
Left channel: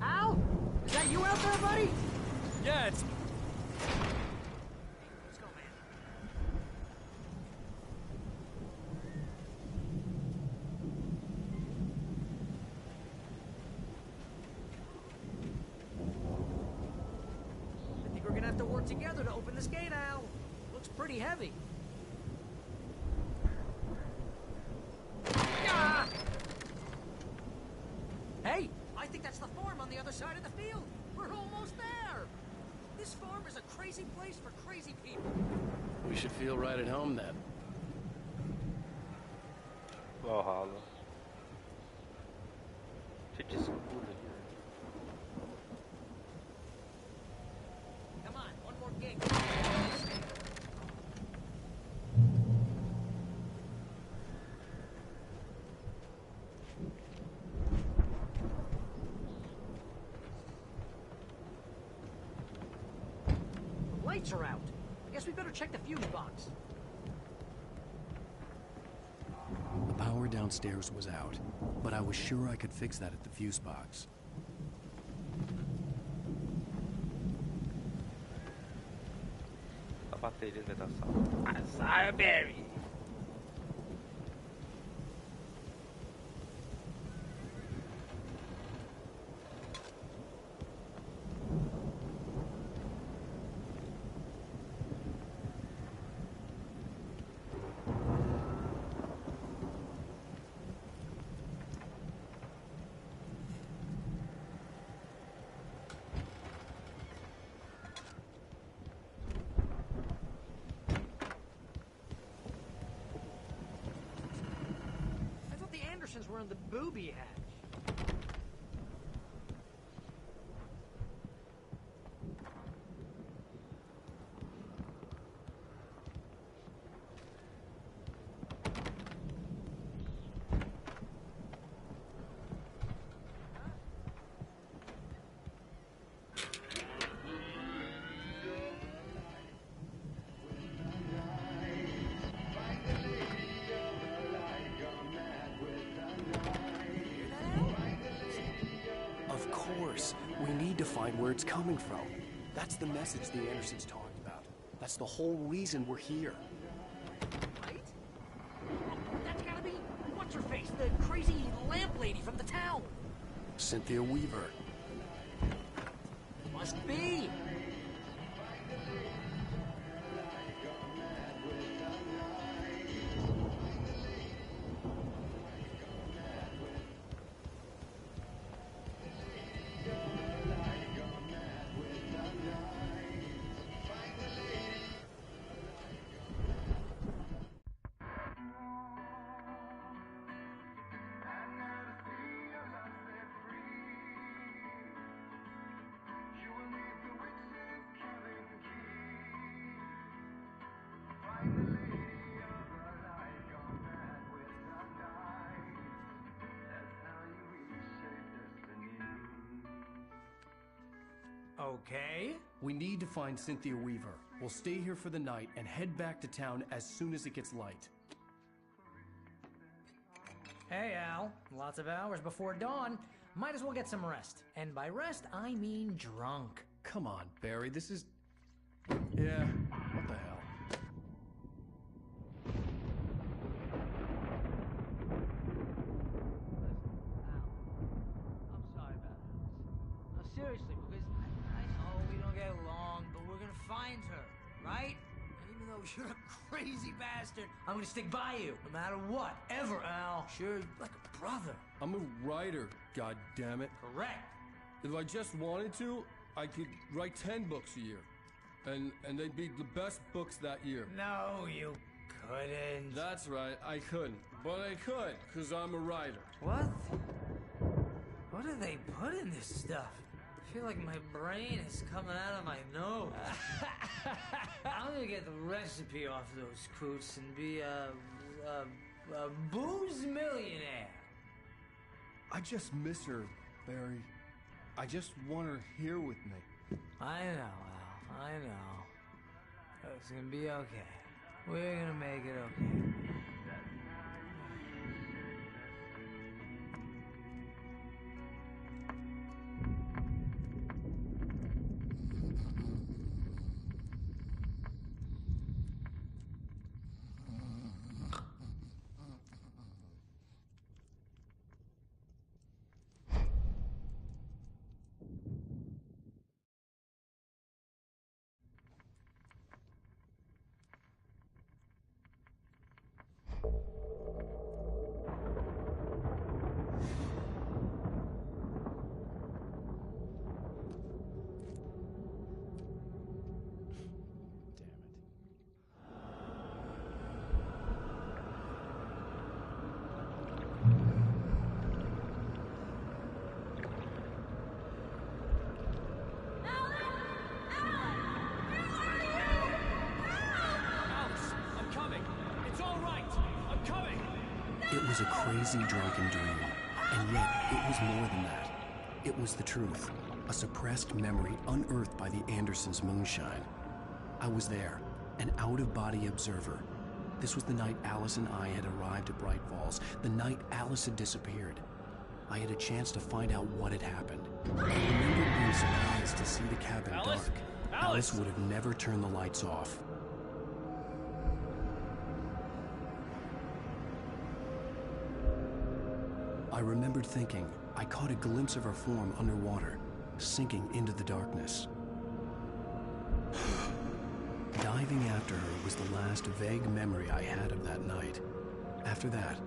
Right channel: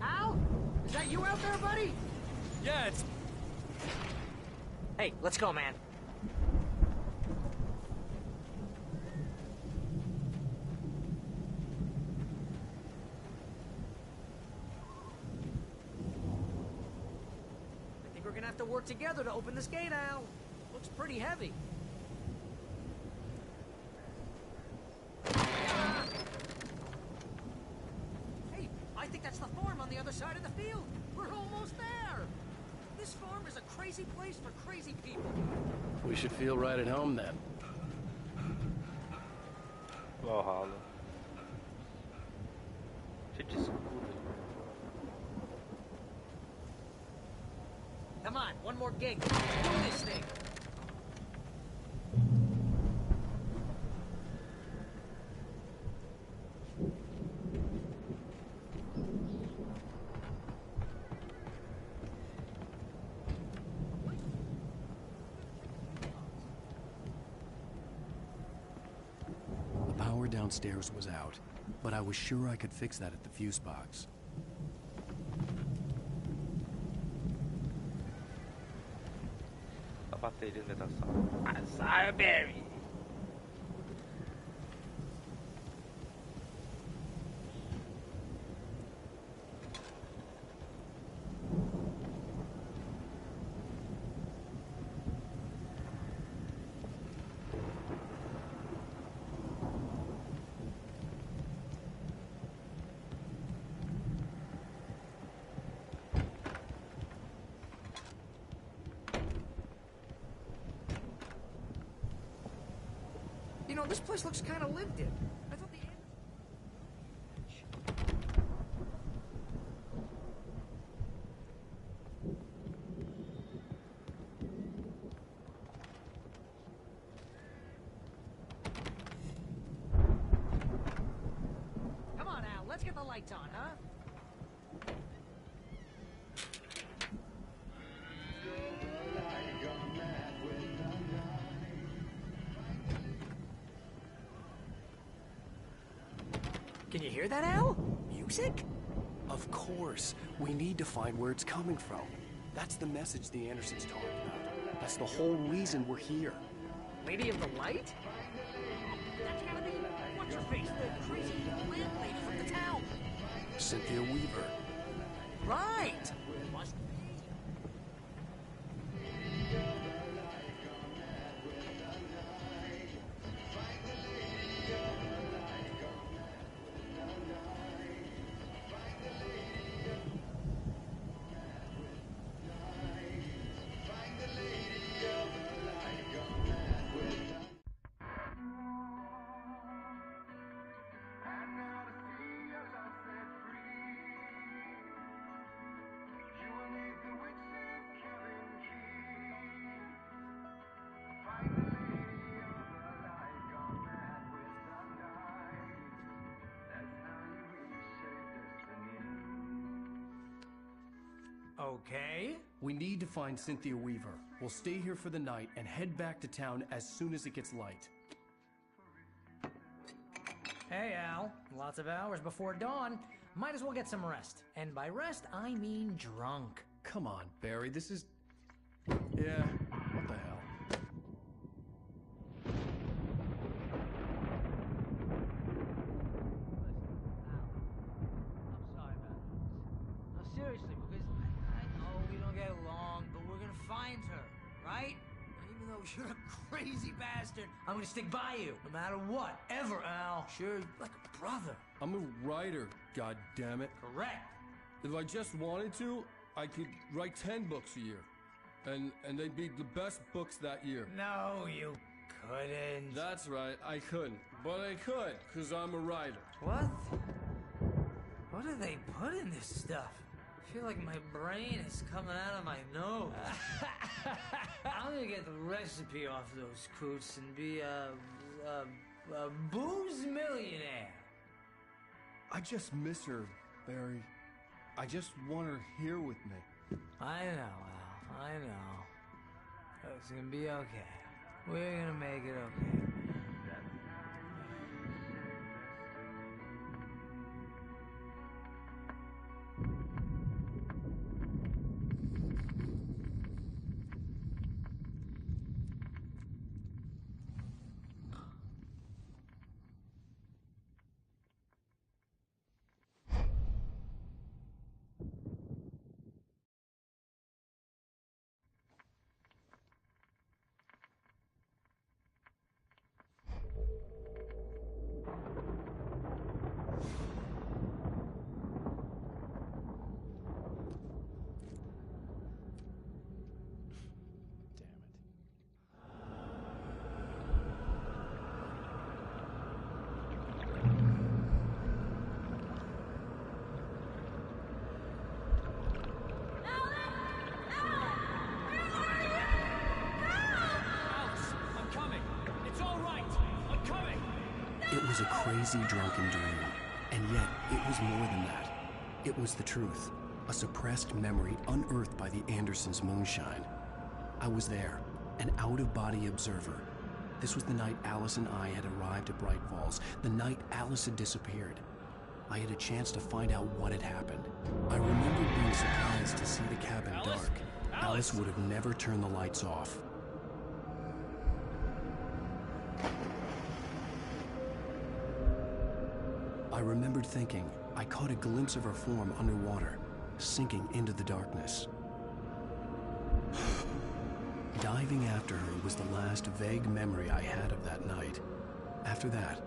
Al? Is that you out there, buddy? Yeah, it's... Hey, let's go, man. I think we're gonna have to work together to open this gate, Al. Looks pretty heavy. Ah! Hey, I think that's the farm on the other side of the field. We're almost there. This farm is a crazy place for crazy people. We should feel right at home then. Valhalla. Cheio de escudo. Come on, one more gig. This thing. The lights are out. I guess we better check the fuse box. The power downstairs was out, but I was sure I could fix that at the fuse box. A bateria de alimentação. Azar, Barry! You know, this place looks kind of lived in. I thought the Andersons were on the booby hatch. Come on, Al, let's get the lights on, huh? Can you hear that, Al? Music? Of course. We need to find where it's coming from. That's the message the Andersons talked about. That's the whole reason we're here. Lady of the Light? That's gotta be what's-her-face, the crazy lamp lady from the town. Cynthia Weaver. Right. Must be. You will meet the witch Okay. We need to find Cynthia Weaver. We'll stay here for the night and head back to town as soon as it gets light. Hey, Al. Lots of hours before dawn. Might as well get some rest. And by rest, I mean drunk. Come on, Barry, this is... Yeah, what the hell? I'm sorry about this. No, seriously, because I know we don't get along, but we're gonna find her, right? And even though you're a crazy bastard, I'm gonna stick by you, no matter what, ever, Al. Sure, like a brother. I'm a writer, goddammit. Correct. If I just wanted to, I could write 10 books a year. And they'd be the best books that year. No, you couldn't. That's right, I couldn't. But I could, because I'm a writer. What? What do they put in this stuff? I feel like my brain is coming out of my nose. I'm gonna get the recipe off those coots and be a booze millionaire. I just miss her, Barry. I just want her here with me. I know, Al. I know. It's gonna be okay. We're gonna make it okay. It was a crazy drunken dream, and yet it was more than that. It was the truth, a suppressed memory unearthed by the Andersons' moonshine. I was there, an out-of-body observer. This was the night Alice and I had arrived at Bright Falls, the night Alice had disappeared. I had a chance to find out what had happened. I remembered being surprised to see the cabin dark. Alice would have never turned the lights off. I remembered thinking I caught a glimpse of her form underwater, sinking into the darkness. Diving after her was the last vague memory I had of that night. After that,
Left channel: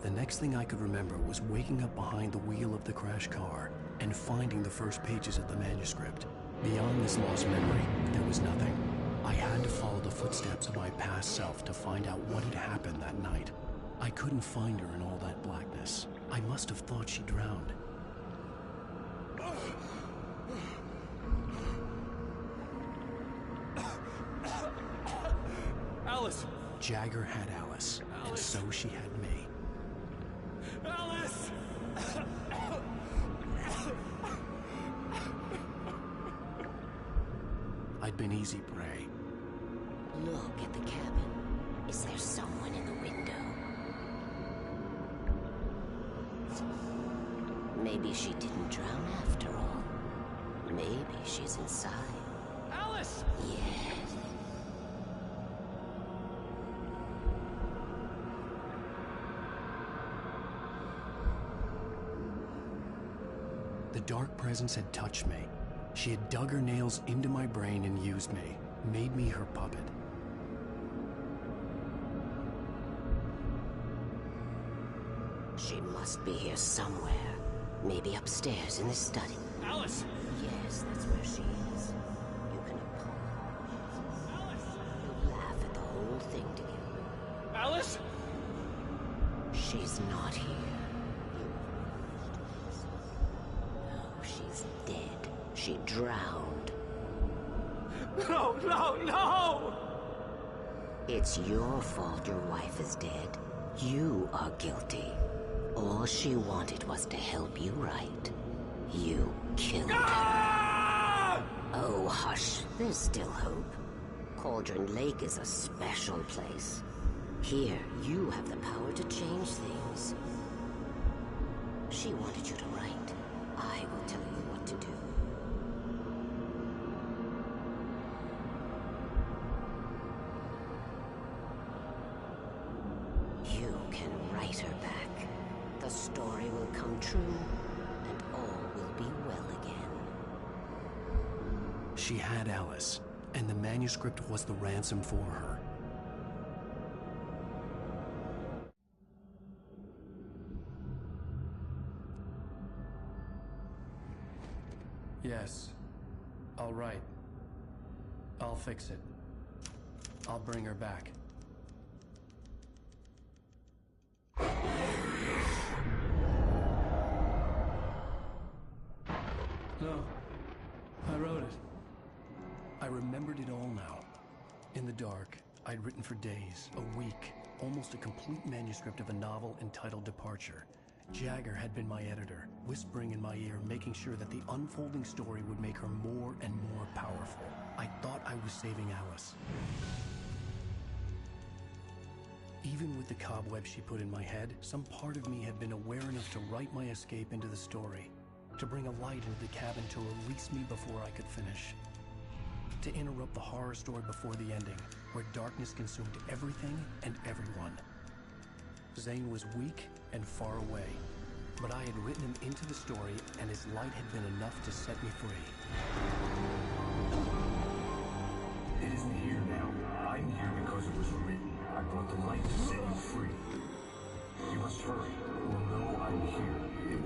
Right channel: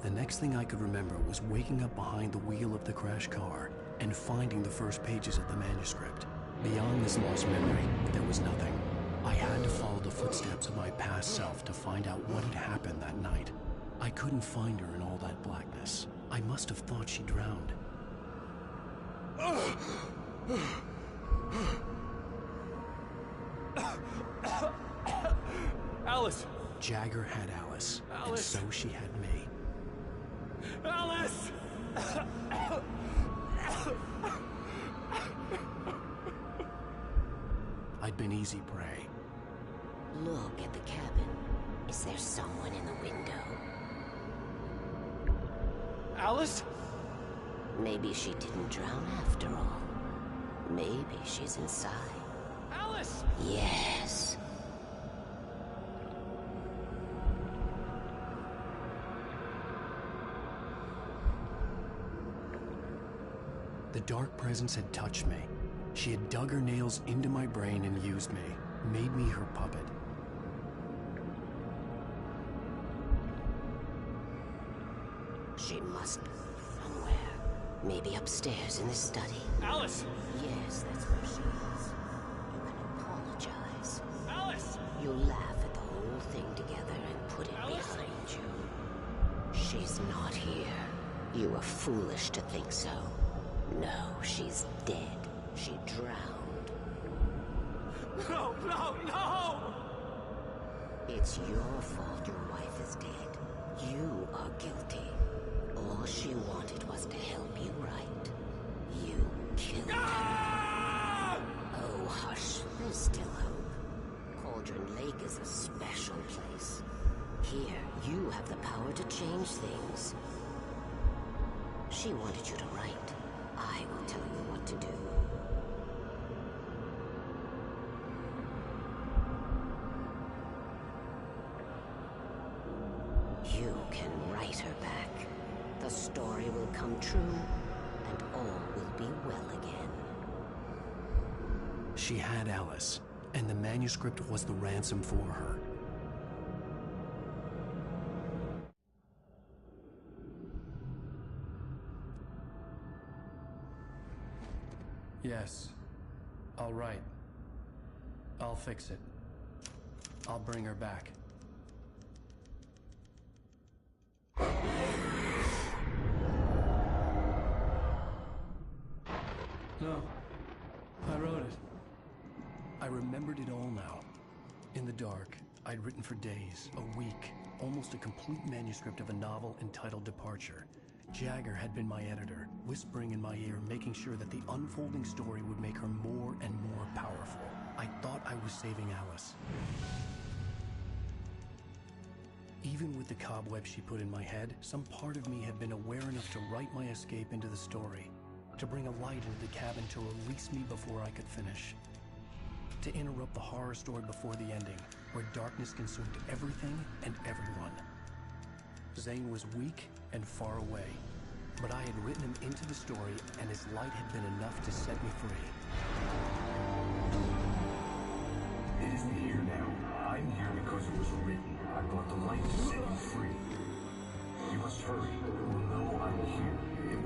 the next thing I could remember was waking up behind the wheel of the crashed car and finding the first pages of the manuscript. Beyond this lost memory, there was nothing. I had to follow the footsteps of my past self to find out what had happened that night. I couldn't find her in all that blackness. I must have thought she drowned. Alice! Jagger had Alice, and so she had me. Alice! I'd been easy prey. Look at the cabin. Is there someone in the window? Alice? Maybe she didn't drown after all. Maybe she's inside. Alice! Yes. The dark presence had touched me. She had dug her nails into my brain and used me, made me her puppet. She must be here somewhere. Maybe upstairs in the study. Alice! Yes, that's where she is. You can apologize. Alice! You laugh at the whole thing together and put it Alice! behind you. She's not here. You were foolish to think so. No, she's dead. She drowned. No, no, no! It's your fault your wife is dead. You are guilty. All she wanted was to help you right. You killed her. Oh, hush. There's still hope. Cauldron Lake is a special place. Here, you have the power to change things. She wanted you to write. I will tell you what to do. You can write her back. The story will come true, and all will be well again. She had Alice, and the manuscript was the ransom for her. Yes. All right. I'll fix it. I'll bring her back. No. I wrote it. I remembered it all now. In the dark, I'd written for days, a week, almost a complete manuscript of a novel entitled Departure. Jagger had been my editor, whispering in my ear, making sure that the unfolding story would make her more and more powerful. I thought I was saving Alice. Even with the cobweb she put in my head, some part of me had been aware enough to write my escape into the story, to bring a light into the cabin to release me before I could finish, to interrupt the horror story before the ending, where darkness consumed everything and everyone. Zane was weak and far away, but I had written him into the story, and his light had been enough to set me free. It isn't here now. I'm here because it was written. I brought the light to set you free. You must hurry, or know I'm here. It will